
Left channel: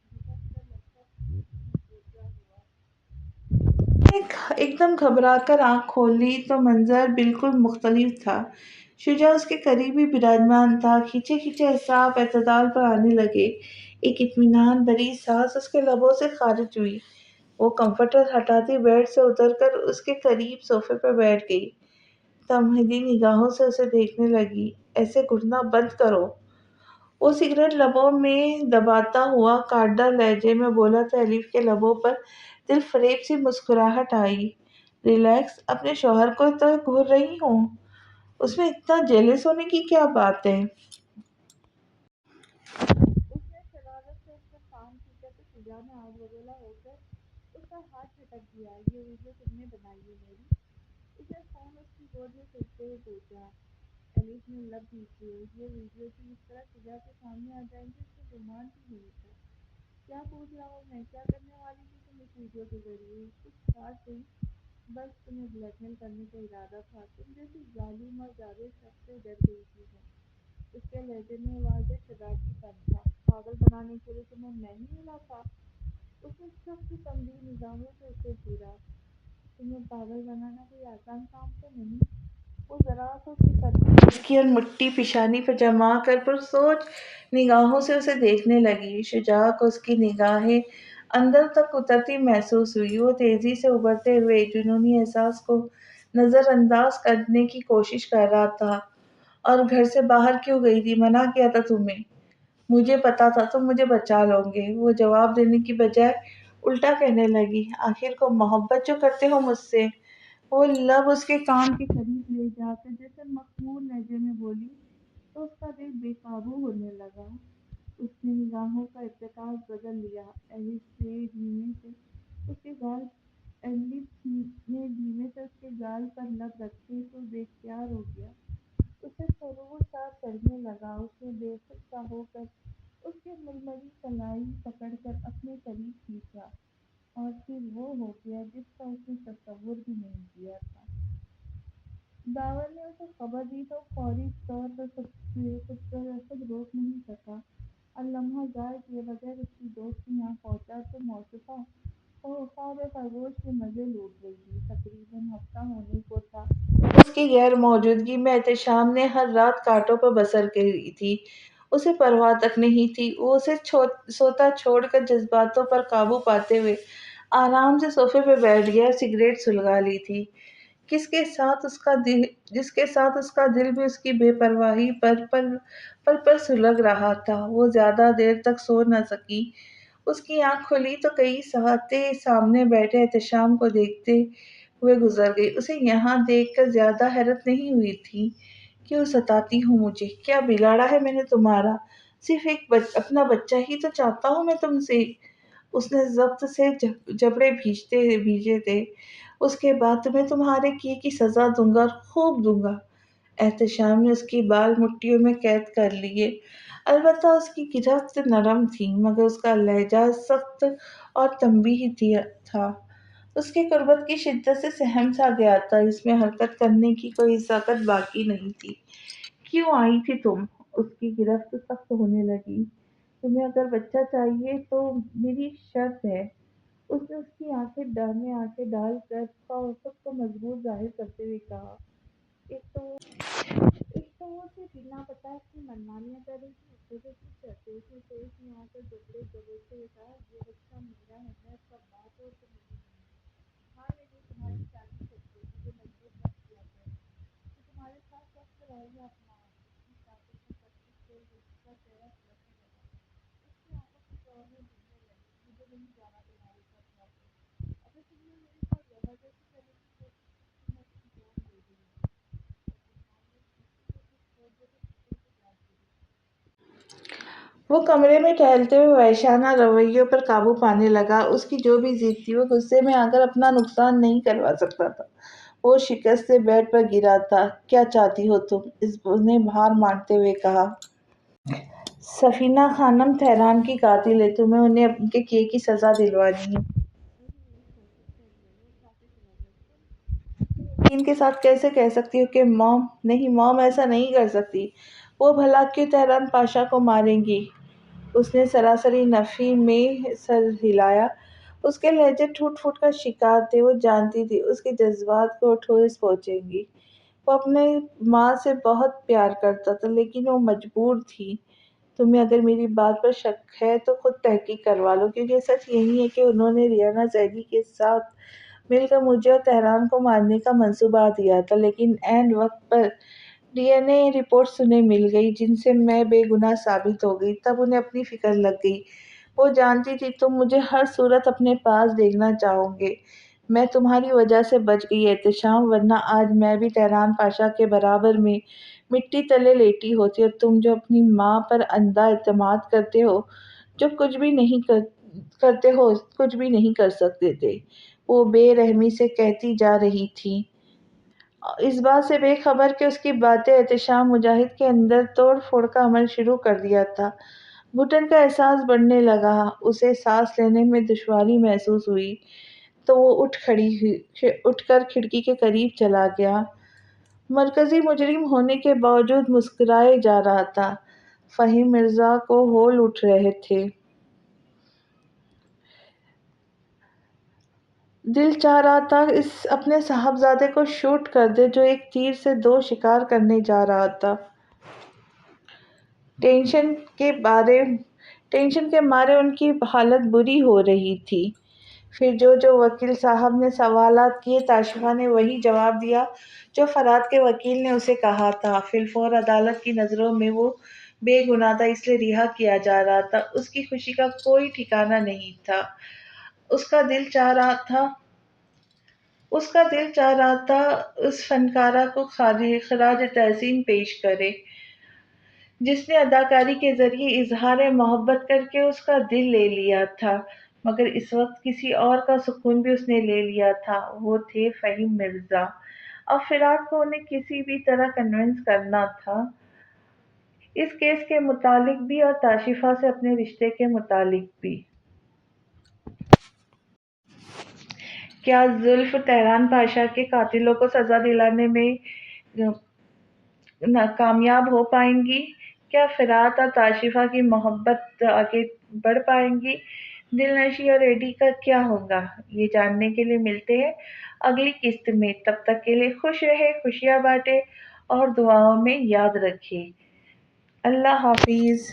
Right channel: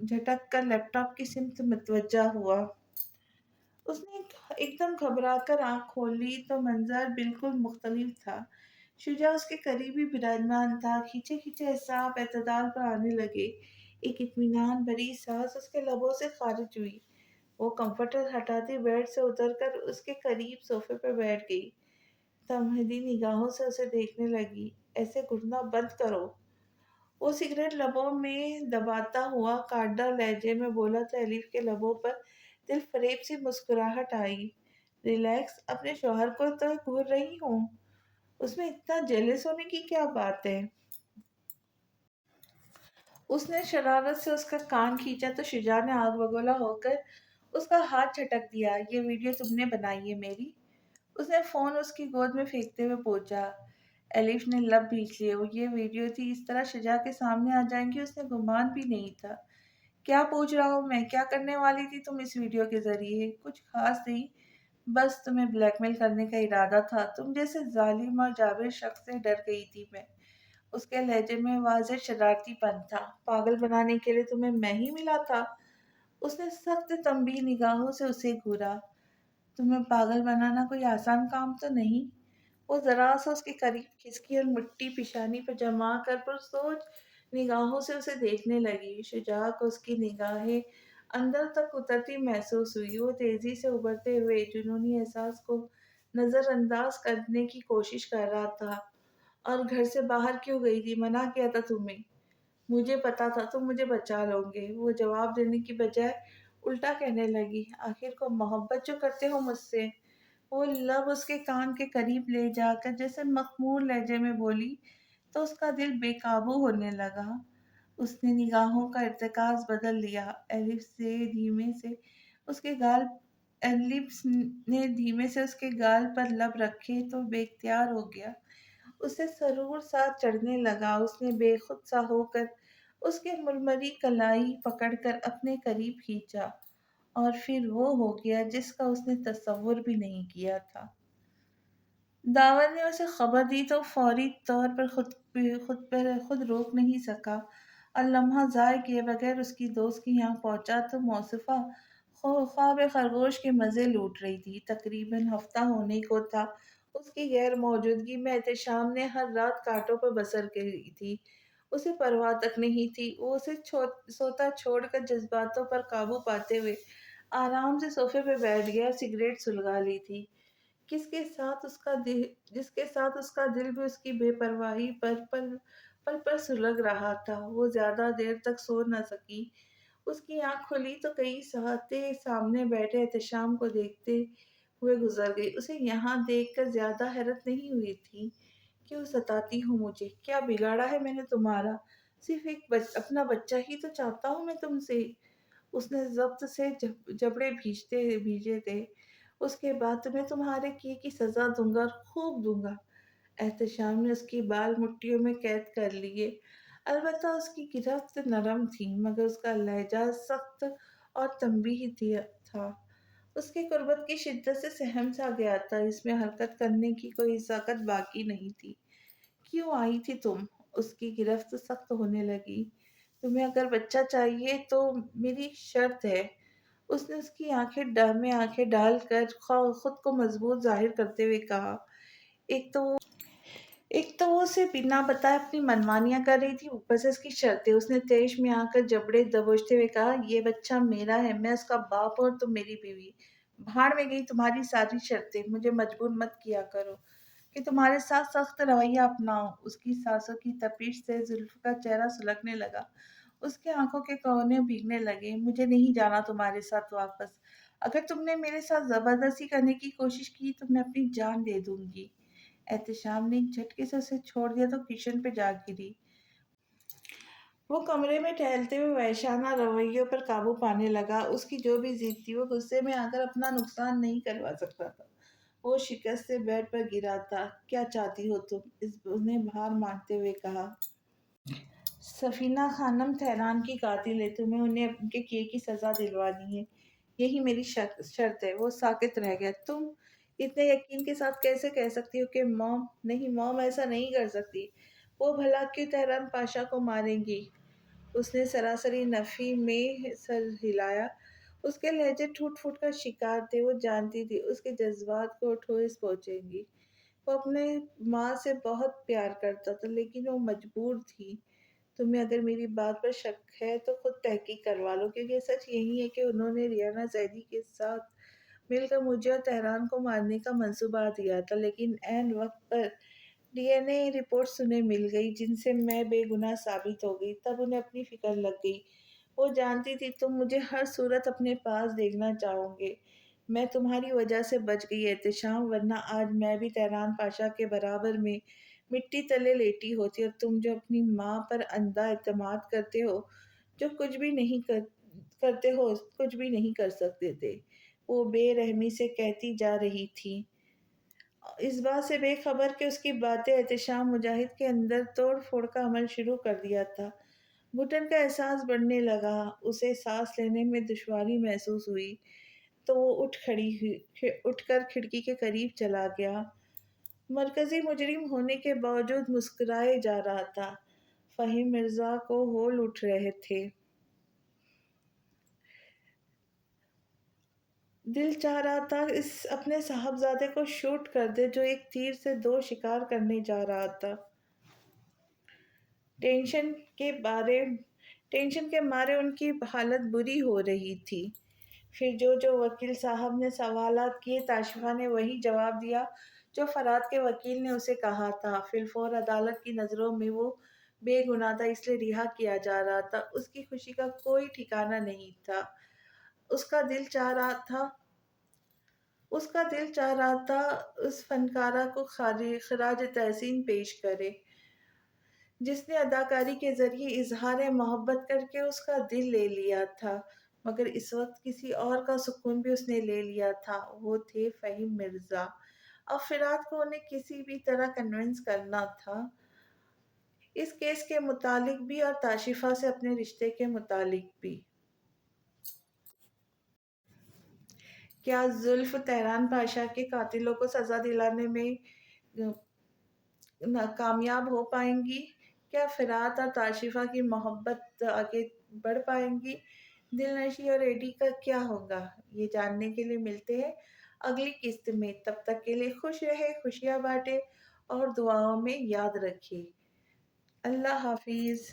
جھٹک کر لیپ ٹاپ کی سمت متوجہ ہوا۔ اس نے ایک دم گھبرا کر آنکھ کھول لی تو منظر بالکل مختلف تھا۔ شجاع اس کے قریبی براجمان تھا۔ کھینچے کھینچے اعصاب اعتدال پر آنے لگے۔ ایک اطمینان بھری سانس اس کے لبوں سے خارج ہوئی۔ وہ کمفرٹر ہٹاتی بیڈ سے اتر کر اس کے قریب صوفے پر بیٹھ گئی۔ تمہیدی نگاہوں سے اسے دیکھنے لگی۔ ایسے گھٹنا بند کرو۔ وہ سگریٹ لبوں میں دباتا ہوا کاٹدار لہجے میں بولا تو ایلف کے لبوں پر دل فریب سی مسکراہٹ آئی۔ ریلیکس، اپنے شوہر کو تو گھور رہی ہوں، اس میں اتنا جیلس ہونے کی کیا بات ہے؟ اس نے شرارت سے اس کا کان کھینچا تو شجاع نے آگ بگولا ہو کر اس کا ہاتھ جھٹک دیا۔ یہ ویڈیو تم نے بنائی ہے میری؟ اس نے فون اس کی گود میں پھینکتے ہوئے پوچھا۔ ایلف نے لب بھینچ لیے۔ وہ یہ ویڈیو تھی، اس طرح شجاع کے سامنے آ جائیں گی اس نے گمان بھی نہیں تھا۔ کیا پوچھ رہا ہوں میں؟ کیا کرنے والی تھی تم اس ویڈیو کے ذریعے؟ کچھ خاص نہیں، بس تمہیں بلیک میل کرنے کا ارادہ تھا۔ تم جیسے ظالم اور جابر شخص سے ڈر گئی تھی میں۔ اس کے لہجے میں واضح شرارتی پن تھا۔ پاگل بنانے کے لیے تمہیں میں ہی ملا تھا؟ اس نے سخت تنبیہ نگاہوں سے اسے گھورا۔ تمہیں پاگل بنانا کوئی آسان کام تو نہیں؟ وہ ذرا سا اس کے قریب اس کی اور مٹھی پیشانی پر جما کر پرسوچ نگاہوں سے اسے دیکھنے لگی۔ شجاع کو اس کی نگاہیں اندر تک اترتی محسوس ہوئی۔ وہ تیزی سے ابھرتے ہوئے جنونی احساس کو نظر انداز کرنے کی کوشش کر رہا تھا۔ اور گھر سے باہر کیوں گئی تھی؟ منع کیا تھا تمہیں؟ مجھے پتا تھا تم مجھے بچا لو گے۔ وہ جواب دینے کی بجائے الٹا کہنے لگی۔ آخر کو محبت جو کرتے ہو مجھ سے۔ وہ لب اس کے کان کے قریب لے جا کر جیسے مخمور لہجے میں بولی تو اس کا دل بے قابو ہونے لگا۔ اس نے نگاہوں کا ارتکاز بدل لیا۔ ایلف نے دھیمے سے اس کے گال پر لب رکھے تو بے اختیار ہو گیا۔ اسے سرور سا چڑھنے لگا۔ اس نے بے خود سا ہو کر اس کے ململی کلائی پکڑ کر اپنے قریب کھینچا اور پھر وہ ہو گیا جس کا اس نے تصور بھی نہیں کیا تھا۔ داور نے اسے خبر دی تو فوری طور پر خود روک نہیں سکا اور لمحہ ضائع کیے بغیر اس کی دوست کے یہاں پہنچا تو موصوفہ خواب خرگوش کے مزے لوٹ رہی تھی۔ تقریباً ہفتہ ہونے کو تھا اس کی غیر موجودگی میں احتشام نے ہر رات کانٹوں پر بسر کی تھی۔ اسے پرواہ تک نہیں تھی۔ وہ اسے سوتا چھوڑ کر جذباتوں پر قابو پاتے ہوئے آرام سے صوفے پہ بیٹھ گیا اور سگریٹ سلگا لی تھی۔ جس کے ساتھ اس کا دل بھی اس کی بے پرواہی پر سلگ رہا تھا۔ وہ زیادہ دیر تک سو نہ سکی۔ اس کی آنکھ کھلی تو کئی ساعتیں سامنے بیٹھے احتشام کو دیکھتے ہوئے گزر گئی۔ اسے یہاں دیکھ کر زیادہ حیرت نہیں ہوئی تھی کیوں ستاتی ہوں مجھے؟ کیا بگاڑا ہے میں نے تمہارا؟ صرف ایک اپنا بچہ ہی تو چاہتا ہوں میں تم سے۔ اس نے ضبط سے جبڑے بھیجے تھے۔ اس کے بعد تمہیں تمہارے کیے کی سزا دوں گا اور خوب دوں گا۔ احتشام نے اس کی بال مٹھیوں میں قید کر لیے۔ البتہ اس کی گرفت نرم تھی مگر اس کا لہجہ سخت اور تنبیہی تھا۔ اس کی قربت کی شدت سے سہم سا گیا تھا، اس میں حرکت کرنے کی کوئی طاقت باقی نہیں تھی۔ کیوں آئی تھی تم؟ اس کی گرفت سخت ہونے لگی۔ تمہیں اگر بچہ چاہیے تو میری شرط ہے۔ اس نے اس کی آنکھیں ڈال کر خود کو مضبوط ظاہر کرتے ہوئے کہا۔ ایک تو وہ اسے بنا بتائے اپنی منمانیاں کر رہی تھی، اوپر سے اس کی شرطیں۔ اس نے تیش میں آ کر جبڑے دبوچتے ہوئے کہا، یہ بچہ میرا ہے، میں اس کا باپ ہوں اور تم میری بیوی۔ بھاڑ میں گئی تمہاری ساری شرطیں، مجھے مجبور مت کیا کرو کہ تمہارے ساتھ سخت رویہ اپناؤں۔ اس کی سانسوں کی تپش سے زلف کا چہرہ سلگنے لگا، اس کے آنکھوں کے کونے بھیگنے لگے۔ مجھے نہیں جانا تمہارے ساتھ واپس۔ اگر تم نے میرے ساتھ زبردستی کرنے کی کوشش کی تو میں اپنی جان دے دوں گی۔ احتشام نے ایک جھٹکے سے اسے چھوڑ دیا تو کچن پہ جا گری۔ وہ کمرے میں ٹہلتے ہوئے وحشیانہ رویوں پر قابو پانے لگا۔ اس کی جو بھی ضد تھی وہ غصے میں آ کر اپنا نقصان نہیں کروا سکتا تھا۔ وہ شکست سے بیڈ پر گرا تھا۔ کیا چاہتی ہو تم؟ اس نے ہار مانتے ہوئے کہا۔ سفینہ خانم تہران کی قاتل ہے، تمہیں انہیں ان کے کیے کی سزا دلوانی ہے، یہی میری شرط ہے۔ وہ ساکت رہ گیا۔ تم اتنے یقین کے ساتھ کیسے کہہ سکتی ہو کہ موم؟ نہیں، موم ایسا نہیں کر سکتی۔ وہ بھلا کیوں تہران پاشا کو ماریں گی؟ اس نے سراسری نفی میں سر ہلایا۔ اس کے لہجے ٹوٹ پھوٹ کا شکار تھے۔ وہ جانتی تھی اس کے جذبات کو ٹھوس پہنچیں گی۔ وہ اپنے ماں سے بہت پیار کرتا تھا لیکن وہ مجبور تھی۔ تمہیں اگر میری بات پر شک ہے تو خود تحقیق کروا لو، کیونکہ سچ یہی ہے کہ انہوں نے ریانہ زیدی کے ساتھ مل کر مجھے اور تہران کو مارنے کا منصوبہ دیا تھا، لیکن عین وقت پر ڈی این اے رپورٹس انہیں مل گئی جن سے میں بے گناہ ثابت ہو گئی۔ تب انہیں اپنی فکر لگ گئی۔ وہ جانتی تھی تم مجھے ہر صورت اپنے پاس دیکھنا چاہو گے۔ میں تمہاری وجہ سے بچ گئی احتشام، ورنہ آج میں بھی تہران پاشا کے برابر میں مٹی تلے لیٹی ہوتی، اور تم جو اپنی ماں پر اندھا اعتماد کرتے ہو، جو کچھ بھی نہیں کر سکتے تھے۔ وہ بے رحمی سے کہتی جا رہی تھی، اس بات سے بے خبر کہ اس کی باتیں احتشام مجاہد کے اندر توڑ پھوڑ کا عمل شروع کر دیا تھا۔ گھٹن کا احساس بڑھنے لگا، اسے سانس لینے میں دشواری محسوس ہوئی تو وہ اٹھ کر کھڑکی کے قریب چلا گیا۔ مرکزی مجرم ہونے کے باوجود مسکرائے جا رہا تھا۔ فہیم مرزا کو ہول اٹھ رہے تھے۔ دل چاہ رہا تھا اپنے صاحبزادے کو شوٹ کر دے جو ایک تیر سے دو شکار کرنے جا رہا تھا۔ ٹینشن کے مارے ان کی حالت بری ہو رہی تھی۔ پھر جو وکیل صاحب نے سوالات کیے، تاشفہ نے وہی جواب دیا جو فرات کے وکیل نے اسے کہا تھا۔ فی الفور عدالت کی نظروں میں وہ بے گناہ تھا، اس لیے رہا کیا جا رہا تھا۔ اس کی خوشی کا کوئی ٹھکانہ نہیں تھا۔ اس کا دل چاہ رہا تھا اس فنکارہ کو خراج تحسین پیش کرے جس نے اداکاری کے ذریعے اظہار محبت کر کے اس کا دل لے لیا تھا، مگر اس وقت کسی اور کا سکون بھی اس نے لے لیا تھا۔ وہ تھے فہیم مرزا۔ اب فرات کو انہیں کسی بھی طرح کنونس کرنا تھا، اس کیس کے متعلق بھی اور تاشفہ سے اپنے رشتے کے متعلق بھی۔ کیا زلف تہران پاشا کے قاتلوں کو سزا دلانے میں کامیاب ہو پائیں گی؟ کیا فرات اور تاشفہ کی محبت آگے بڑھ پائیں گی؟ دلنشیں اور ایڈی کا کیا ہوگا؟ یہ جاننے کے لیے ملتے ہیں اگلی قسط میں۔ تب تک کے لیے خوش رہے، خوشیاں بانٹے اور دعاؤں میں یاد رکھے۔ اللہ حافظ۔